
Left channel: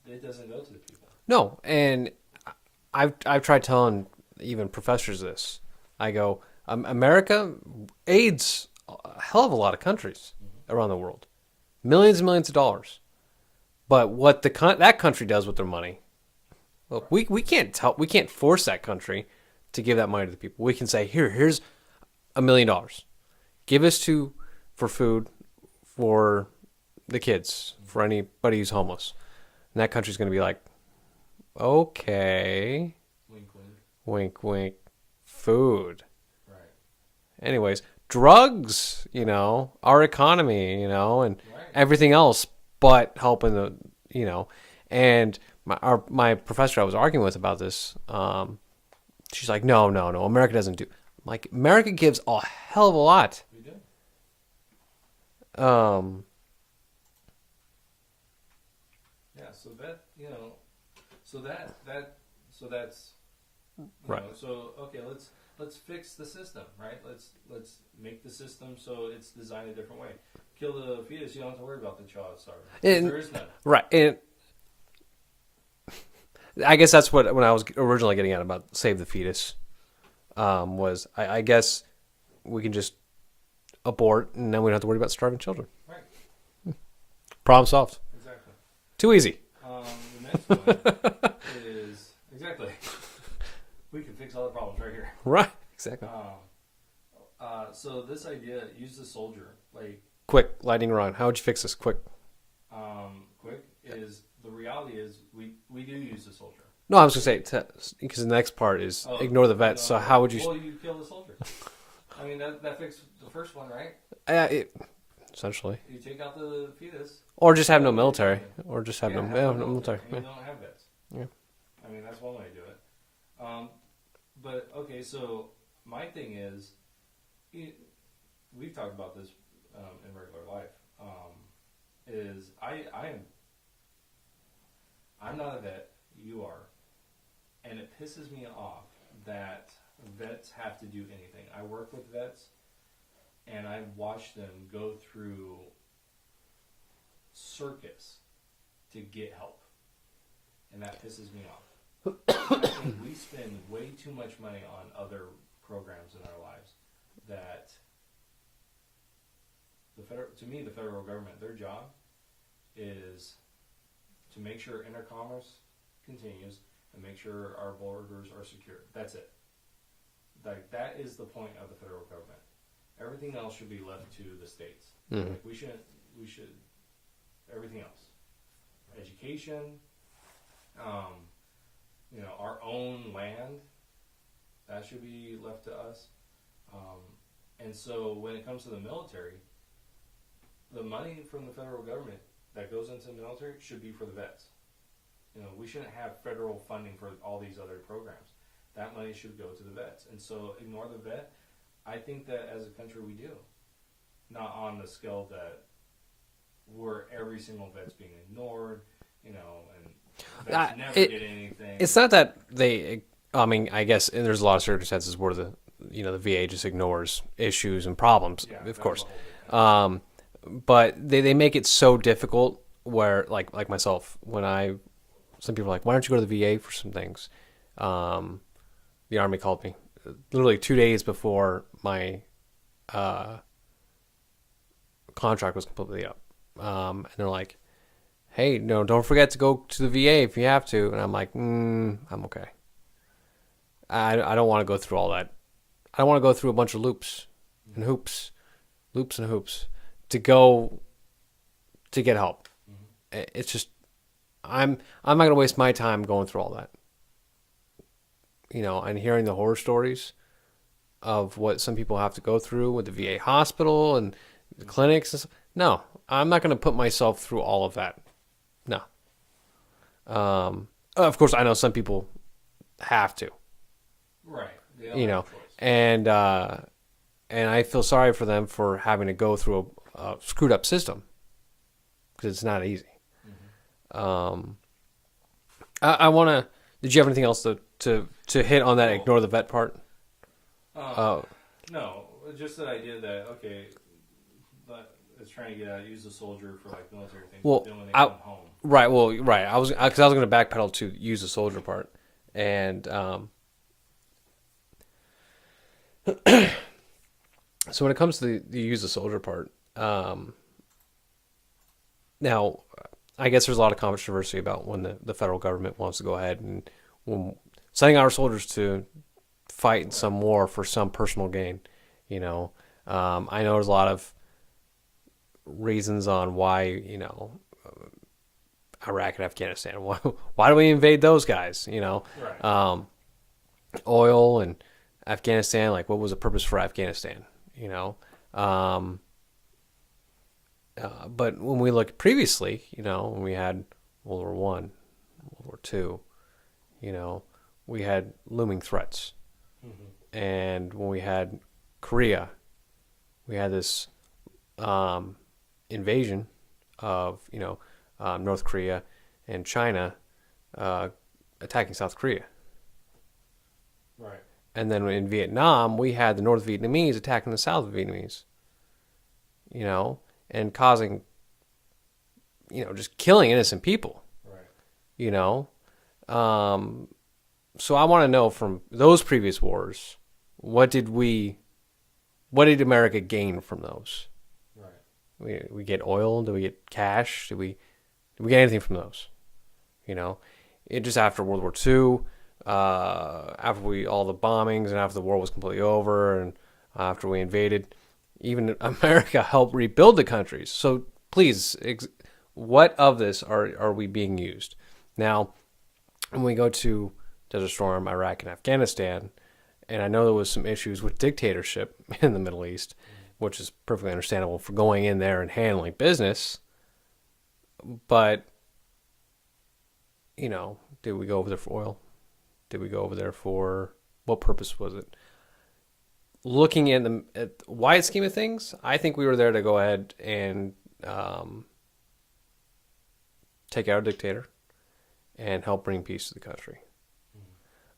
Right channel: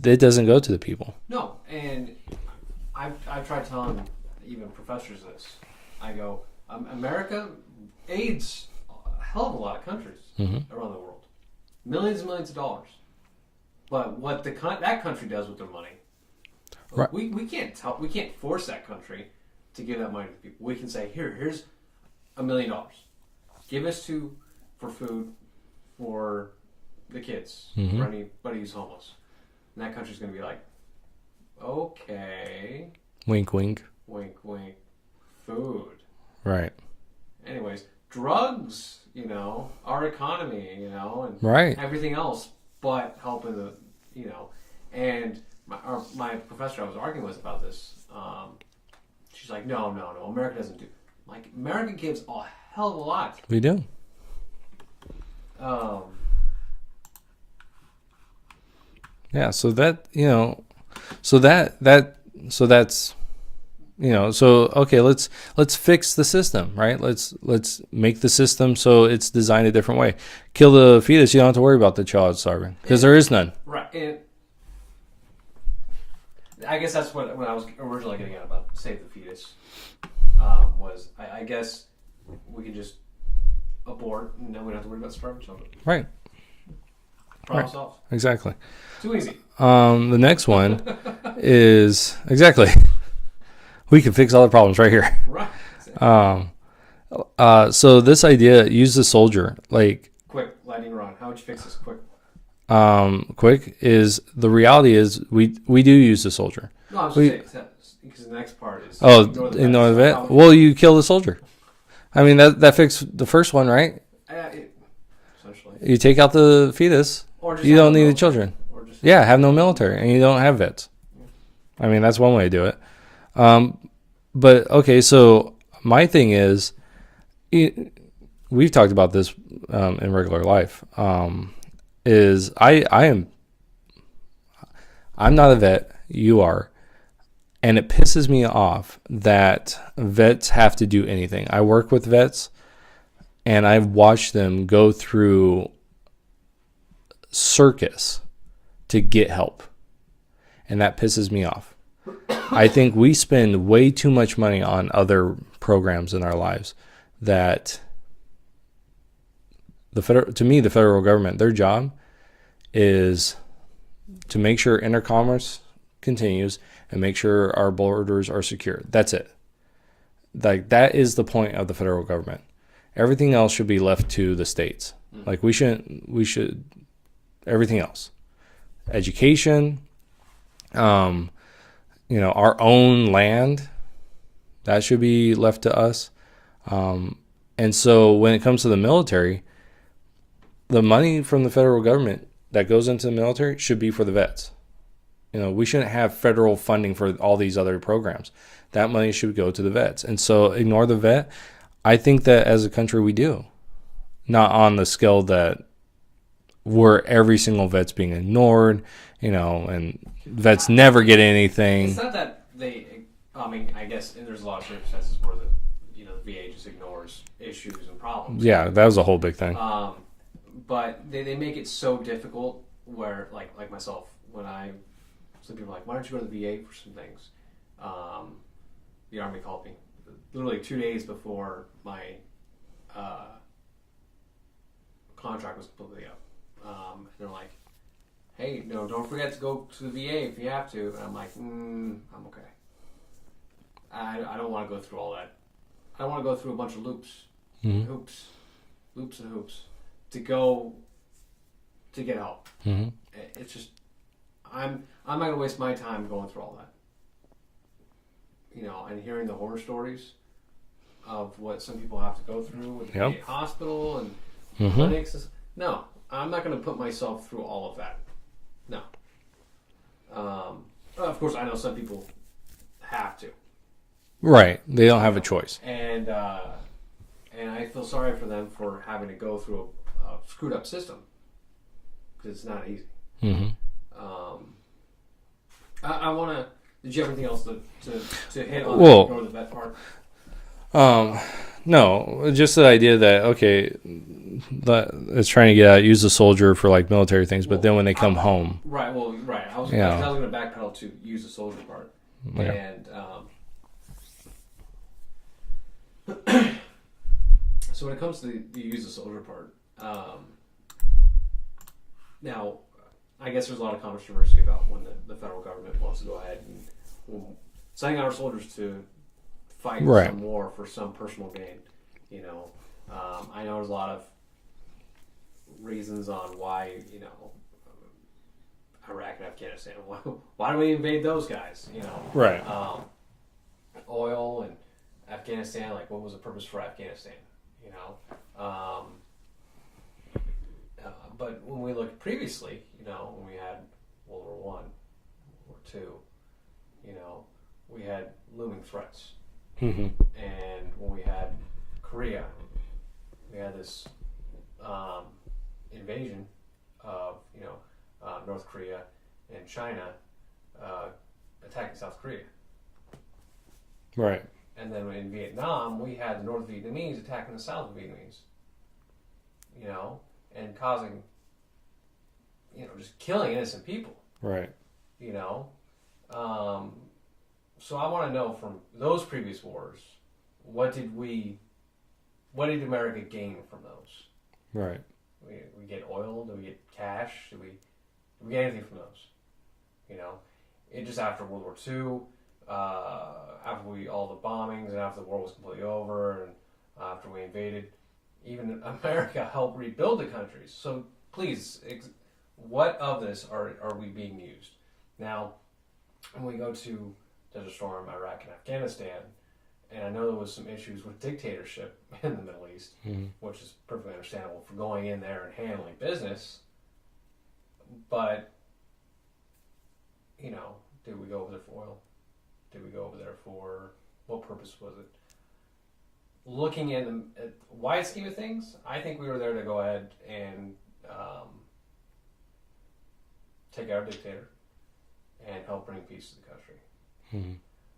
it doesn't go to the people. No, and I've tried telling even professors this. I go, America aids a hell of a lot of countries mm-hmm. around the world, millions and millions of dollars. But what that country does with their money, right. we can't force that country to give that money to the people. We can say, here's $1 million, give us for food for the kids, mm-hmm. for anybody who's homeless, and that country's going to be like, okay, wink, wink, wink, wink, food, right? Anyways, drugs, our economy, and right. everything else, but helping the, and my professor I was arguing with about this, she's like, no, America doesn't do. Like, America gives a hell of a lot. We do. Yeah. So that, so that's, so okay, let's fix the system, right? Let's make the system so it's designed a different way. Kill the fetus, you don't have to worry about the child starving because there is none. Right. And I guess that's when I was originally getting at about save the fetus, was I guess we can just abort and then we don't have to worry about starving children. Right. Problem solved. Exactly. Too easy. The next one is exactly. We can fix all the problems right here. Right. Exactly. So this idea, use the soldier, like quick, lightning round. How would you fix this? Quick. Quick is the reality is we do use the soldier. No, I was just saying because the next part is ignore the vet. Ignore the vet. How would you kill the soldier. I mean that fixed the first one, right? Essentially. You take out the fetus, or just you have don't no need military. the children. Or just have no military, and you don't have vets. Yeah. I mean that's one way to do it. But okay, so my thing is, we've talked about this in regular life. Is I'm not a vet, you are, and it pisses me off that vets have to do anything. I work with vets, and I've watched them go through circus to get help, and that pisses me off. I think we spend way too much money on other programs in our lives that to me, the federal government, their job is to make sure intercommerce continues and make sure our borders are secure. That's it. Like, that is the point of the federal government. Everything else should be left to the states. Like, we should, everything else. Education, our own land, that should be left to us. And so when it comes to the military, the money from the federal government that goes into the military should be for the vets. We shouldn't have federal funding for all these other programs. That money should go to the vets. And so ignore the vet. I think that as a country we do. Not on the scale that where every single vet's being ignored, and vets never get anything. It's not that I guess there's a lot of circumstances where the VA just ignores issues and problems. Yeah, that was a whole big thing. But they make it so difficult where, like myself, some people are like, why don't you go to the VA for some things? The Army called me literally 2 days before my contract was completely up. And they're like, hey, no, don't forget to go to the VA if you have to. And I'm like, I'm okay. I don't want to go through all that. I don't want to go through a bunch of loops and hoops to get help. It's just, I'm not going to waste my time going through all that. And hearing the horror stories of what some people have to go through with the VA hospital and clinics. No, I'm not going to put myself through all of that. No. Of course, I know some people have to. Right. They don't have a choice. And I feel sorry for them for having to go through a screwed up system because it's not easy. I want to. Did you have anything else to hit on that? Ignore the vet part. No, just the idea that that it's trying to get out, use the soldier for like military things, but then when they come home, right? Well, right. I was because I was going to backpedal to use the soldier part, and so when it comes to the use the soldier part, now I guess there's a lot of controversy about when the federal government wants to go ahead and sending our soldiers to fight in some war for some personal gain. I know there's a lot of reasons on why, Iraq and Afghanistan. Why do we invade those guys? Right. Oil and Afghanistan. Like, what was the purpose for Afghanistan? But when we look previously, when we had World War One, World War Two, we had looming threats, and when we had Korea, we had this invasion of North Korea and China attacking South Korea. Right. And then in Vietnam, we had the North Vietnamese attacking the South Vietnamese. And causing, just killing innocent people. Right. So I want to know from those previous wars, what did America gain from those? Right. We get oil? Do we get cash? Did we get anything from those? It just after World War II, after all the bombings and after the war was completely over and after we invaded, even America helped rebuild the countries. So please, what of this are we being used? Now, when we go to Desert Storm, Iraq, and Afghanistan, and I know there was some issues with dictatorship in the Middle East, which is perfectly understandable for going in there and handling business. But, did we go over there for oil? Did we go over there for, what purpose was it? Looking at the wide scheme of things, I think we were there to go ahead and take out a dictator and help bring peace to the country.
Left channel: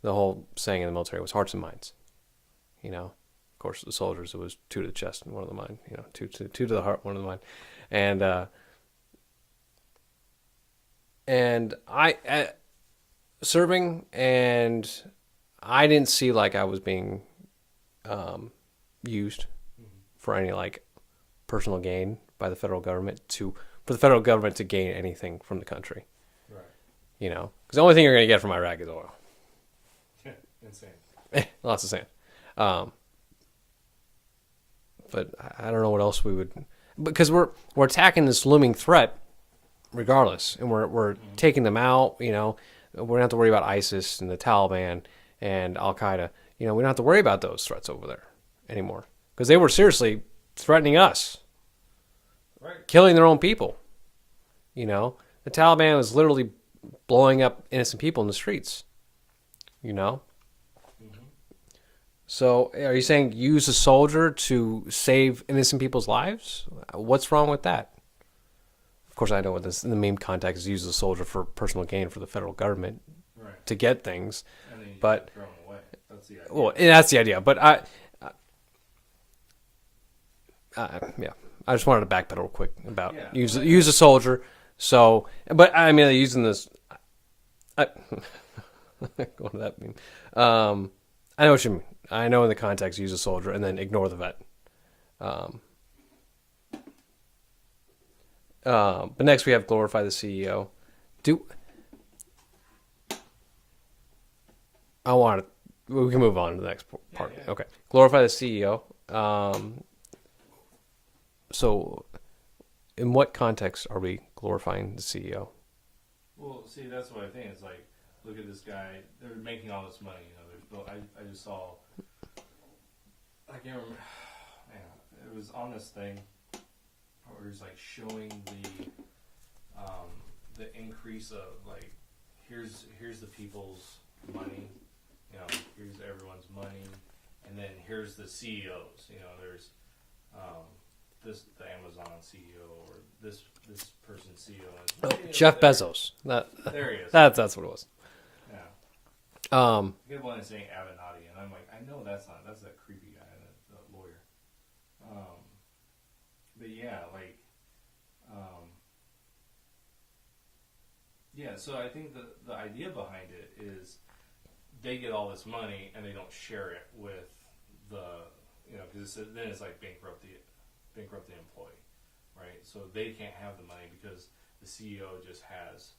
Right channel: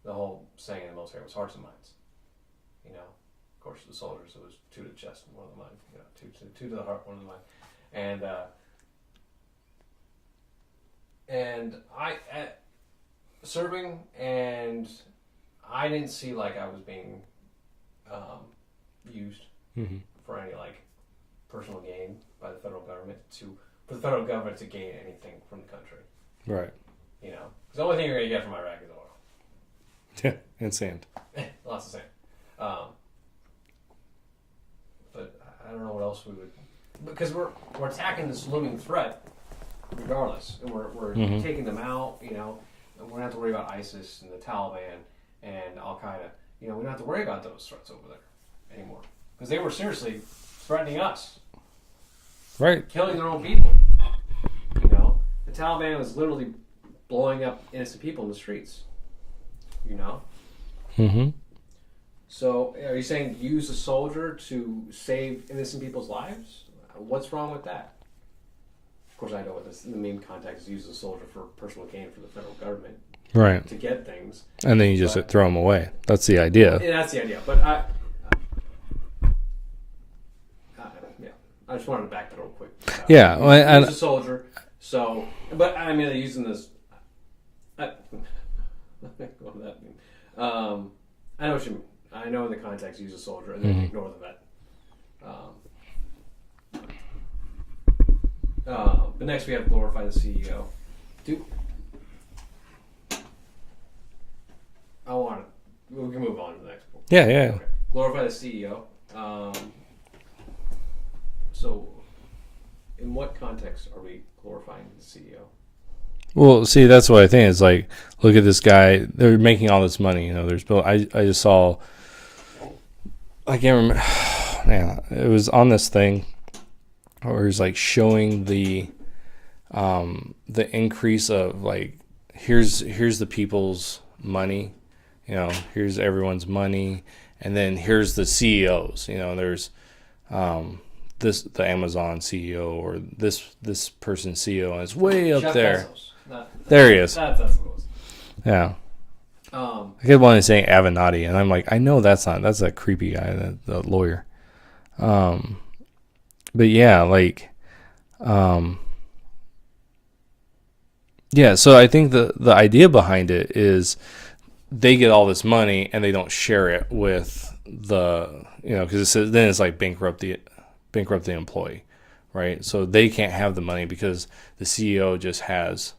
The whole saying in the military was hearts and minds. Of course, the soldiers, it was two to the chest and one to the mind. Two to the heart, one to the mind. And I serving, and I didn't see like I was being used for any like personal gain by the federal government for the federal government to gain anything from the country. Right. You know, because the only thing you're going to get from Iraq is oil. Yeah, and sand. Lots of sand. But I don't know what else we would, because we're attacking this looming threat, regardless, and we're taking them out. You know, we don't have to worry about ISIS and the Taliban and Al Qaeda. You know, we don't have to worry about those threats over there anymore because they were seriously threatening us, Right. killing their own people. You know, the Taliban was literally blowing up innocent people in the streets. You know. Mm-hmm. So, are you saying use a soldier to save innocent people's lives? What's wrong with that? Of course, I know what this in the meme context is: use a soldier for personal gain for the federal government, Right. to get things. And then you just throw them away. That's the idea. Well, that's the idea. But yeah, I just wanted to backpedal real quick. About use a soldier. So, but I mean, they're using this. What does that mean? I know what you mean. I know in the context, use a soldier and then ignore the vet. But next we have glorify the CEO. We can move on to the next point. Yeah. Okay. Glorify the CEO. So, in what context are we glorifying the CEO? Well, see, that's what I think. It's like, look at this guy. They're making all this money. You know, I just saw. I can't remember. Man, it was on this thing where it was like showing the increase of like here's the people's money, you know, here's everyone's money, and then here's the CEOs. You know, there's the Amazon CEO or this person's CEO, and it's way up Jeff there. Bezos. There he is. That's what it was. Yeah. I kept wanting to say Avenatti, and I'm like, I know that's that creepy guy, the lawyer. But yeah, like, yeah. So I think the idea behind it is they get all this money and they don't share it with because then it's like bankrupt the employee, right? So they can't have the money because the CEO just has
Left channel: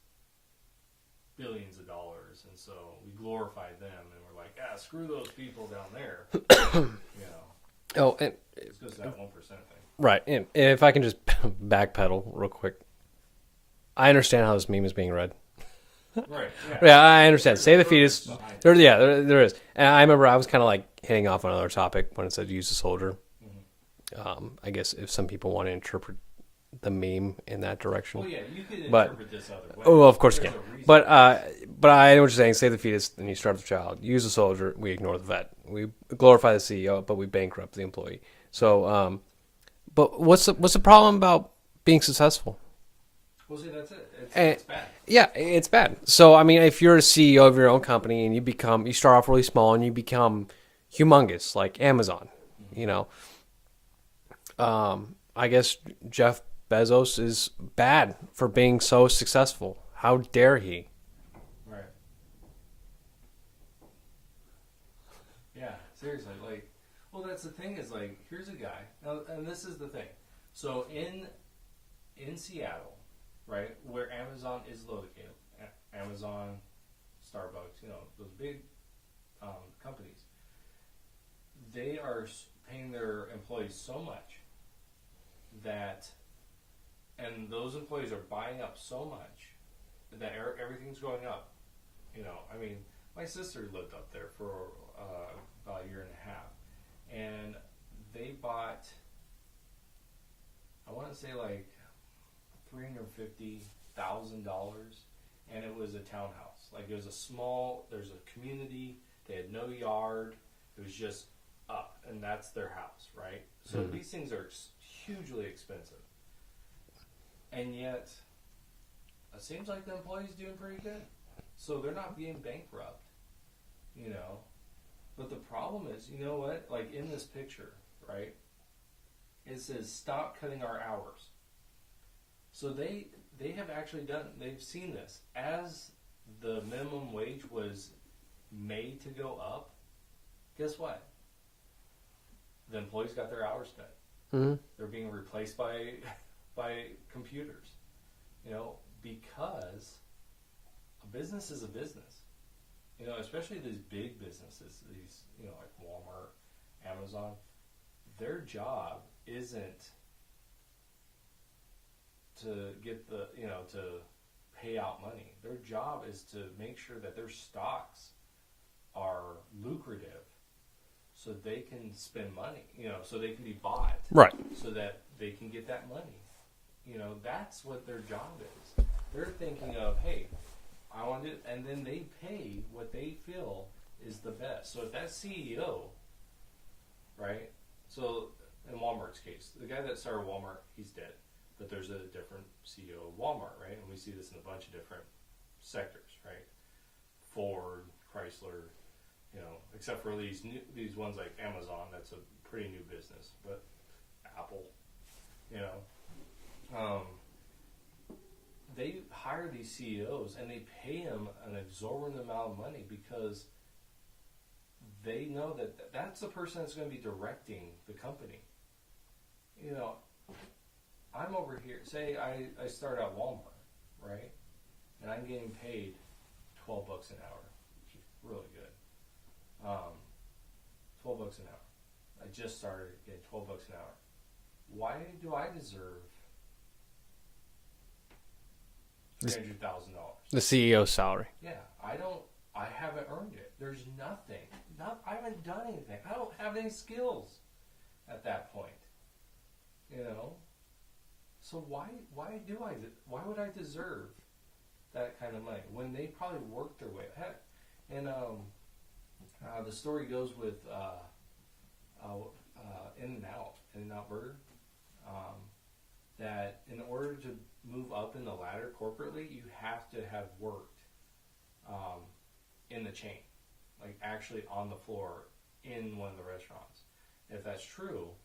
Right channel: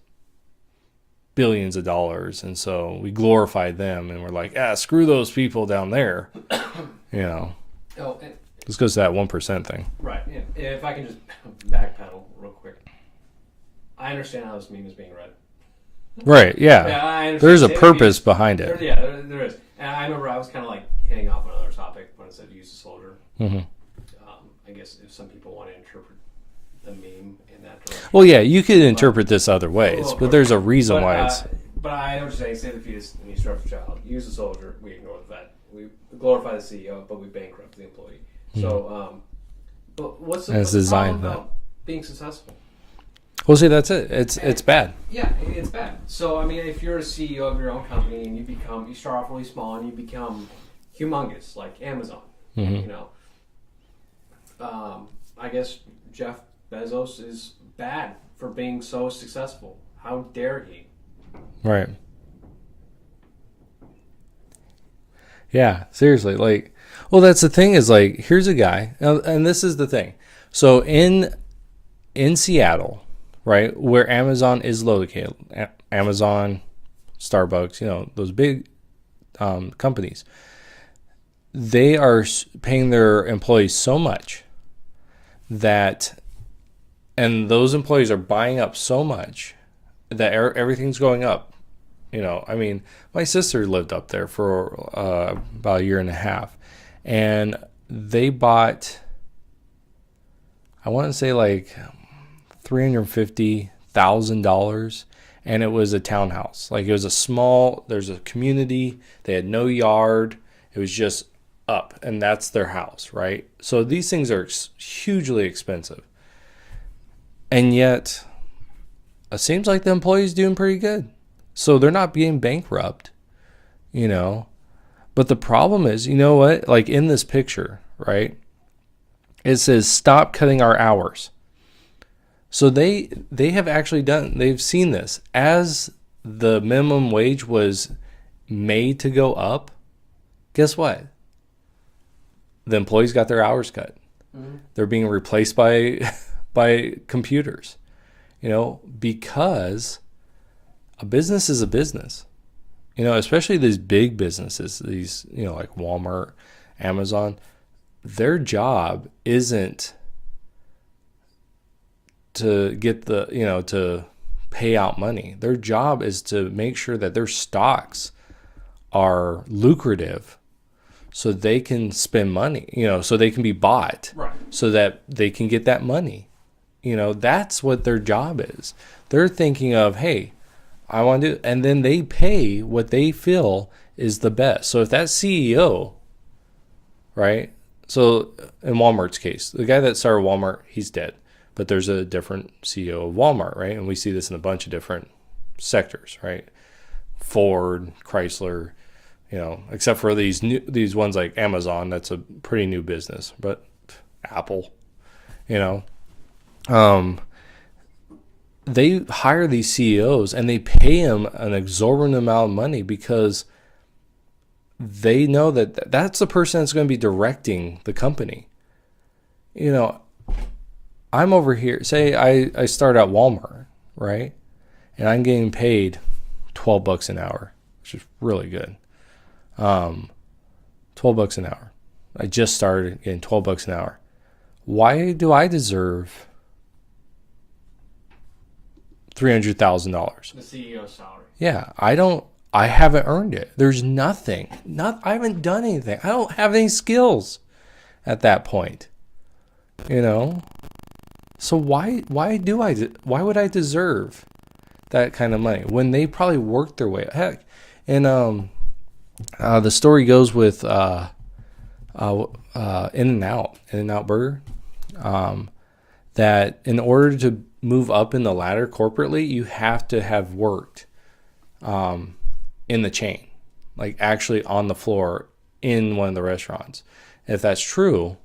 billions of dollars, and so we glorify them and we're like, screw those people down there. You know. Oh, and this goes to that 1% thing. Right. And if I can just backpedal real quick. I understand how this meme is being read. Right, yeah. Yeah, I understand. There's a purpose behind it. There is. And I remember I was kind of like hitting off on another topic when it said use a soldier. Mm-hmm. I guess if some people want to interpret the meme in that direction. Well, yeah, you could interpret this other ways, but there's a reason why. But I know what you're saying. Save the fetus and you starve the child. Use a soldier. We ignore the vet. We glorify the CEO, but we bankrupt the employee. So, but what's the problem about being successful? Well, see, that's it. It's bad. Yeah, it's bad. So, I mean, if you're a CEO of your own company and you start off really small and you become humongous, like Amazon, you know, I guess Jeff Bezos is bad for being so successful. How dare he? Right. Yeah, seriously. Like, well, that's the thing is like, here's a guy, and this is the thing. So in Seattle, right, where Amazon is located, Amazon, Starbucks, you know, those big companies, they are paying their employees so much and those employees are buying up so much that everything's going up. You know, I mean, my sister lived up there for about a year and a half, and they bought, I want to say like $350,000, and it was a townhouse. Like it was there's a community. They had no yard. It was just up, and that's their house, right? So these things are hugely expensive, and yet it seems like the employee's doing pretty good. So they're not being bankrupt, you know. But the problem is, you know what? Like in this picture, right? It says, stop cutting our hours. So they have actually they've seen this. As the minimum wage was made to go up, guess what? The employees got their hours cut. Mm-hmm. They're being replaced by computers, you know, because a business is a business. Especially these big businesses, these, like Walmart, Amazon, their job isn't to get to pay out money. Their job is to make sure that their stocks are lucrative so they can spend money, so they can be bought. Right. So that they can get that money. That's what their job is. They're thinking of, hey, I want to do, and then they pay what they feel is the best. So if that CEO, right? So in Walmart's case, the guy that started Walmart, he's dead. But there's a different CEO of Walmart, right? And we see this in a bunch of different sectors, right? Ford, Chrysler, except for these ones like Amazon, that's a pretty new business. But Apple, they hire these CEOs and they pay them an exorbitant amount of money because they know that that's the person that's going to be directing the company. I'm over here, say I start at Walmart, right? And I'm getting paid $12 an hour, which is really good. $12 an hour. I just started getting $12 an hour. Why do I deserve $300,000? The CEO's salary. Yeah, I haven't earned it. There's nothing. I haven't done anything. I don't have any skills at that point. So why would I deserve that kind of money when they probably worked their way? Heck, and the story goes with In-N-Out Burger, that in order to move up in the ladder corporately, you have to have worked in the chain, like actually on the floor in one of the restaurants. If that's true,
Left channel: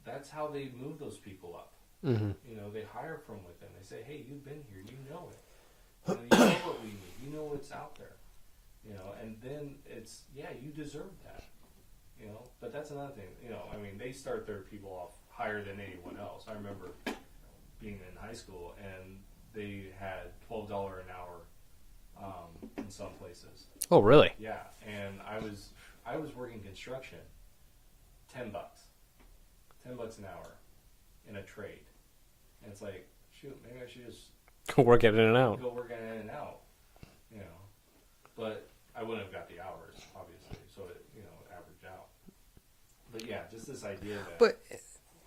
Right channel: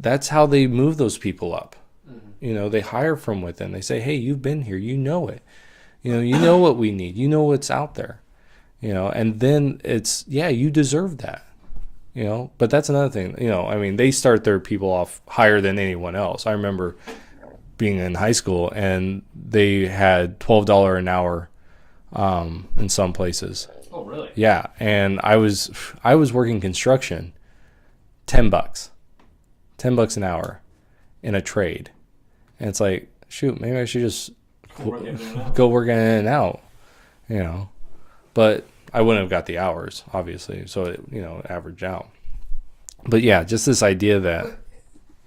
that's how they move those people up. Mm-hmm. They hire from within. They say, hey, you've been here, you know it. You know what we need. You know what's out there. And then it's, yeah, you deserve that. But that's another thing. They start their people off higher than anyone else. I remember being in high school and they had $12 an hour in some places. Oh, really? Yeah, and I was working construction, $10 an hour in a trade, and it's like, shoot, maybe I should just go work at In-N-Out. Go work at In-N-Out, but I wouldn't have got the hours, obviously, so it averaged out. But yeah, just this idea that. But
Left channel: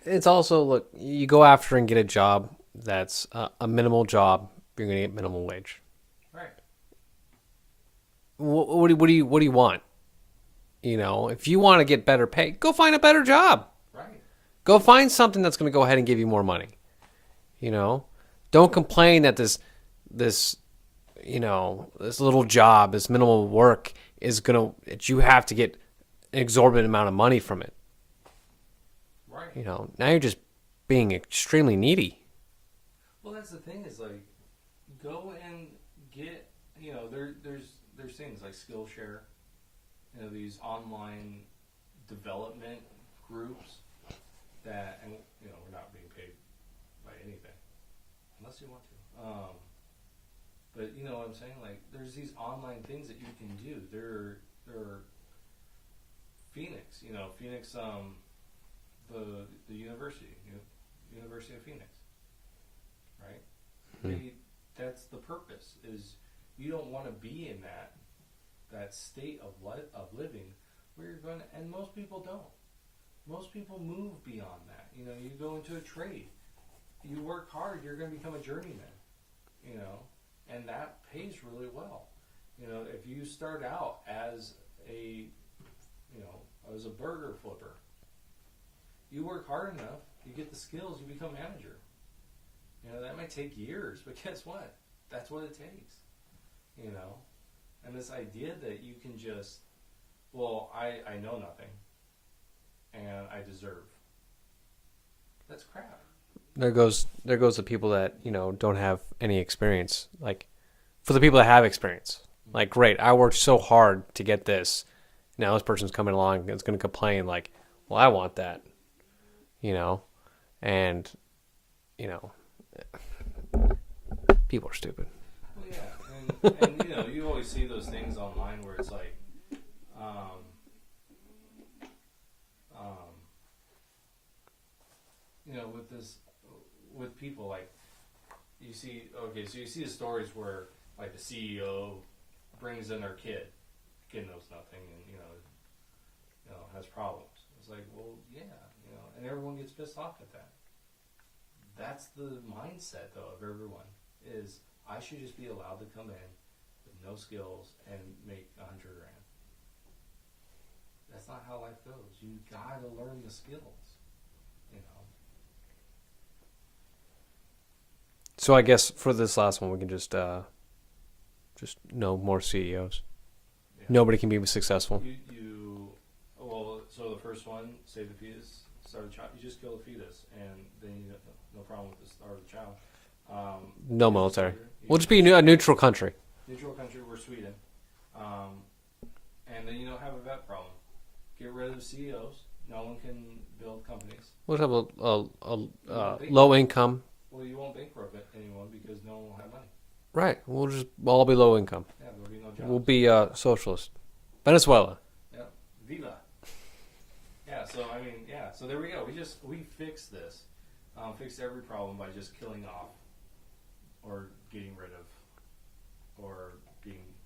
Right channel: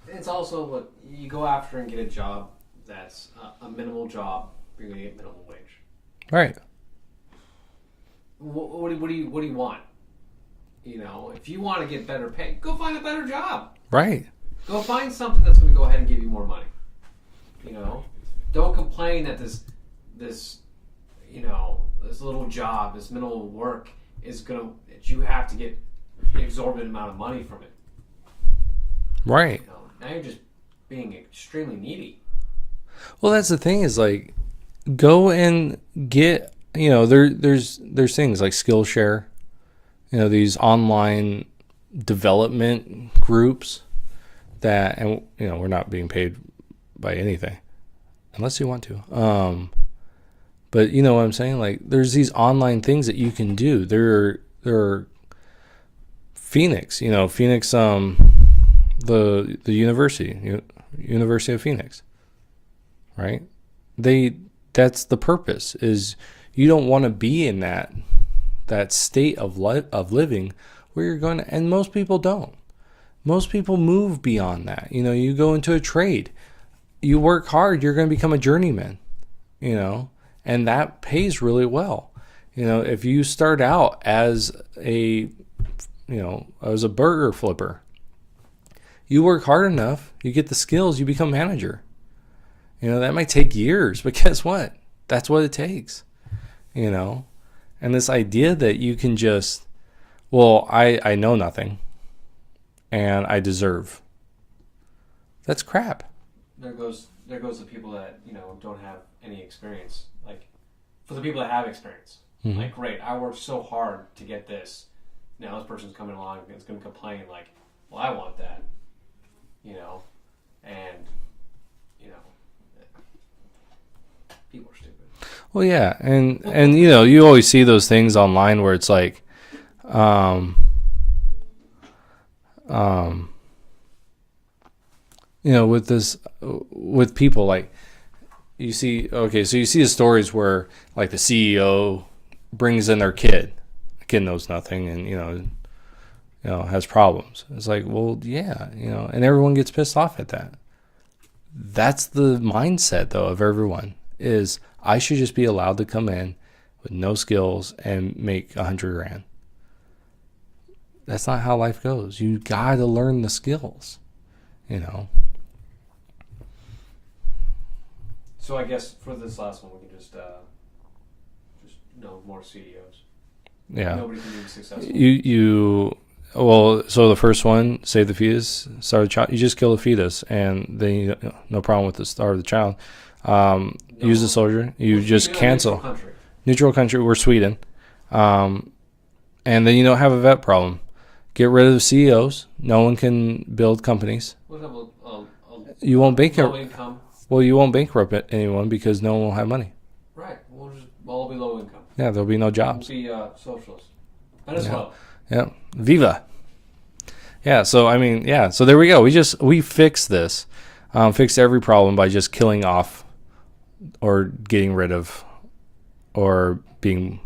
it's also, look, you go after and get a job that's a minimal job, you're gonna get minimum wage. Right. What do you want? If you want to get better pay, go find a better job. Right. Go find something that's going to go ahead and give you more money. Don't complain that this little job, this minimal work that you have to get an exorbitant amount of money from it. Right. Now you're just being extremely needy. Well, that's the thing is like, go and get, there's things like Skillshare, these online development groups that, and we're not being paid by anything unless you want to. But you know what I'm saying? Like, there's these online things that you can do. There are Phoenix, the University of Phoenix, right? That's the purpose, is you don't want to be in that state of living where you're going to, and most people don't. Most people move beyond that. You go into a trade, you work hard, you're going to become a journeyman, and that pays really well. If you start out as a burger flipper, you work hard enough, you get the skills, you become manager. That might take years, but guess what? That's what it takes, And this idea that you can just, well, I know nothing and I deserve. That's crap. There goes the people that, don't have any experience. Like, for the people that have experience, mm-hmm. Like, great, I worked so hard to get this. Now this person's coming along and it's going to complain like, well, I want that, and, People are stupid. Well, yeah, and you know, you always see those things online where it's like, you know, with people, like, you see, okay, so you see the stories where, like, the CEO brings in their kid. The kid knows nothing and, you know, has problems. It's like, well, yeah, you know, and everyone gets pissed off at that. That's the mindset, though, of everyone, is I should just be allowed to come in with no skills and make $100,000. That's not how life goes. You got to learn the skills, you know. So I guess for this last one, we can just no more CEOs. Yeah. Nobody can be successful. Well, so the first one, save the fetus, start the child. You just kill the fetus, and then you, no problem with the start of the child. No use the soldier. You just a cancel. neutral country. Neutral country. We're Sweden, and then you don't have a vet problem. Get rid of the CEOs. No one can build companies. What about You won't bankrupt. low income? Well, you won't bankrupt anyone because no one will have money. Right. We'll all be low income. Yeah, there'll be no jobs. We'll be socialist. Venezuela. Yeah. Viva. Yeah. So I mean, yeah. So there we go. We fixed this. Fixed every problem by just killing off, or getting rid of, or being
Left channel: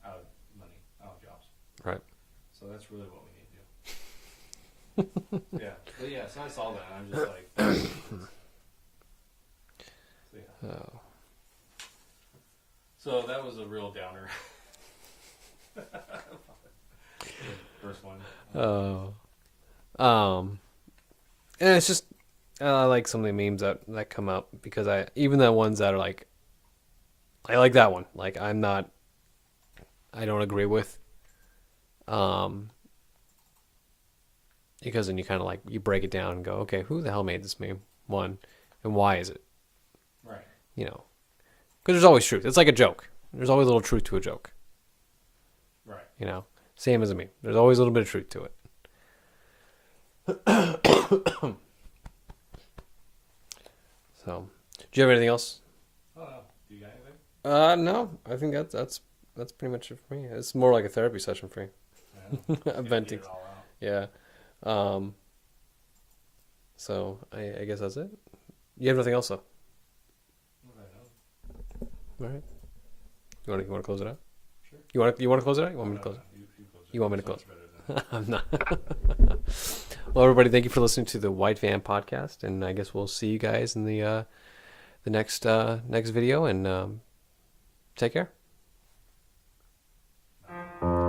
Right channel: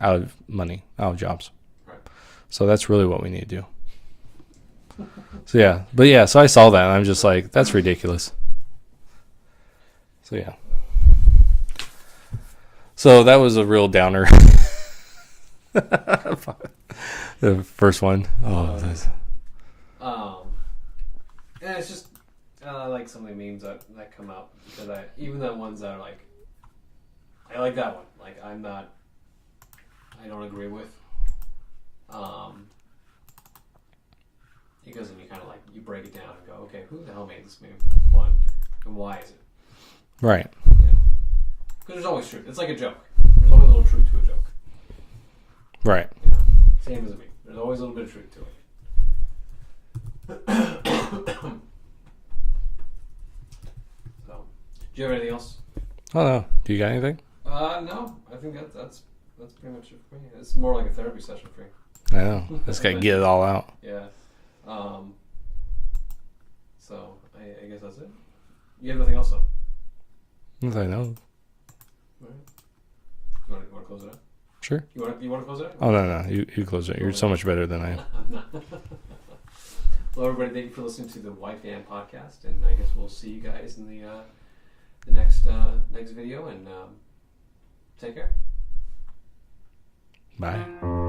out of money, out of jobs. Right. So that's really what we need to do. So yeah, but yeah. So I saw that and I'm just like, that's ridiculous. So yeah. So that was a real downer. The first one. And it's just I like some of the memes that come up, because even the ones that are like, I like that one. Like, I don't agree with. Because then you kind of like, you break it down and go, okay, who the hell made this meme? One, and why is it? Right. You know, because there's always truth. It's like a joke. There's always a little truth to a joke. Right. You know, same as a meme. There's always a little bit of truth to it. So, do you have anything else? Oh no. Do you got anything? No. I think that's pretty much it for me. It's more like a therapy session for me. I know. Just gotta get it all out. Yeah. So I guess that's it. You have nothing else though? Yes, I know. All right. You want to close it out? Sure. You want to close it out? Oh no. You close it. You're so much better than I am. I'm not. Well, everybody, thank you for listening to the White Van podcast, and I guess we'll see you guys in the next video, and take care. Bye.